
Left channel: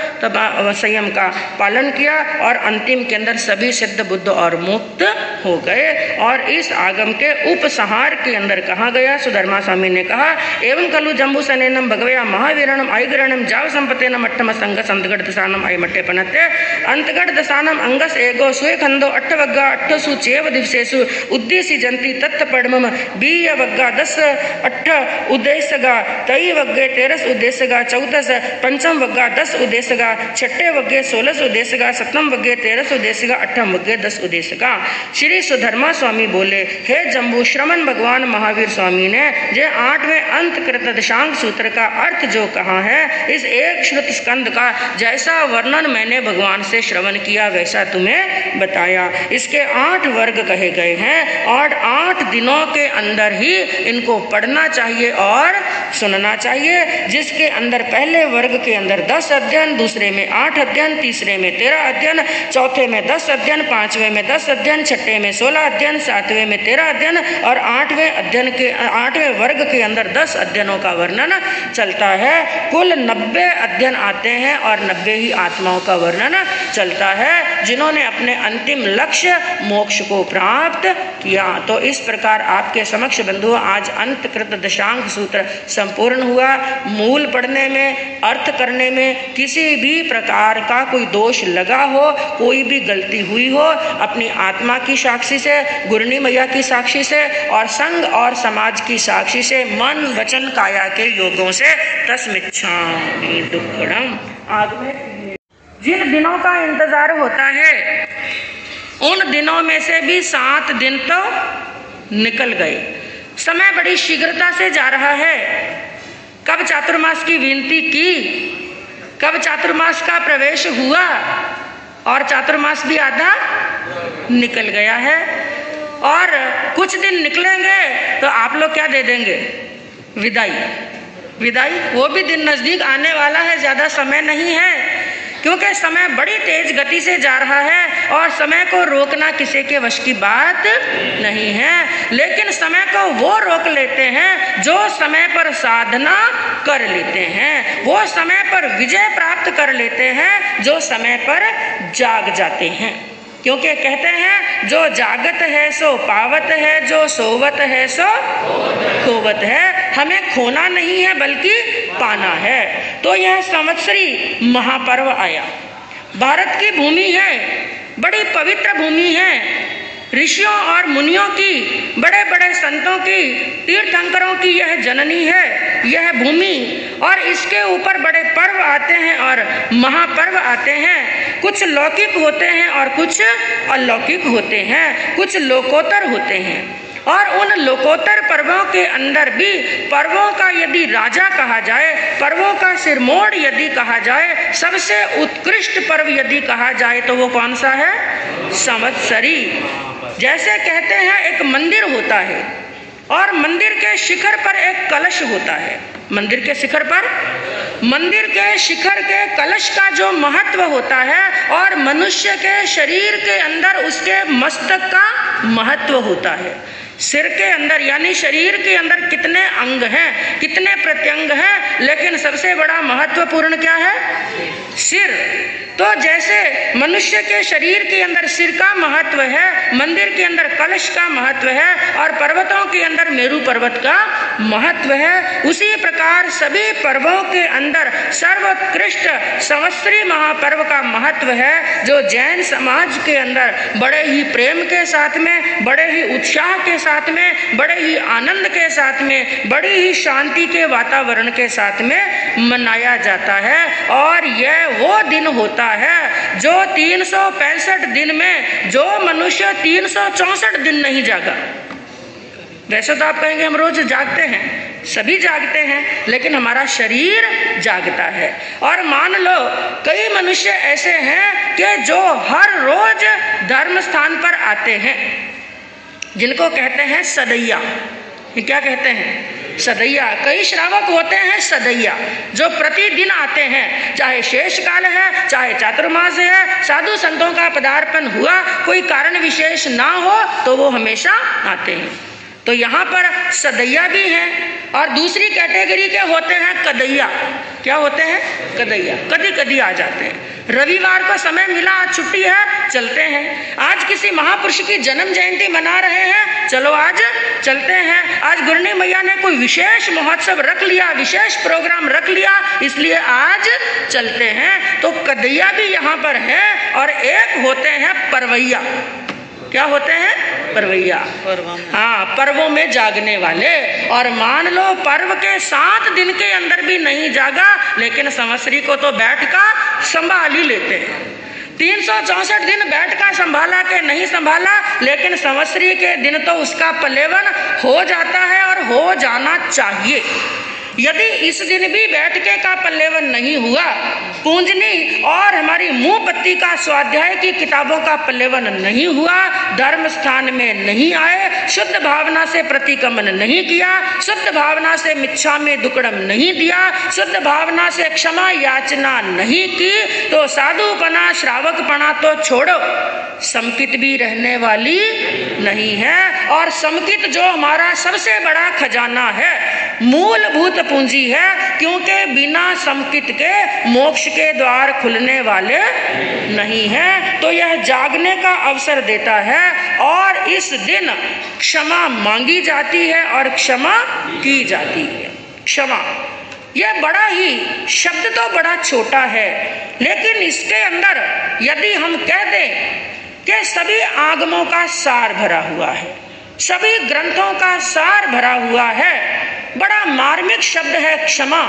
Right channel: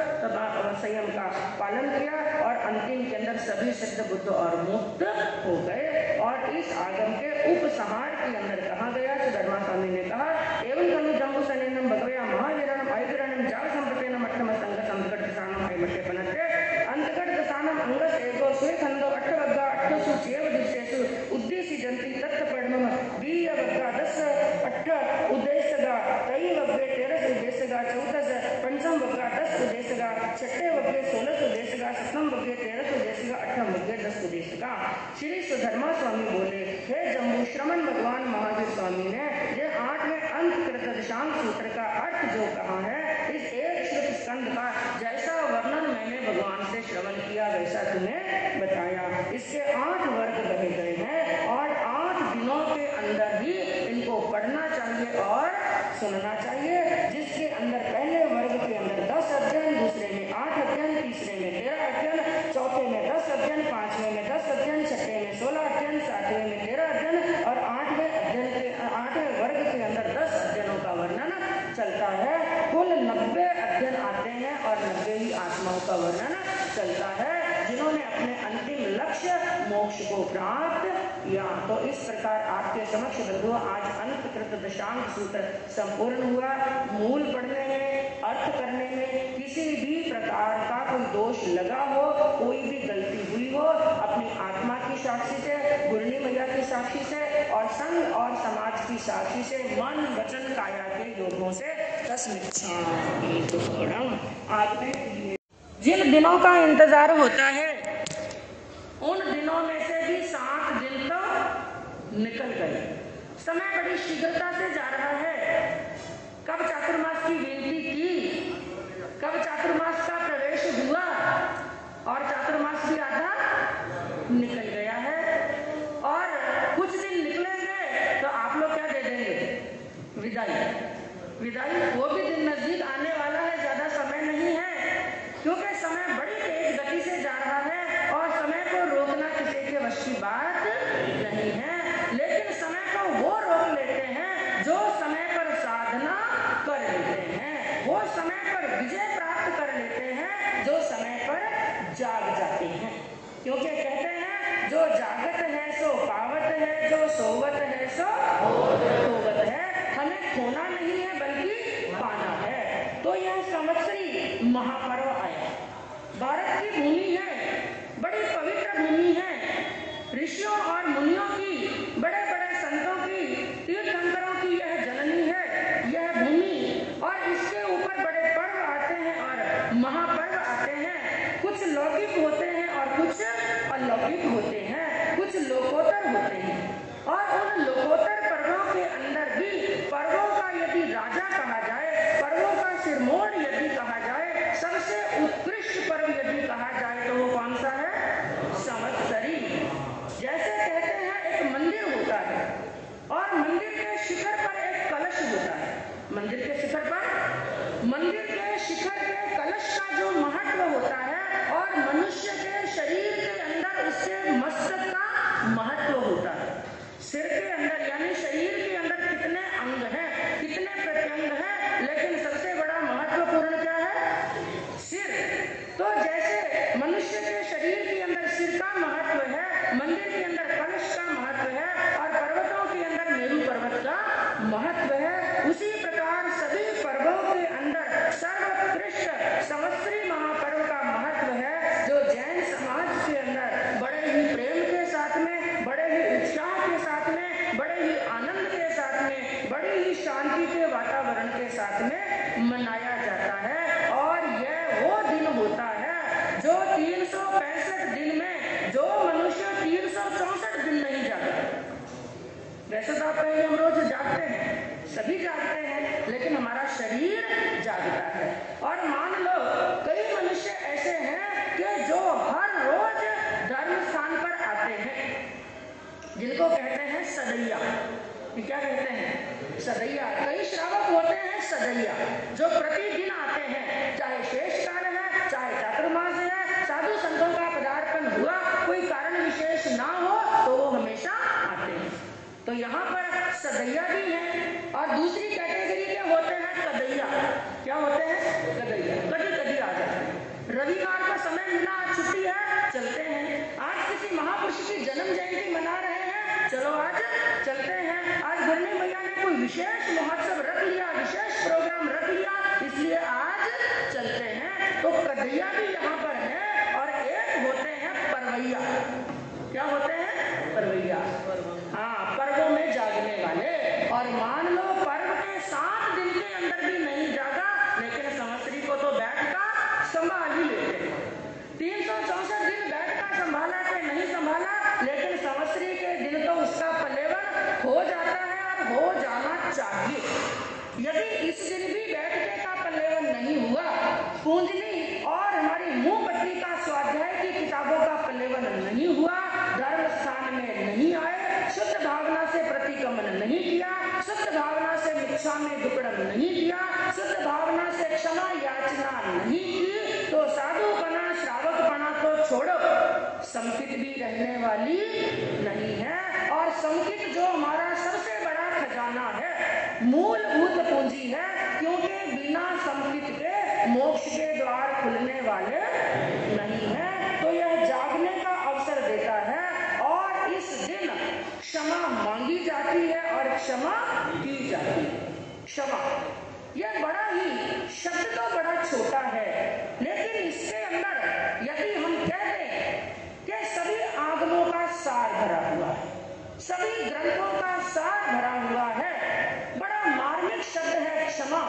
संयम का पालन किया और अंतिम के अंदर सभी सिद्ध बुद्ध और मुक्त हो गए। और इस आगम के उपसंहार के अंदर कहा गया, सुधर्मा स्वामी ने कहा एवं कलु जम्बू सनेनम भगवया महावीरणम आयगरणम जाव संपतेनम अट्ठम संग संतगढ़ दसानम आयमट्टे पनते अंतगढ़ दसानम अंगस एगो सुय खंदो अट्ठवग्गा अट्ठसु चेव दिवसेसु उद्देश्य जंती तत्पड़मम बीय वग्गा 10 8 उद्देश्यगा तई वग्गे 13 उद्देश्यगा 14 पंचम वग्गा 10 उद्देश्यगा छठे वग्गे 16 उद्देश्यगा सप्तम वग्गे 13 उद्देश्यगा अट्ठम वग्गे 10 उद्देश्यगा। श्री सुधर्मा स्वामी बोले हे जम्बू श्रमण भगवान महावीर स्वामी ने जो 8वें अंत कृत दशांग सूत्र का अर्थ जो कहा है इस एक श्रुत स्कंद का जैसा वर्णन मैंने भगवान से श्रवण किया वैसा तुम्हें बताया। इसके 8 वर्ग कहे गए हैं और 8 दिनों के अंदर ही इनको पढ़ना चाहिए और सुनना चाहिए, जिसके अंदर पहले वर्ग के अंदर 10 अध्ययन, दूसरे में 8 अध्ययन, तीसरे में 13 अध्ययन, चौथे में 10 अध्ययन, 5वें में 10 अध्ययन, छठे में 16 अध्ययन, 7वें में 13 अध्ययन और 8वें अध्ययन के 8वें वर्ग के अंदर 10 अध्ययनों का वर्णन चलता है। कुल 90 अध्ययन आते हैं और 90 ही आत्माओं का वर्णन चलता है जिन्होंने अपने अंतिम लक्ष्य मोक्ष को प्राप्त किया। तो इस प्रकार आपके समक्ष बंधु आज अंतकृत दशांग सूत्र संपूर्ण हुआ। मूल पढ़ने में, अर्थ करने में किसी भी प्रकार का कोई दोष लगा हो, कोई भी गलती हुई हो, अपनी आत्मा की साक्षी से, गुरनी मैया की साक्षी से और संघ और समाज की साक्षी से, मन वचन काया के योगों से तस्मिच्छामि दुक्कडम। आगे जिन दिनों का इंतजार होता है उन दिनों में से भी 7 दिन तो निकल गए। समय बड़ी शीघ्रता से जा रहा है। कब चातुर्मास की विनती की, कब चातुर्मास का प्रवेश हुआ और चातुर्मास भी आधा निकल गया है। और कुछ दिन निकलेंगे तो आप लोग क्या दे देंगे, विदाई, विदाई वो भी दिन नज़दीक आने वाला है, ज़्यादा समय नहीं है, क्योंकि समय बड़ी तेज गति से जा रहा है और समय को रोकना किसी के वश की बात नहीं है। लेकिन समय को वो रोक लेते हैं जो समय पर साधना कर लेते हैं, वो समय पर विजय प्राप्त कर लेते हैं जो समय पर जाग जाते हैं। क्योंकि कहते हैं जो जागत है सो पावत है, जो सोवत है सो खोवत है। हमें खोना नहीं है बल्कि पाना है। तो यह संवत्सरी महापर्व आया, भारत की भूमि है, बड़ी पवित्र भूमि है, ऋषियों और मुनियों की, बड़े बड़े संतों की, तीर्थंकरों की यह जननी है यह भूमि। और इसके ऊपर बड़े पर्व आते हैं और महापर्व आते हैं। कुछ लौकिक होते हैं और कुछ अलौकिक होते हैं, कुछ लोकोत्तर होते हैं। और उन लोकोत्तर पर्वों के अंदर भी पर्वों का यदि राजा कहा जाए, पर्वों का सिरमौर यदि कहा जाए, सबसे उत्कृष्ट पर्व यदि कहा जाए तो वो कौन सा है? संवत्सरी। जैसे कहते हैं एक मंदिर होता है और मंदिर के शिखर पर एक कलश होता है, मंदिर के शिखर पर, मंदिर के शिखर के कलश का जो महत्व होता है और मनुष्य के शरीर के अंदर उसके मस्तक का महत्व होता है। सिर के अंदर यानी शरीर के अंदर कितने अंग हैं, कितने प्रत्यंग हैं, लेकिन सबसे बड़ा महत्वपूर्ण क्या है? सिर। तो जैसे मनुष्य के शरीर के अंदर सिर का महत्व है, मंदिर के अंदर कलश का महत्व है और पर्वतों के अंदर मेरू पर्वत का महत्व है, उसी प्रकार सभी पर्वों के अंदर सर्वोत्कृष्ट संवत्सरी महापर्व का महत्व है, जो जैन समाज के अंदर बड़े ही प्रेम के साथ में, बड़े ही उत्साह के साथ में, बड़े ही आनंद के साथ में, बड़ी ही शांति के वातावरण के साथ में मनाया जाता है। और यह वो दिन होता है जो 365 दिन में जो मनुष्य 364 दिन नहीं जागा। वैसे तो आप कहेंगे हम रोज जागते हैं, सभी जागते हैं, लेकिन हमारा शरीर जागता है। और मान लो कई मनुष्य ऐसे हैं कि जो हर रोज धर्म स्थान पर आते हैं, जिनको कहते हैं सदैया। ये क्या कहते हैं? सदैया। कई श्रावक होते हैं सदैया, जो प्रतिदिन आते हैं, चाहे शेष काल है, चाहे चातुर्मास है, साधु संतों का पदार्पण हुआ, कोई कारण विशेष ना हो तो वो हमेशा आते हैं। तो यहाँ पर सदैया भी हैं और दूसरी कैटेगरी के होते हैं कदैया। क्या होते हैं? कदैया। कभी कभी आ जाते हैं, रविवार को समय मिला, आज छुट्टी है, चलते हैं। आज किसी महापुरुष की जन्म जयंती मना रहे हैं, चलो आज चलते हैं। आज गुरनी मैया ने कोई विशेष महोत्सव रख लिया, विशेष प्रोग्राम रख लिया, इसलिए आज चलते हैं। तो कदैया भी यहाँ पर है। और एक होते हैं परवैया। क्या होते हैं? परवैया। हाँ, पर्वों में जागने वाले। और मान लो पर्व के 7 दिन के अंदर भी नहीं जागा, लेकिन संवत्सरी को तो बैठ का संभाल ही लेते हैं। 364 दिन बैठ का संभाला के नहीं संभाला, लेकिन संवत्सरी के दिन तो उसका पल्लेवन हो जाता है और हो जाना चाहिए। यदि इस दिन भी बैठके का पल्लेवन नहीं हुआ, पूंजनी और हमारी मुंह पत्ती का स्वाध्याय की किताबों का पल्लेवन नहीं हुआ, धर्म स्थान में नहीं आए, शुद्ध भावना से प्रतिक्रमण नहीं किया, शुद्ध भावना से मिच्छा में दुक्कड़म नहीं दिया, शुद्ध भावना से क्षमा याचना नहीं की, तो साधुपना श्रावकपना तो छोड़ो, समकित भी रहने वाली नहीं है। और समकित जो हमारा सबसे बड़ा खजाना है, मूलभूत पूंजी है, क्योंकि बिना समकित के मोक्ष के द्वार खुलने वाले नहीं है। तो यह जागने का अवसर देता है और इस दिन क्षमा मांगी जाती है और क्षमा की जाती है। क्षमा, यह बड़ा ही शब्द तो बड़ा छोटा है, लेकिन इसके अंदर यदि हम कह दें कि सभी आगमों का सार भरा हुआ है, सभी ग्रंथों का सार भरा हुआ है, बड़ा मार्मिक शब्द है क्षमा।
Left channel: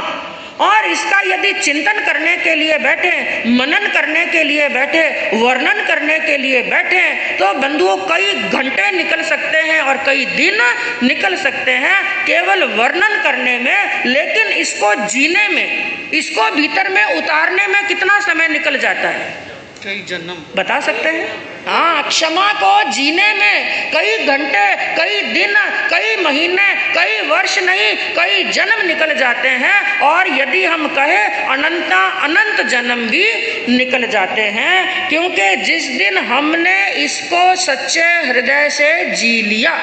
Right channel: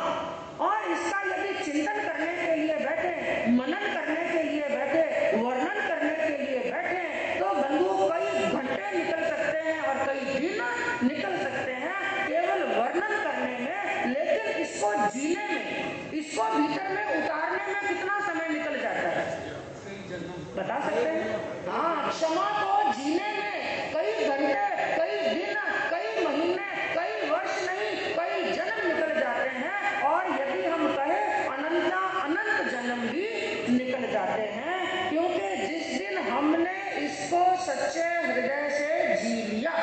और इसका यदि चिंतन करने के लिए बैठे, मनन करने के लिए बैठे, वर्णन करने के लिए बैठे, तो बंधुओं कई घंटे निकल सकते हैं और कई दिन निकल सकते हैं केवल वर्णन करने में। लेकिन इसको जीने में, इसको भीतर में उतारने में कितना समय निकल जाता है? कई जन्म बता सकते हैं? हाँ, क्षमा को जीने में कई घंटे, कई दिन, कई महीने, कई वर्ष नहीं, कई जन्म निकल जाते हैं, और यदि हम कहें अनंत जन्म भी निकल जाते हैं। क्योंकि जिस दिन हमने इसको सच्चे हृदय से जी लिया,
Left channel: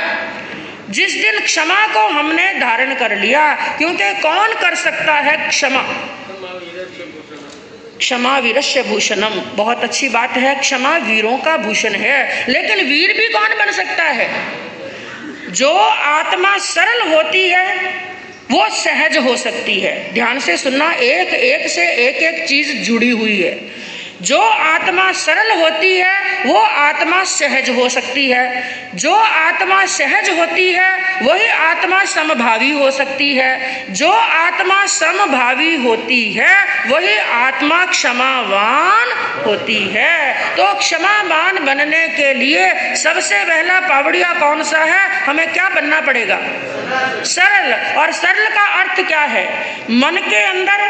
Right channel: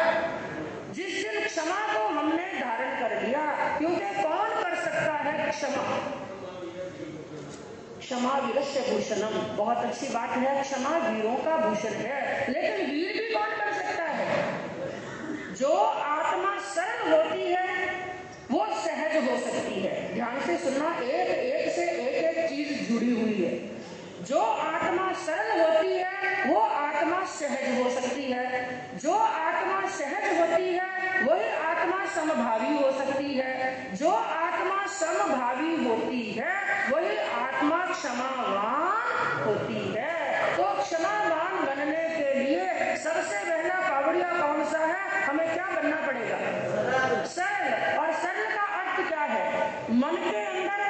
जिस दिन क्षमा को हमने धारण कर लिया, क्योंकि कौन कर सकता है क्षमा? क्षमा वीरस्य भूषणम, बहुत अच्छी बात है, क्षमा वीरों का भूषण है। लेकिन वीर भी कौन बन सकता है? जो आत्मा सरल होती है वो सहज हो सकती है। ध्यान से सुनना, एक एक से एक एक चीज जुड़ी हुई है। जो आत्मा सरल होती है वो आत्मा सहज हो सकती है। जो आत्मा सहज होती है वही आत्मा समभावी हो सकती है। जो आत्मा समभावी होती है वही आत्मा क्षमावान होती है। तो क्षमावान बनने के लिए सबसे पहला पावड़िया कौन सा है? हमें क्या बनना पड़ेगा? सरल। और सरल का अर्थ क्या है? मन के अंदर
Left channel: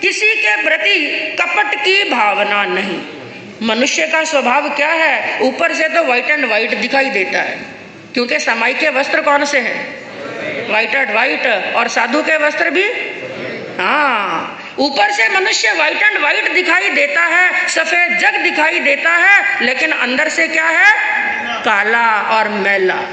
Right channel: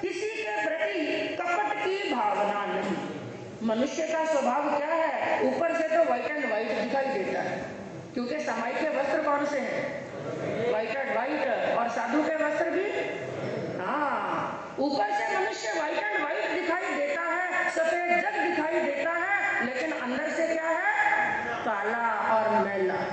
किसी के प्रति कपट की भावना नहीं। मनुष्य का स्वभाव क्या है? ऊपर से तो व्हाइट एंड व्हाइट दिखाई देता है, क्योंकि समाई के वस्त्र कौन से हैं? White and white. और साधु के वस्त्र भी, हाँ, ऊपर से मनुष्य व्हाइट एंड व्हाइट दिखाई देता है, सफेद जग दिखाई देता है, लेकिन अंदर से क्या है? काला और मैला।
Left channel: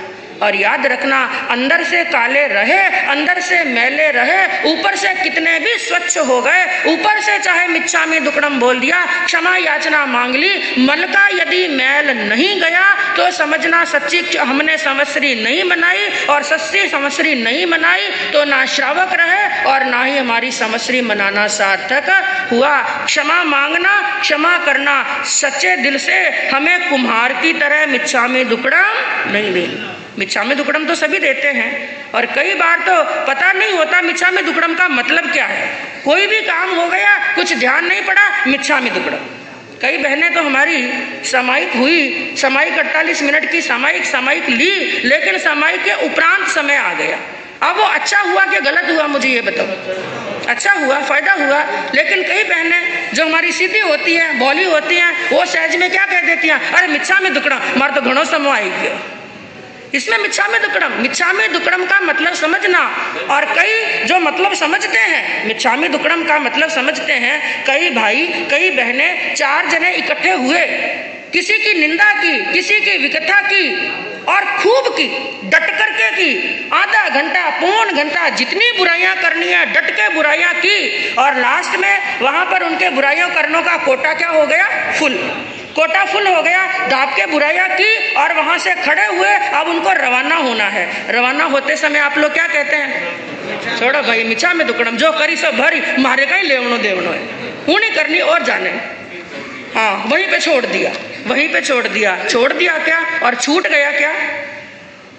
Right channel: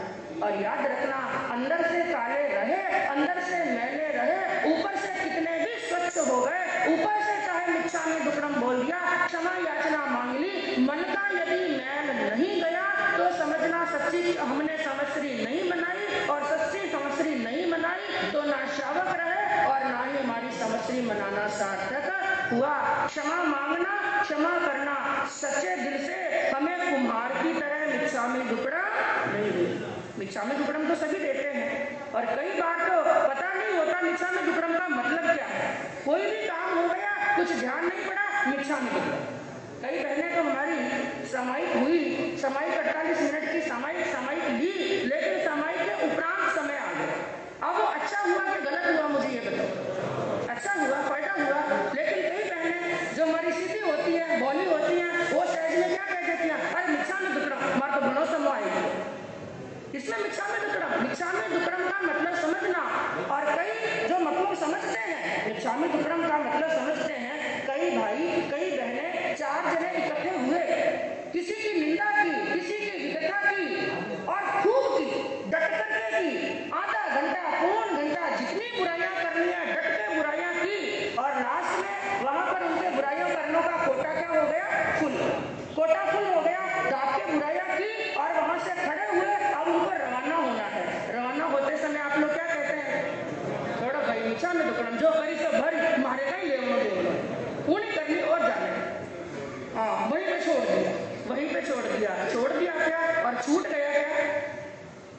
और याद रखना, अंदर से काले रहे, अंदर से मैले रहे, ऊपर से कितने भी स्वच्छ हो गए, ऊपर से चाहे मिच्छामि दुक्कडम बोल दिया, क्षमा याचना मांग ली, मन का यदि मैल नहीं गया तो समझना सच्ची हमने संवत्सरी नहीं बनाई, और सच्ची संवत्सरी नहीं बनाई तो ना श्रावक रहे और ना ही हमारी संवत्सरी मनाना सार्थक हुआ। क्षमा मांगना, क्षमा करना सच्चे दिल से, हमें कुम्हार की तरह मिच्छामि दुक्कडम नहीं देना। मिच्छामि दुक्कडम तो सभी देते हैं, और कई बार तो पता नहीं होता मिच्छामि दुक्कडम का मतलब क्या है। कोई भी काम हो गया, कुछ ध्यान नहीं पड़ा, मिच्छामि दुक्कडम। कई बहनें तो हमारी सामायिक हुई, सामायिक 48 मिनट की सामायिक ली, लेकिन सामायिक के उपरांत समय आ गया। अब वो अच्छा हुआ कि गलत हुआ, मुझे ये बताओ। अच्छा हुआ, फायदा हुआ। लेकिन कई बहनें जो हमारी सीधी होती हैं, भोली होती हैं, वो सहज में क्या कह देती हैं? अरे मिच्छामि दुक्कडम, मार तो घणो समय आई गया। इसमें मिच्छामि दुक्कडम का मतलब समझना। और कई जो मतलब समझते हैं, मिच्छामि दुक्कडम का मतलब समझते हैं, कई भाई कई बहनें 4 जने इकट्ठे हुए, किसी की निंदा की, किसी की विकथा की, और खूब की, डट करके की, आधा घंटा पौन घंटा जितनी बुराइयां करनी है डट के बुराइयां की, और लास्ट में वहां पर उनके बुराइयों करने का कोटा क्या हो गया? फुल। कोटा फुल हो गया, दाब के बुराइयां की, और वहां से खड़े हुए, अब उनको रवाना होना है। रवाना होते समय आप लोग क्या कहते हैं? छोड़ो भाई, मिच्छामि दुक्कडम, जो करी सो भरी, मारे का ही लेवनो देवनो है, ऊनी करनी और जाने। हाँ, वहीं पे छोड़ दिया, वहीं पे छोड़ दिया। छोड़ दिया क्या और छूट गया क्या?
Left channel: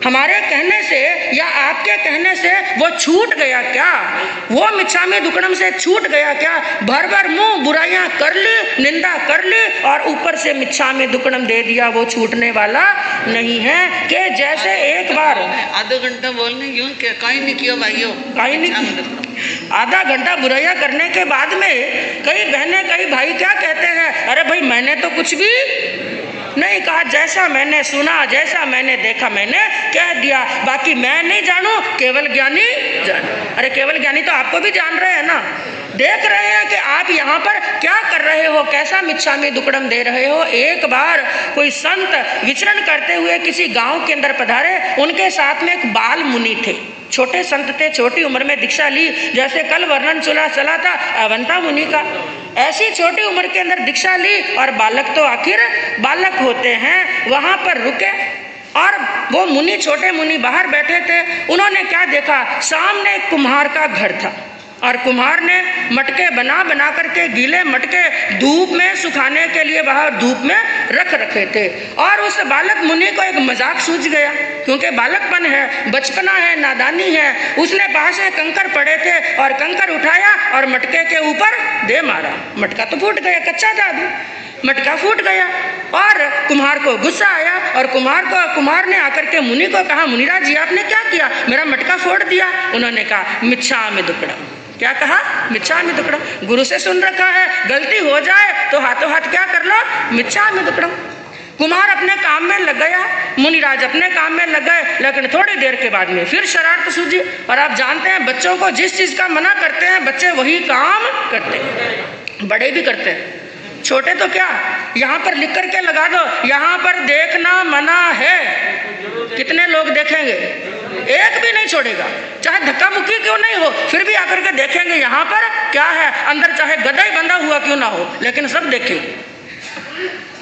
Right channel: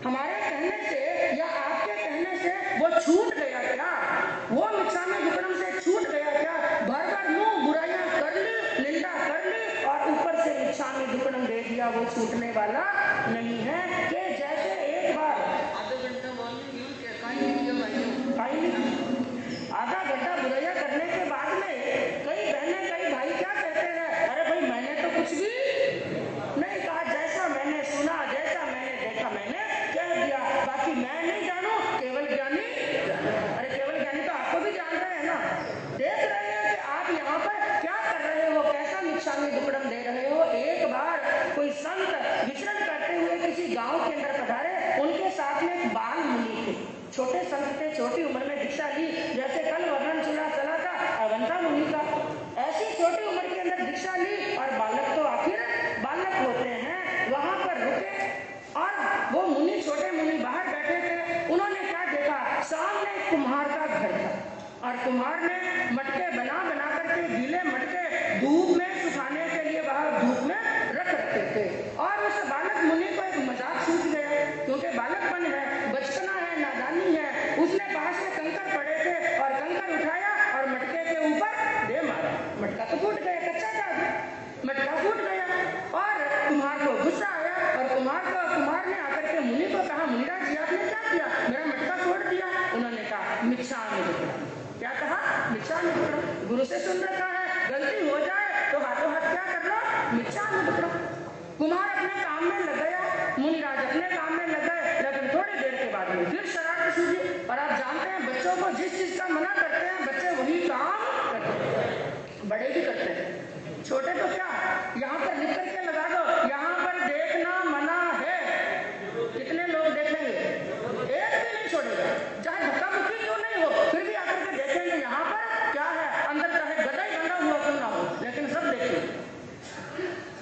हमारे कहने से या आपके कहने से वो छूट गया क्या? वो मिच्छामि दुक्कडम से छूट गया क्या? भर भर मुंह बुराइयां कर ली, निंदा कर ली, और ऊपर से मिच्छामि दुक्कडम दे दिया, वो छूटने वाला नहीं है। कि जैसे एक बार आधा घंटा बोलने क्यों, कहीं नहीं किया भाइयों, कहीं नहीं, आधा घंटा बुराइयां करने के बाद में कई बहनें कई भाई क्या कहते हैं? अरे भाई मैंने तो कुछ भी नहीं कहा, जैसा मैंने सुना, जैसा मैंने देखा मैंने कह दिया, बाकी मैं नहीं जानू, केवल ज्ञानी जाने। अरे केवल ज्ञानी तो आपको भी जान रहे हैं ना, देख रहे हैं कि आप यहाँ पर क्या कर रहे हो, कैसा मिच्छामि दुक्कडम दे रहे हो। एक बार कोई संत विचरण करते हुए किसी गांव के अंदर पधारे, उनके साथ में एक बाल मुनि थे, छोटे संत थे, छोटी उम्र में दीक्षा ली। जैसे कल वर्णन चला था अवंता मुनि का, ऐसी छोटी उम्र के अंदर दीक्षा ली, और बालक तो आखिर बालक होते हैं। वहां पर रुके, और वो मुनि, छोटे मुनि बाहर बैठे थे। उन्होंने क्या देखा? सामने एक कुम्हार का घर था, और कुम्हार ने मटके बना बना करके, गीले मटके धूप में सुखाने के लिए बाहर धूप में रख रखे थे। और उस बालक मुनि को एक मजाक सूझ गया, क्योंकि बालकपन है, बचपना है, नादानी है। उसने पास में कंकर पड़े थे, और कंकर उठाया और मटके के ऊपर दे मारा। मटका तो फूट गया, कच्चा था अभी, मटका फूट गया। और कुम्हार को गुस्सा आया, और कुम्हार ने आकर के मुनि को कहा, मुनिराज जी आपने क्या किया? मेरा मटका फोड़ दिया। उन्होंने कहा मिच्छामि दुक्कडम। क्या कहा? मिच्छामि दुक्कडम। गुरु से सुन रखा है, गलती हो जाए तो हाथों हाथ क्या कर लो? मिच्छामि दुक्कडम। कुम्हार अपने काम में लग गया, मुनिराज अपने काम में लग गए, लेकिन थोड़ी देर के बाद में फिर शरारत सूझी। और आप जानते हैं बच्चों को जिस चीज का मना करते हैं बच्चे वही काम करते हैं, बड़े भी करते हैं, छोटे तो क्या। यहाँ पर लिख करके लगा दो, यहाँ पर देखना मना है। कितने लोग देखेंगे? एक भी नहीं छोड़ेगा, चाहे धक्का मुक्की क्यों नहीं हो, फिर भी आकर के देखेंगे यहाँ पर क्या है, अंदर चाहे गधा ही बंधा हुआ क्यों ना हो, लेकिन सब देखेंगे।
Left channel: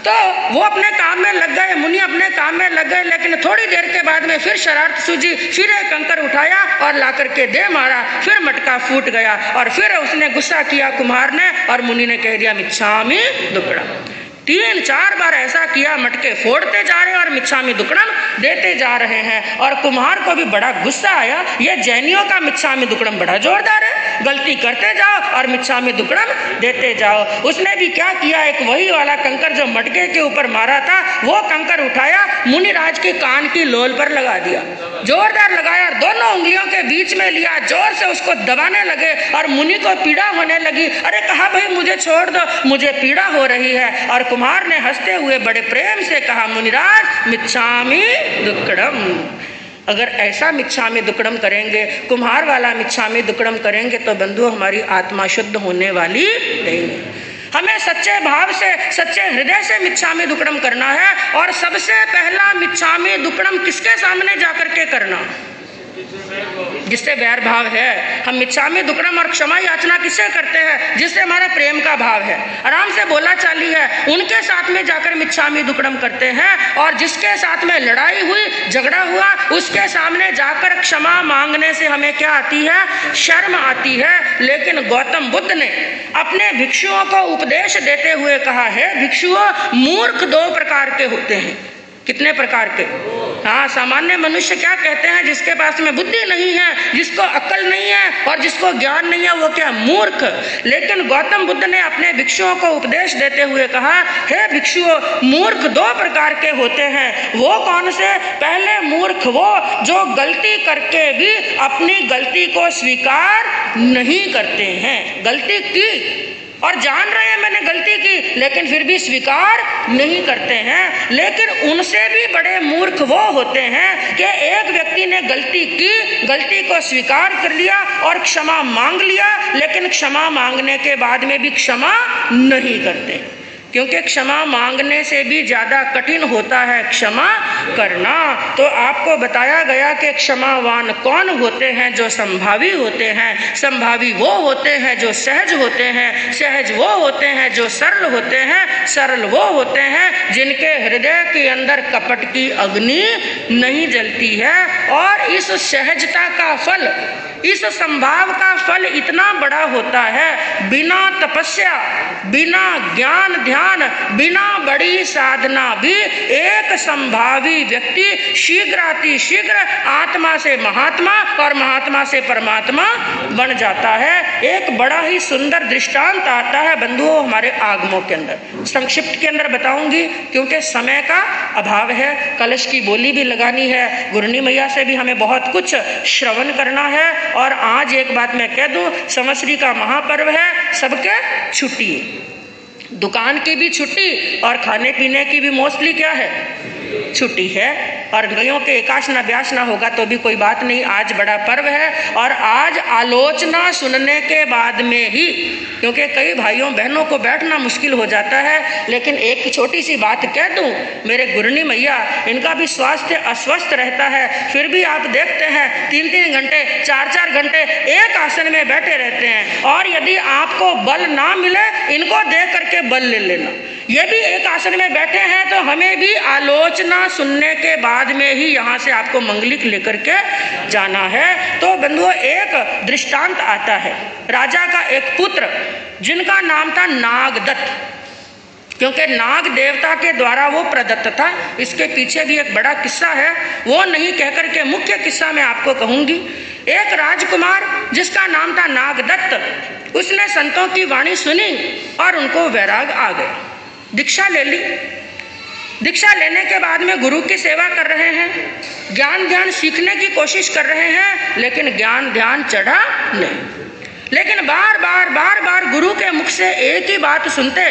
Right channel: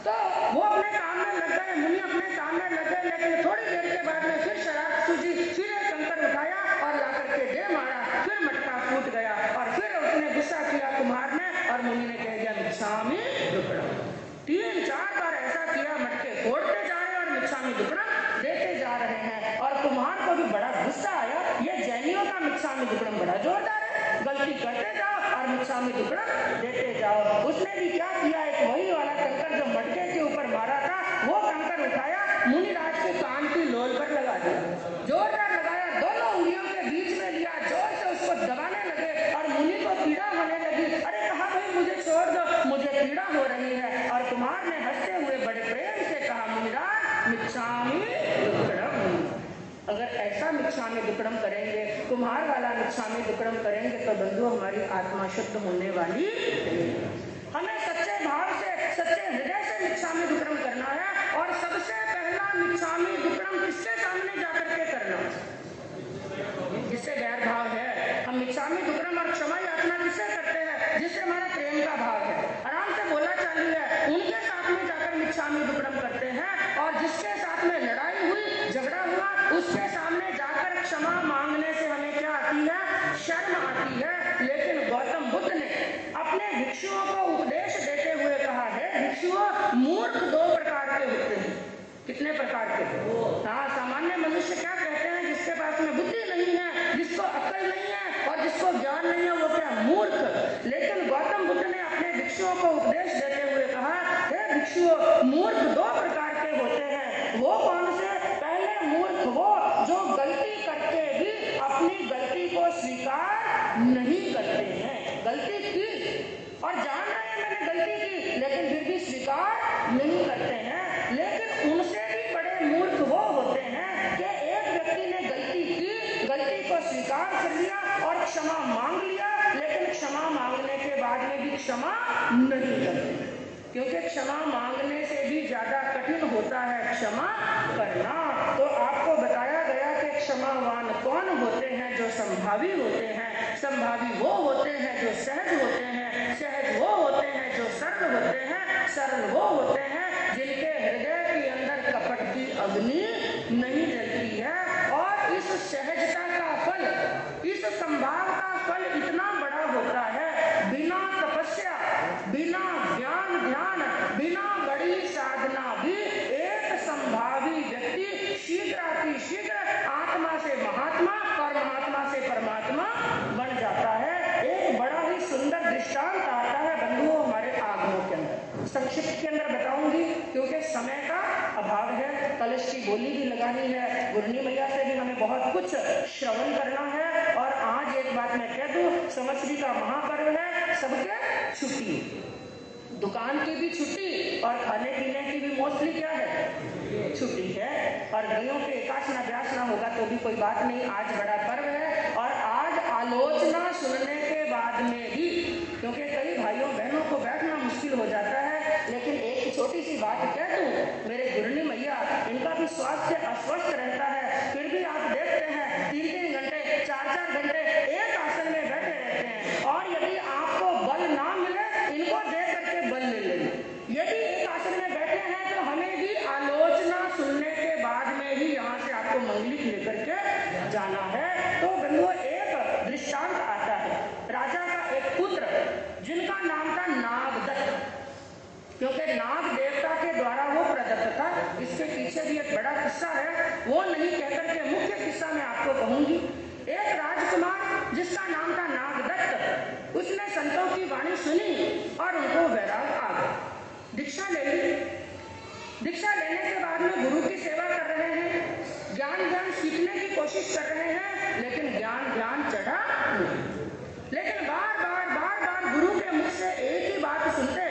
तो वो अपने काम में लग गए, मुनि अपने काम में लग गए, लेकिन थोड़ी देर के बाद में फिर शरारत सूझी, फिर एक कंकर उठाया और ला करके दे मारा, फिर मटका फूट गया और फिर उसने गुस्सा किया कुम्हार ने, और मुनि ने कह दिया मिच्छामि दुक्कडम। 3-4 बार ऐसा किया, मटके फोड़ते जा रहे हैं और मिच्छामि दुक्कडम देते जा रहे हैं। और कुम्हार को भी बड़ा गुस्सा आया, ये जैनियों का मिच्छामि दुक्कडम बड़ा जोरदार है, गलती करते जाओ और मिच्छामि दुक्कडम देते जाओ। उसने भी क्या किया, एक वही वाला कंकर जो मटके के ऊपर मारा था वो कंकर उठाया, मुनिराज के कान की लोल पर लगा दिया, जोरदार लगाया और दोनों उंगलियों के बीच में लिया, जोर से उसको दबाने लगे और मुनि को पीड़ा होने लगी। अरे कहा भाई मुझे छोड़ दो, मुझे पीड़ा हो रही है। और कुम्हार ने हंसते हुए बड़े प्रेम से कहा, मुनिराज मिच्छामि दुक्कडम। अगर ऐसा मिच्छामि दुक्कडम करेंगे, कुम्हार वाला मिच्छामि दुक्कडम करेंगे तो बंधु हमारी आत्मा शुद्ध होने वाली नहीं। हमें सच्चे भाव से, सच्चे हृदय से मिच्छामि दुक्कडम करना है। और सबसे पहला मिच्छामि दुक्कडम किसके सामने जाकर के करना? जिससे वैर भाव है। हम मिच्छामि दुक्कडम और क्षमा याचना किससे करते हैं? जिससे हमारा प्रेम का भाव है, आराम से बोला चाली है, उनके साथ में जाकर मिच्छामि दुक्कडम करते हैं। और जिसके साथ में लड़ाई हुई, झगड़ा हुआ, उसके सामने जाकर क्षमा मांगने से हमें क्या आती है? शर्म आती है। लेकिन गौतम बुद्ध ने अपने भिक्षुओं को उपदेश देते हुए कहा है, भिक्षुओं मूर्ख 2 प्रकार के होते हैं। कितने प्रकार के? हाँ, सामान्य मनुष्य क्या कहते हैं? जिसके पास में बुद्धि नहीं है, जिसको अक्ल नहीं है और जिसको ज्ञान नहीं है, वो क्या? मूर्ख। लेकिन गौतम बुद्ध ने अपने भिक्षुओं को उपदेश देते हुए कहा, हे भिक्षुओं, मूर्ख 2 प्रकार के होते हैं। वो कौन से? पहले मूर्ख वो जो गलती करके भी अपनी गलती को स्वीकार नहीं करते हैं। गलती की और जान रहे हैं मैंने गलती की, लेकिन फिर भी स्वीकार नहीं करते हैं। लेकिन उनसे भी बड़े मूर्ख वो होते हैं कि एक व्यक्ति ने गलती की, गलती को स्वीकार कर लिया और क्षमा मांग लिया, लेकिन क्षमा मांगने के बाद में भी क्षमा नहीं करते, क्योंकि क्षमा मांगने से भी ज़्यादा कठिन होता है क्षमा करना। तो आपको बताया गया कि क्षमावान कौन होते हैं? जो संभावी होते हैं। संभावी वो होते हैं जो सहज होते हैं। सहज वो होते हैं जो सरल होते हैं। सरल वो होते हैं जिनके हृदय के अंदर कपट की अग्नि नहीं जलती है। और इस सहजता का फल, इस संभाव का फल इतना बड़ा होता है, बिना तपस्या, बिना ज्ञान ध्यान, बिना बड़ी साधना भी एक संभावी व्यक्ति शीघ्र आत्मा से महात्मा और महात्मा से परमात्मा बन जाता है। एक बड़ा ही सुंदर दृष्टांत आता है बंधुओं हमारे आगमों के अंदर। संक्षिप्त के अंदर बताऊंगी क्योंकि समय का अभाव है। कलश की बोली भी लगानी है, गुरनी मैया से भी हमें बहुत कुछ श्रवण करना है। और आज एक बात मैं कह दूं, संवत्सरी का महापर्व है, सबके छुट्टी, दुकान की भी छुट्टी और खाने पीने की भी मोस्टली क्या है? छुट्टी है। और गयों के एकाशना ब्यासना होगा तो भी कोई बात नहीं, आज बड़ा पर्व है। और आज आलोचना सुनने के बाद में ही, क्योंकि कई भाइयों बहनों को बैठना मुश्किल हो जाता है, लेकिन एक छोटी सी बात कह दूं, मेरे गुरनी मैया, इनका भी स्वास्थ्य अस्वस्थ रहता है, फिर भी आप देखते हैं 3-3 घंटे 4-4 घंटे एक आसन में बैठे रहते हैं। और यदि आपको बल ना मिले, इनको देख करके बल ले लेना। ये भी एक आसन में बैठे हैं तो हमें भी आलोचना सुनने के बाद में ही यहाँ से आपको मंगलिक लेकर के जाना है। तो बंधुओं, एक दृष्टांत आता है, राजा का एक पुत्र जिनका नाम था नागदत्त, क्योंकि नाग देवता के द्वारा वो प्रदत्त था। इसके पीछे भी एक बड़ा किस्सा है, वो नहीं कहकर के मुख्य किस्सा मैं आपको कहूंगी। एक राजकुमार जिसका नाम था नागदत्त, उसने संतों की वाणी सुनी और उनको वैराग आ गया, दीक्षा ले ली। दीक्षा लेने के बाद में गुरु की सेवा कर रहे हैं, ज्ञान ध्यान सीखने की कोशिश कर रहे हैं, लेकिन ज्ञान ध्यान चढ़ा नहीं। लेकिन बार बार गुरु के मुख से एक ही बात सुनते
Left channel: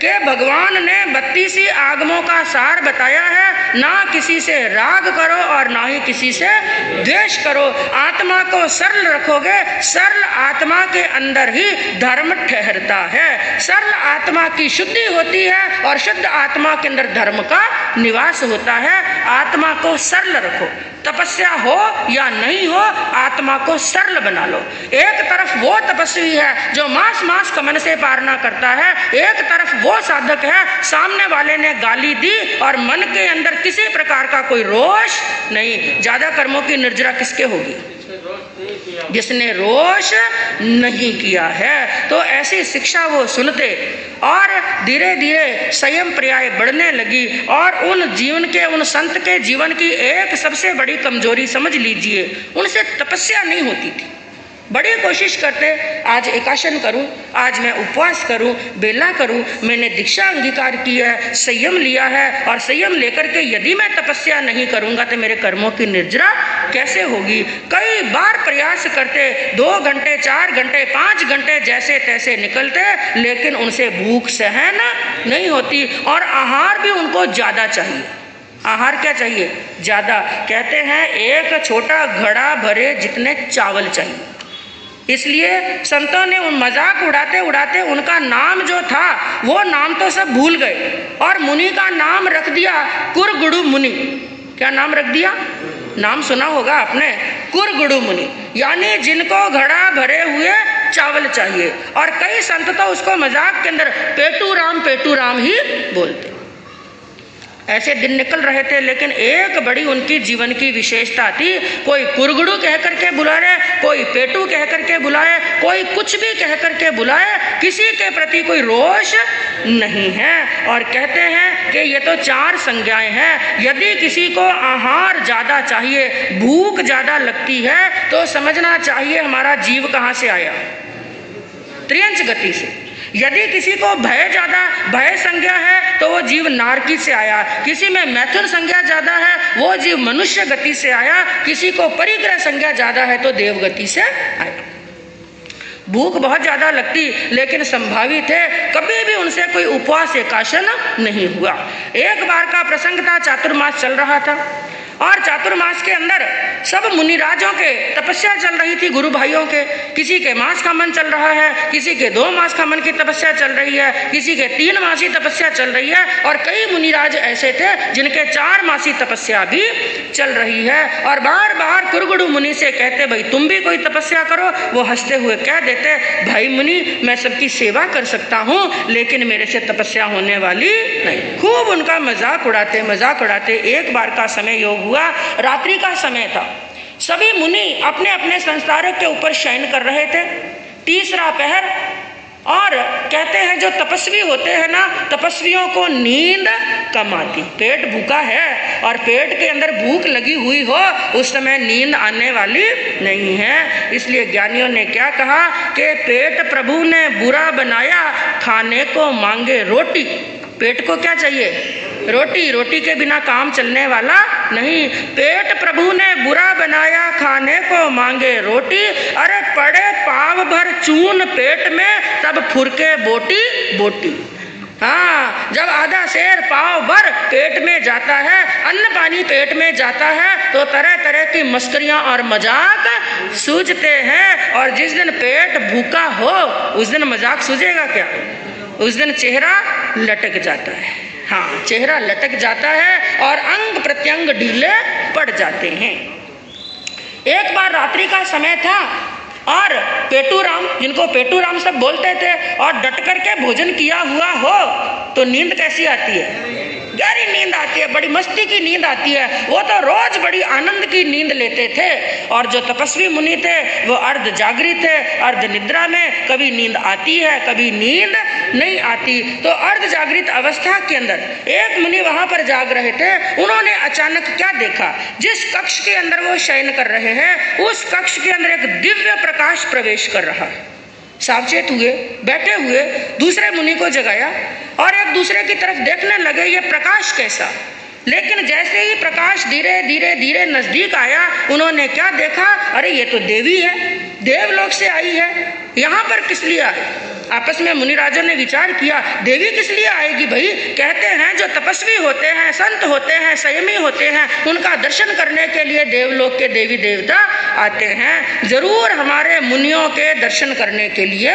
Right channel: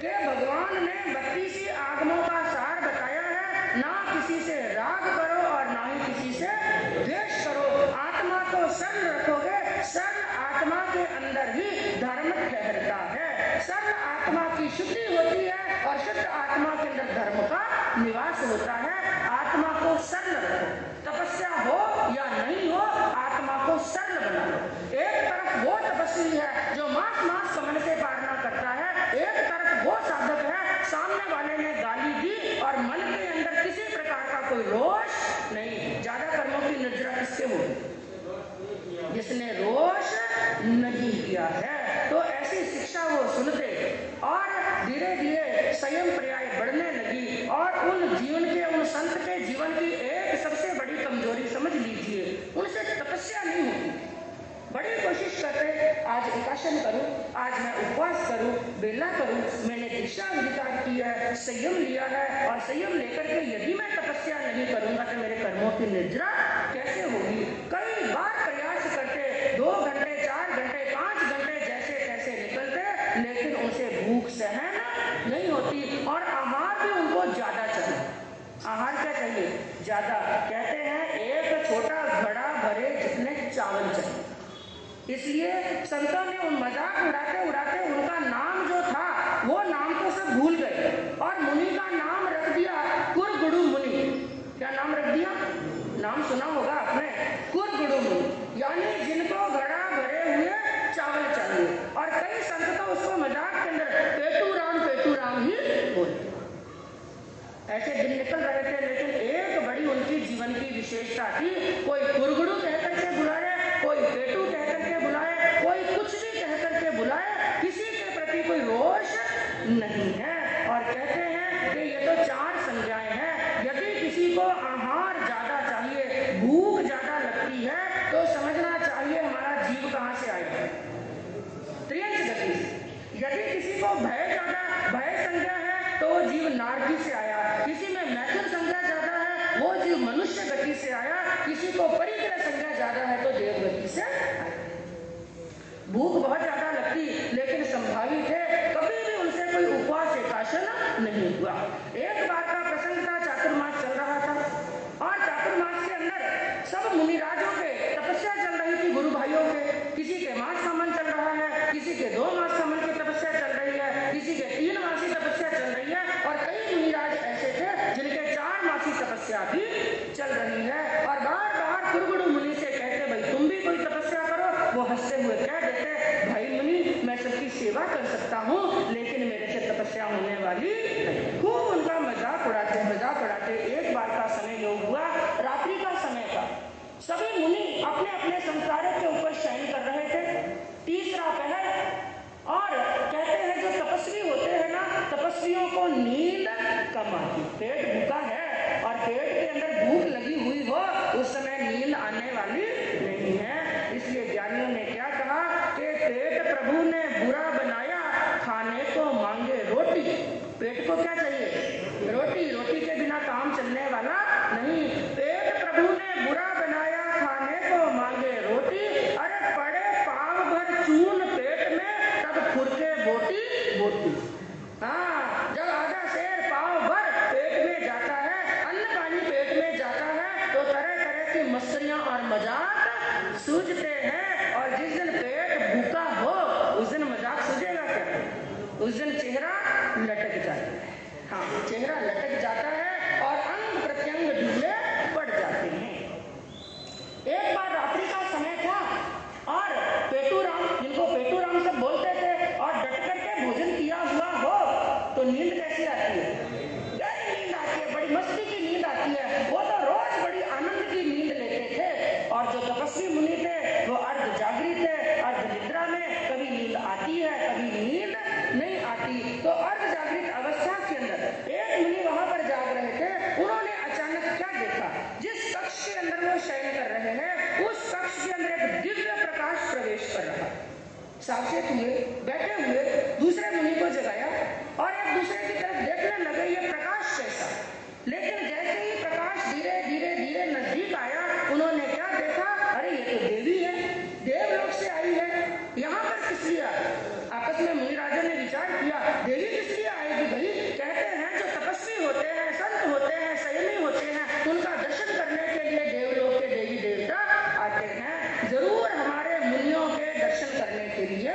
कि भगवान ने 32 आगमों का सार बताया है, ना किसी से राग करो और ना ही किसी से द्वेष करो। आत्मा को सरल रखोगे, सरल आत्मा के अंदर ही धर्म ठहरता है। सरल आत्मा की शुद्धि होती है और शुद्ध आत्मा के अंदर धर्म का निवास होता है। आत्मा को सरल रखो, तपस्या हो या नहीं हो, आत्मा को सरल बना लो। एक तरफ वो तपस्वी है जो मास कमन से पारना करता है, एक तरफ वो साधक है सामने वाले ने गाली दी और मन के अंदर किसी प्रकार का कोई रोष नहीं। ज्यादा कर्मों की निर्जरा किसके होगी? जिसने रोष नहीं किया है। तो ऐसी शिक्षा वो सुनते और धीरे धीरे संयम पर्याय बढ़ने लगी। और उन जीवन के, उन संत के जीवन की एक सबसे बड़ी कमजोरी समझ लीजिए, उनसे तपस्या नहीं होती थी। बड़ी कोशिश करते, आज एकाशन करूं, आज मैं उपवास करूं, बेला करूं, मैंने दीक्षा अंगीकार की है, संयम लिया है, और संयम लेकर के यदि मैं तपस्या नहीं करूंगा तो मेरे कर्मों की निर्जरा कैसे होगी। कई बार प्रयास करते, 2 घंटे 4 घंटे 5 घंटे जैसे तैसे निकलते, लेकिन उनसे भूख सहन नहीं होती। और आहार भी उनको ज्यादा चाहिए। आहार क्या चाहिए? ज्यादा। कहते हैं एक छोटा घड़ा भरे जितने चावल चाहिए। इसलिए संतों ने उन मजाक उड़ाते उड़ाते उनका नाम जो था वो नाम तो सब भूल गए और मुनि का नाम रख दिया कुरगुरु मुनि। क्या नाम रख दिया? नाम सुना होगा आपने, कुरगुरु मुनि, यानी जिनको घड़ा भरे हुए चावल चाहिए। और कई संत तो उसको मजाक के अंदर पेटू राम ही बोलते। ऐसे दिन निकल रहे थे, लेकिन एक बड़ी उनकी जीवन की विशेषता थी। कोई कुरगुड़ू कह करके बुलाए, कोई पेटू कह करके बुलाए, कोई कुछ भी कह करके बुलाए, किसी के प्रति कोई रोष नहीं है। और कहते हैं कि ये तो 4 संज्ञाएं हैं। यदि किसी को आहार ज्यादा चाहिए, भूख ज्यादा लगती है, तो समझना चाहिए हमारा जीव कहाँ से आया? त्रियंच गति से। यदि किसी को भय ज्यादा, भय संज्ञा है, तो वो जीव नारकी से आया। किसी में मैथुन संज्ञा ज्यादा है, वो जीव मनुष्य गति से आया। किसी को परिग्रह संज्ञा ज्यादा है तो देव गति से आया। भूख बहुत ज्यादा लगती, लेकिन संभावित है कभी भी उनसे कोई उपवास एकाशन नहीं हुआ। एक बार का प्रसंग था, चातुर्मास चल रहा था और चातुर्मास के अंदर सब मुनिराजों के तपस्या चल रही थी, गुरु भाइयों के। किसी के मास का मन चल रहा है, किसी के 2 मास का मन की तपस्या चल रही है, किसी के 3 मासी तपस्या चल रही है, और कई मुनिराज ऐसे थे जिनके 4 मासी तपस्या भी चल रही है। और बार बार कुरगुरु मुनि से कहते, भाई तुम भी कोई तपस्या करो। वो हंसते हुए कह देते, भाई मुनि मैं सबकी सेवा कर सकता हूँ, लेकिन मेरे से तपस्या होने वाली नहीं। खूब उनका मजाक उड़ाते। एक बार का समय योग हुआ, रात्रि का समय था। सभी मुनि अपने अपने संसारों के ऊपर शयन कर रहे थे। तीसरा पहर। और कहते हैं जो तपस्वी होते हैं ना, तपस्वियों को नींद कम आती। पेट भूखा है और पेट के अंदर भूख लगी हुई हो, उस समय नींद आने वाली नहीं है। इसलिए ज्ञानियों ने क्या कहा कि पेट प्रभु ने बुरा बनाया, खाने को मांगे रोटी। पेट को क्या चाहिए? रोटी। रोटी के बिना काम चलने वाला नहीं। पेट प्रभु ने बुरा बनाया, खाने को मांगे रोटी। अरे पड़े पाव भर चून पेट में, तब फुरके बोटी। हाँ, जब आधा शेर पाव भर पेट में जाता है, अन्न पानी पेट में जाता है, तो तरह तरह की मस्करियां और मजाक सूझते हैं। और जिस दिन पेट भूखा हो, उस दिन मजाक सूझेगा क्या? उस दिन चेहरा लटक जाता है। हाँ, चेहरा लटक जाता है और अंग प्रत्यंग ढीले पड़ जाते हैं। एक बार रात्रि का समय था और पेटूराम, जिनको पेटूराम सब बोलते थे, और डट करके भोजन किया हुआ हो तो नींद कैसी आती है? गहरी नींद आती है, बड़ी मस्ती की नींद आती है। वो तो रोज बड़ी आनंद की नींद लेते थे। और जो तपस्वी मुनि थे वो अर्ध जागृत थे, अर्ध निद्रा में। कभी नींद आती है, कभी नींद नहीं आती। तो अर्ध जागृत अवस्था के अंदर एक मुनि वहां पर जाग रहे थे। उन्होंने अचानक क्या देखा? जिस कक्ष के अंदर वो शयन कर रहे हैं, उस कक्ष के अंदर एक दिव्य प्रकाश प्रवेश कर रहा है। सावचेत हुए, बैठे हुए, दूसरे मुनि को जगाया और एक दूसरे की तरफ देखने लगे, ये प्रकाश कैसा। लेकिन जैसे ही प्रकाश धीरे धीरे नजदीक आया, उन्होंने क्या देखा? अरे ये तो देवी है, देवलोक से आई है। यहाँ पर किस लिए आए? आपस में मुनिराजों ने विचार किया, देवी किस लिए आएगी भाई? कहते हैं जो तपस्वी होते हैं, संत होते हैं, संयमी होते हैं, उनका दर्शन करने के लिए देवलोक के देवी देवता आते हैं, जरूर हमारे मुनियों के दर्शन करने के लिए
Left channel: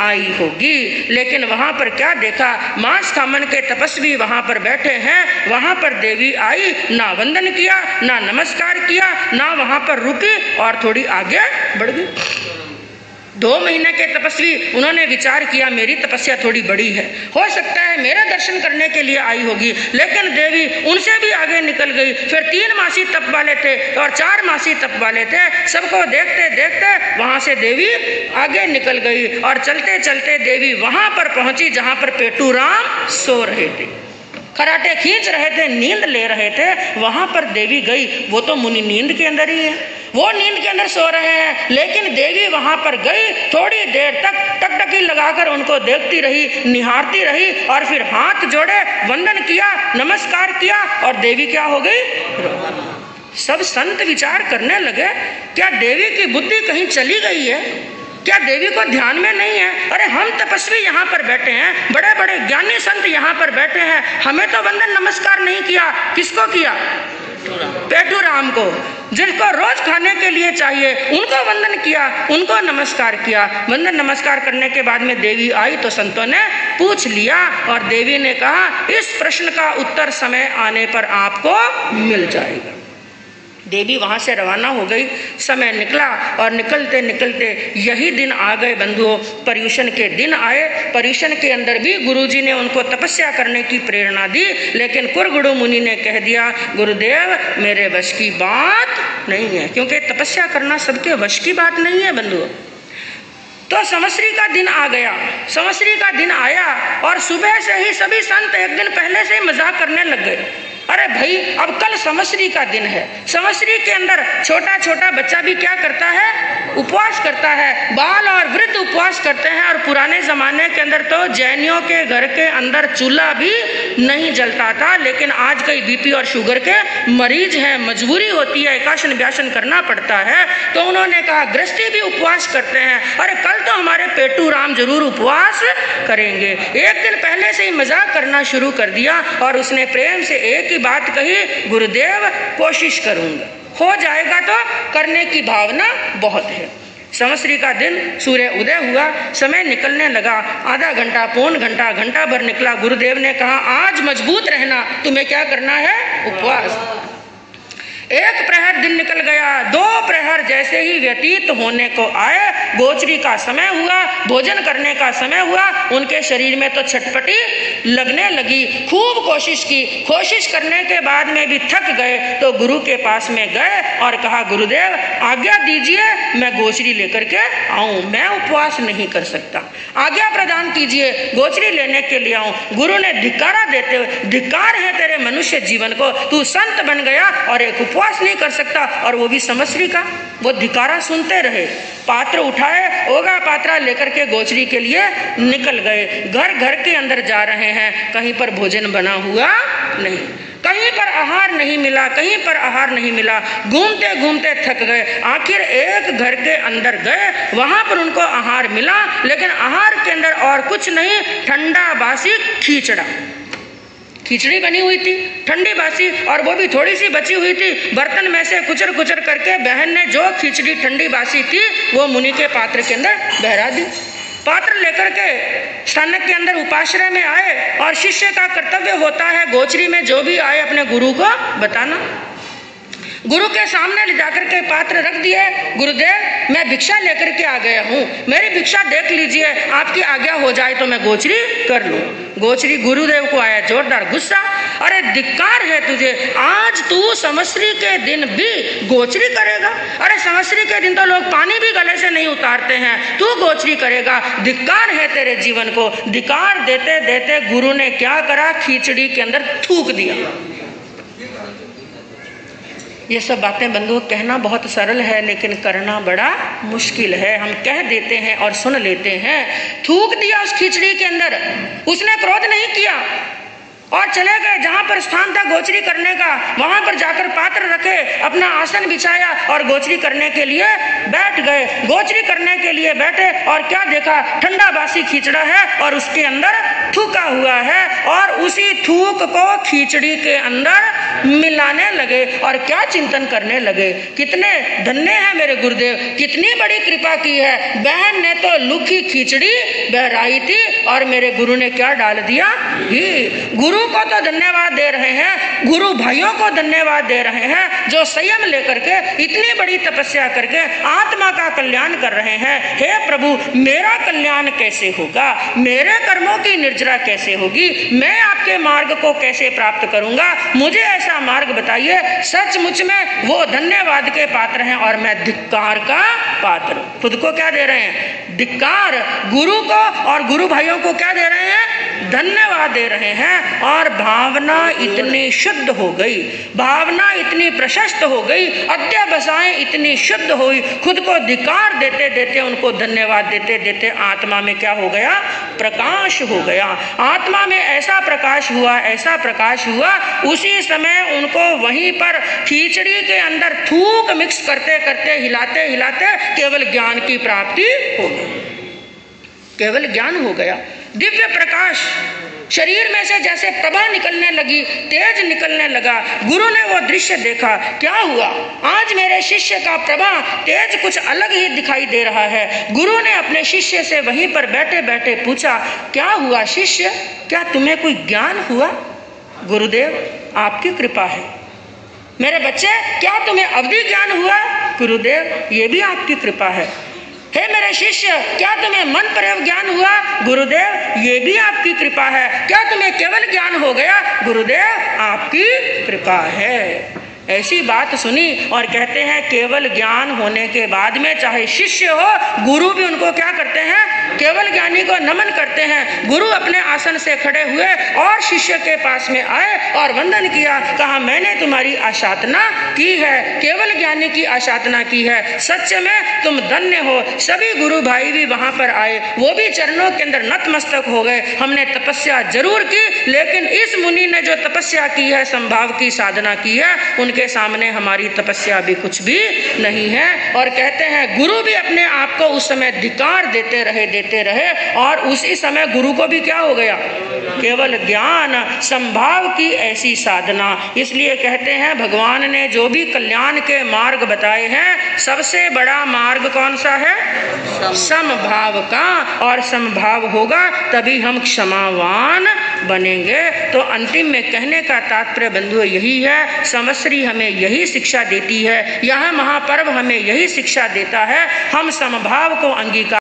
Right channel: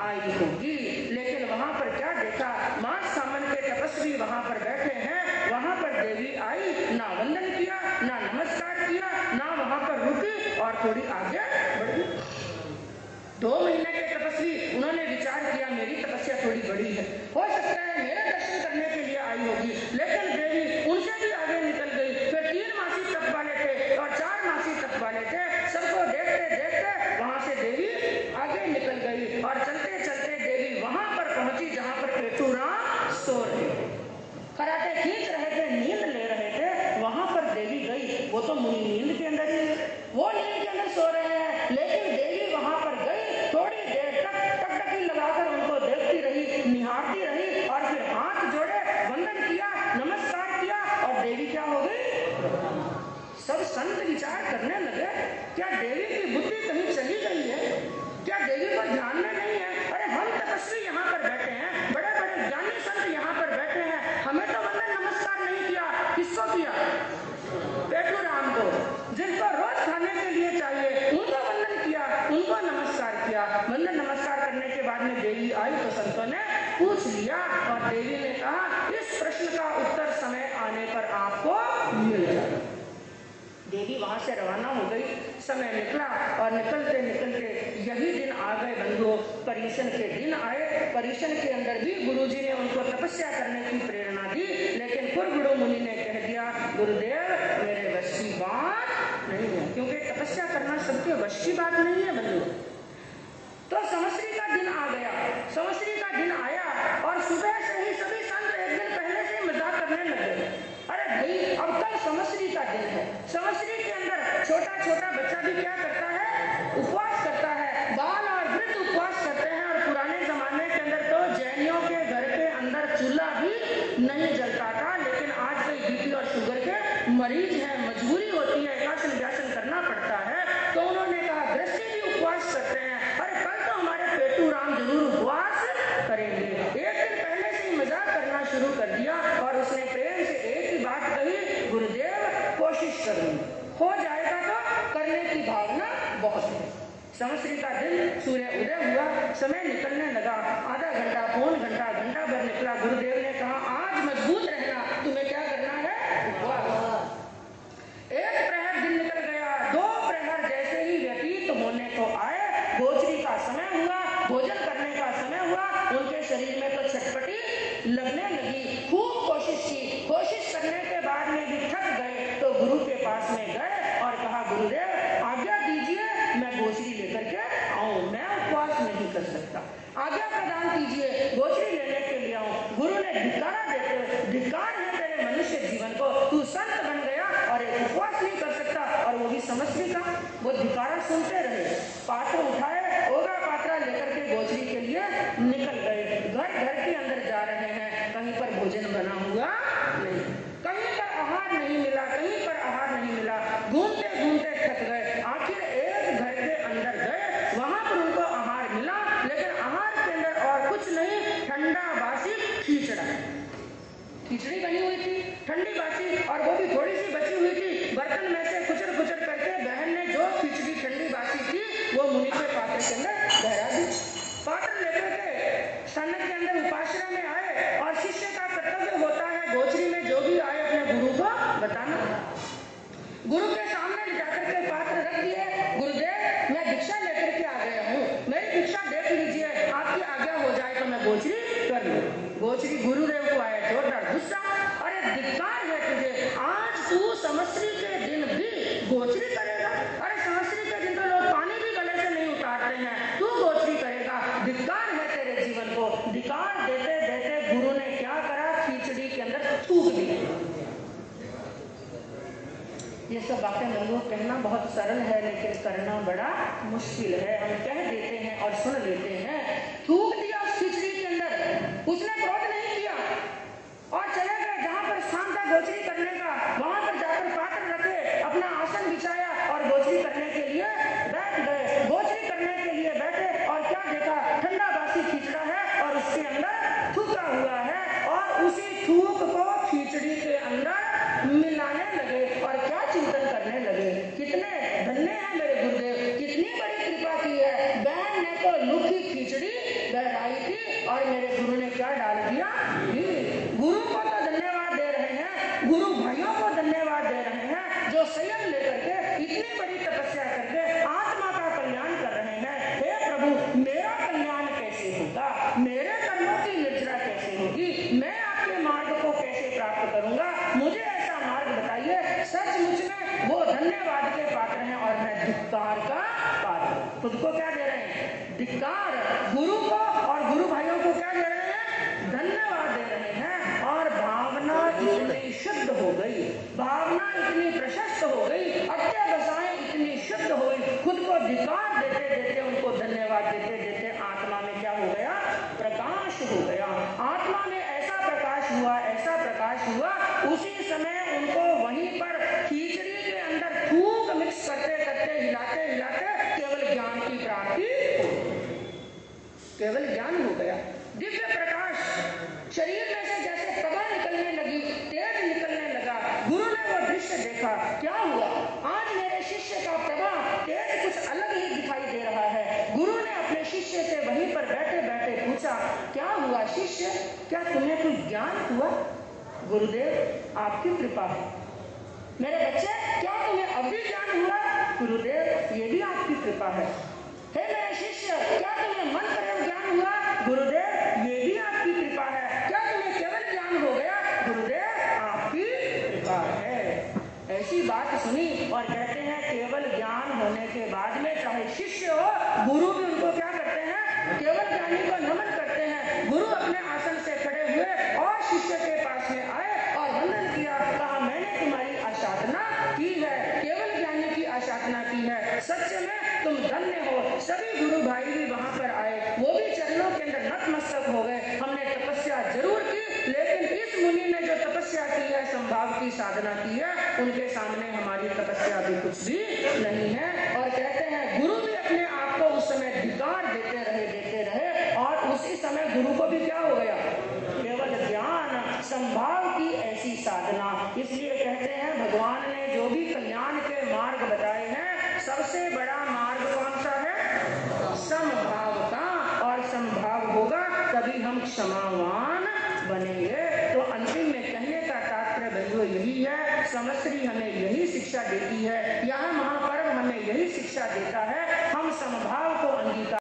आई होगी। लेकिन वहां पर क्या देखा, मांस खामन के तपस्वी वहां पर बैठे हैं, वहां पर देवी आई, ना वंदन किया, ना नमस्कार किया, ना वहां पर रुकी और थोड़ी आगे बढ़ गई। 2 महीने के तपस्वी, उन्होंने विचार किया मेरी तपस्या थोड़ी बड़ी है, हो सकता है मेरा दर्शन करने के लिए आई होगी, लेकिन देवी उनसे भी आगे निकल गई। फिर 3 मासी तप वाले थे और 4 मासी तप वाले थे, सबको देखते देखते वहां से देवी आगे निकल गई और चलते चलते देवी वहां पर पहुंची जहां पर पेटूराम सो रहे थे, खराटे खींच रहे थे, नींद ले रहे थे। वहां पर देवी गई, वो तो मुनि नींद के अंदर ही है, वो नींद के अंदर सो रहे हैं, लेकिन देवी वहां पर गई, थोड़ी देर तक टकटकी लगाकर उनको देखती रही, निहारती रही और फिर हाथ जोड़े, वंदन किया, नमस्कार किया और देवी क्या हो गई? सब संत विचार करने लगे, क्या देवी की बुद्धि कहीं चली गई है? क्या देवी को ध्यान में नहीं है? अरे हम तपस्वी यहाँ पर बैठे हैं, बड़े बड़े ज्ञानी संत यहाँ पर बैठे हैं, हमें तो वंदन नमस्कार नहीं किया। किसको किया? पेटूराम को, जिनको रोज खाने के लिए चाहिए, उनको वंदन किया, उनको नमस्कार किया। वंदन नमस्कार करने के बाद में देवी आई तो संतों ने पूछ लिया और देवी ने कहा इस प्रश्न का उत्तर समय आने पर आपको मिल जाएगा। देवी वहां से रवाना हो गई। समय निकला और निकलते निकलते यही दिन आ गए बंधुओं, पर्युषण के दिन आए। पर्युषण के अंदर भी गुरुजी ने उनको तपस्या करने की प्रेरणा दी, लेकिन कुरगुरु मुनि ने कह दिया गुरुदेव मेरे वश की बात नहीं है, क्योंकि तपस्या करना सबके वश की बात नहीं है बंधुओं। तो संवत्सरी का दिन आ गया, संवत्सरी का दिन आया और सुबह से ही सभी संत एक दिन पहले से ही मजाक करने लग गए। अरे भाई अब कल संवत्सरी का दिन है, संवत्सरी के अंदर छोटा छोटा बच्चा भी क्या करता है? उपवास करता है, बाल और वृद्ध उपवास करते हैं। और पुराने जमाने के अंदर तो जैनियों के घर के अंदर चूल्हा भी नहीं जलता था, लेकिन आज कई बीपी और शुगर के मरीज हैं, मजबूरी होती है, एकाशन व्यासन करना पड़ता है, तो उन्होंने कहा गृहस्थी भी उपवास करते हैं, अरे कल तो हमारे पेटूराम जरूर उपवास करेंगे। एक दिन पहले से ही मजाक करना शुरू कर दिया और उसने प्रेम से एक ही बात कही, गुरुदेव कोशिश करूंगा, हो जाएगा तो करने की भावना बहुत है। संवत्सरी का दिन सूर्य उदय हुआ, समय निकलने लगा, आधा घंटा, पौन घंटा, घंटा भर निकला। गुरुदेव ने कहा आज मजबूत रहना, तुम्हें क्या करना है? उपवास। 1 प्रहर दिन निकल गया, 2 प्रहर जैसे ही व्यतीत होने को आए, गोचरी का समय हुआ, भोजन करने का समय हुआ, उनके शरीर में तो छटपटी लगने लगी। खूब कोशिश की, कोशिश करने के बाद में भी थक गए तो गुरु के पास में गए और कहा गुरुदेव आज्ञा दीजिए, मैं गोचरी लेकर के आऊं, मैं उपवास नहीं कर सकता, आज्ञा प्रदान कीजिए, गोचरी लेने के लिए आऊं। गुरु ने धिक्कारा देते हुए, धिक्कार है तेरे मनुष्य जीवन को, तू संत बन गया और एक उपवास नहीं कर सकता, और वो भी संवत्सरी का। वो धिक्कारा सुनते रहे, पात्र उठाए, ओगा पात्रा लेकर के गोचरी के लिए निकल गए। घर घर के अंदर जा रहे हैं, कहीं पर भोजन बना हुआ नहीं, कहीं पर आहार नहीं मिला, कहीं पर आहार नहीं मिला, घूमते घूमते थक गए। आखिर एक घर के अंदर गए, वहां पर उनको आहार मिला, लेकिन आहार के अंदर और कुछ नहीं, ठंडा बासी खिचड़ा, खिचड़ी बनी हुई थी ठंडी बासी, और वो भी थोड़ी सी बची हुई थी। बर्तन में से कुचर कुचर करके बहन ने जो खिचड़ी ठंडी बासी थी वो मुनि के पात्र के अंदर बहरा दी। पात्र लेकर के स्थानक के अंदर उपाश्रय में आए, और शिष्य का कर्तव्य होता है गोचरी में जो भी आए अपने गुरु को बताना। गुरु के सामने ले जाकर के पात्र रख दिए, गुरुदेव मैं भिक्षा लेकर के आ गया हूँ, मेरी भिक्षा देख लीजिए, आपकी आज्ञा हो जाए तो मैं गोचरी कर लूँ। गोचरी, गुरुदेव को आया जोरदार गुस्सा, अरे धिक्कार है तुझे, आज तू संवत्सरी के दिन भी गोचरी करेगा? अरे संवत्सरी के दिन तो लोग पानी भी गले से नहीं उतारते हैं, तू गोचरी करेगा, धिक्कार है तेरे जीवन को। धिक्कार देते देते गुरु ने क्या करा, खिचड़ी के अंदर थूक दिया। ये सब बातें बंधुओं कहना बहुत सरल है, लेकिन करना बड़ा मुश्किल है। हम कह देते हैं और सुन लेते हैं। थूक दिया उस खिचड़ी के अंदर, उसने क्रोध नहीं किया, और चले गए। जहां पर स्थान था गोचरी करने का, वहां पर जाकर पात्र रखे, अपना आसन बिछाया और गोचरी करने के लिए बैठ गए। गोचरी करने के लिए बैठे और क्या देखा, ठंडा बासी खिचड़ा है और उसके अंदर थूका हुआ है, और उसी थूक को खिचड़ी के अंदर मिलाने लगे और क्या चिंतन करने लगे, कितने धन्य है मेरे गुरुदेव, कितनी बड़ी कृपा की है। बहन ने तो लुखी खिचड़ी बहराई थी और मेरे गुरु ने क्या डाल दिया, घी। गुरु को तो धन्यवाद दे रहे हैं, गुरु भाइयों को धन्यवाद दे रहे हैं जो संयम लेकर के इतनी बड़ी तपस्या करके आत्मा का कल्याण कर रहे हैं। हे प्रभु, मेरा कल्याण कैसे होगा, मेरे कर्मों की निर्जरा कैसे होगी, मैं आपके मार्ग को कैसे प्राप्त करूंगा, मुझे ऐसा मार्ग बताइए। सचमुच में वो धन्यवाद के पात्र हैं और मैं धिक्कार का पात्र। खुद को क्या दे रहे हैं, धिक्कार। गुरु को और गुरु भाइयों को क्या दे रहे हैं, धन्यवाद दे रहे हैं। और भावना इतनी शुद्ध हो गई, भावना इतनी प्रशस्त हो गई, अध्यवसायें इतनी शुद्ध हुई, खुद को धिक्कार देते देते, उनको धन्यवाद देते देते आत्मा में क्या हो गया, प्रकाश हो गया। आत्मा में ऐसा प्रकाश हुआ, ऐसा प्रकाश हुआ, उसी समय उनको वहीं पर खिचड़ी के अंदर थूक मिक्स करते करते, हिलाते हिलाते केवल ज्ञान की प्राप्ति हो गई, केवल ज्ञान हो गया। दिव्य प्रकाश शरीर में से जैसे प्रभा निकलने लगी, तेज निकलने लगा। गुरु ने वो दृश्य देखा, क्या हुआ, आज मेरे शिष्य का प्रभा तेज कुछ अलग ही दिखाई दे रहा है। गुरु ने अपने शिष्य से वहीं पर बैठे बैठे पूछा, क्या हुआ शिष्य, क्या तुम्हें कोई ज्ञान हुआ? गुरुदेव, आपकी कृपा है। मेरे बच्चे, क्या तुम्हें अवधि ज्ञान हुआ? गुरुदेव, ये भी आपकी कृपा है। हे मेरे शिष्य, क्या तुम्हें मन प्रयोग ज्ञान हुआ? गुरुदेव, ये भी आपकी कृपा है। क्या तुम्हें केवल ज्ञान हो गया? गुरुदेव, आपकी कृपा है। ऐसी बात सुनी और कहते हैं केवल ज्ञान होने के बाद में चाहे शिष्य हो, गुरु भी उनको क्या करते हैं, केवल ज्ञानी को नमन करते हैं। गुरु अपने आसन से खड़े हुए और शिष्य के पास में आए और वंदन किया, कहा मैंने तुम्हारी आशातना की है, केवल ज्ञानी की आशातना की है, सच में तुम धन्य हो। सभी गुरु भाई भी वहां पर आए, वो भी चरणों के अंदर नतमस्तक हो गए। हमने तपस्या जरूर की, लेकिन इस मुनि ने जो तपस्या की है, संभाव की साधना की है, उनके सामने हमारी तपस्या भी कुछ भी नहीं है। और कहते हैं गुरु भी अपने आप को उस समय धिक्कार देते रहे और उसी समय गुरु को भी क्या हो गया, केवल ज्ञान, संभाव की ऐसी साधना। इसलिए कहते हैं भगवान ने जो भी कल्याण के मार्ग बताए हैं, सबसे बड़ा मार्ग कौन सा है, समभाव का। और समभाव होगा तभी हम क्षमावान बनेंगे। तो अंतिम में कहने का तात्पर्य बंधुओं यही है, समश्री हमें यही शिक्षा देती है, यह महापर्व हमें यही शिक्षा देता है, हम समभाव को अंगीकार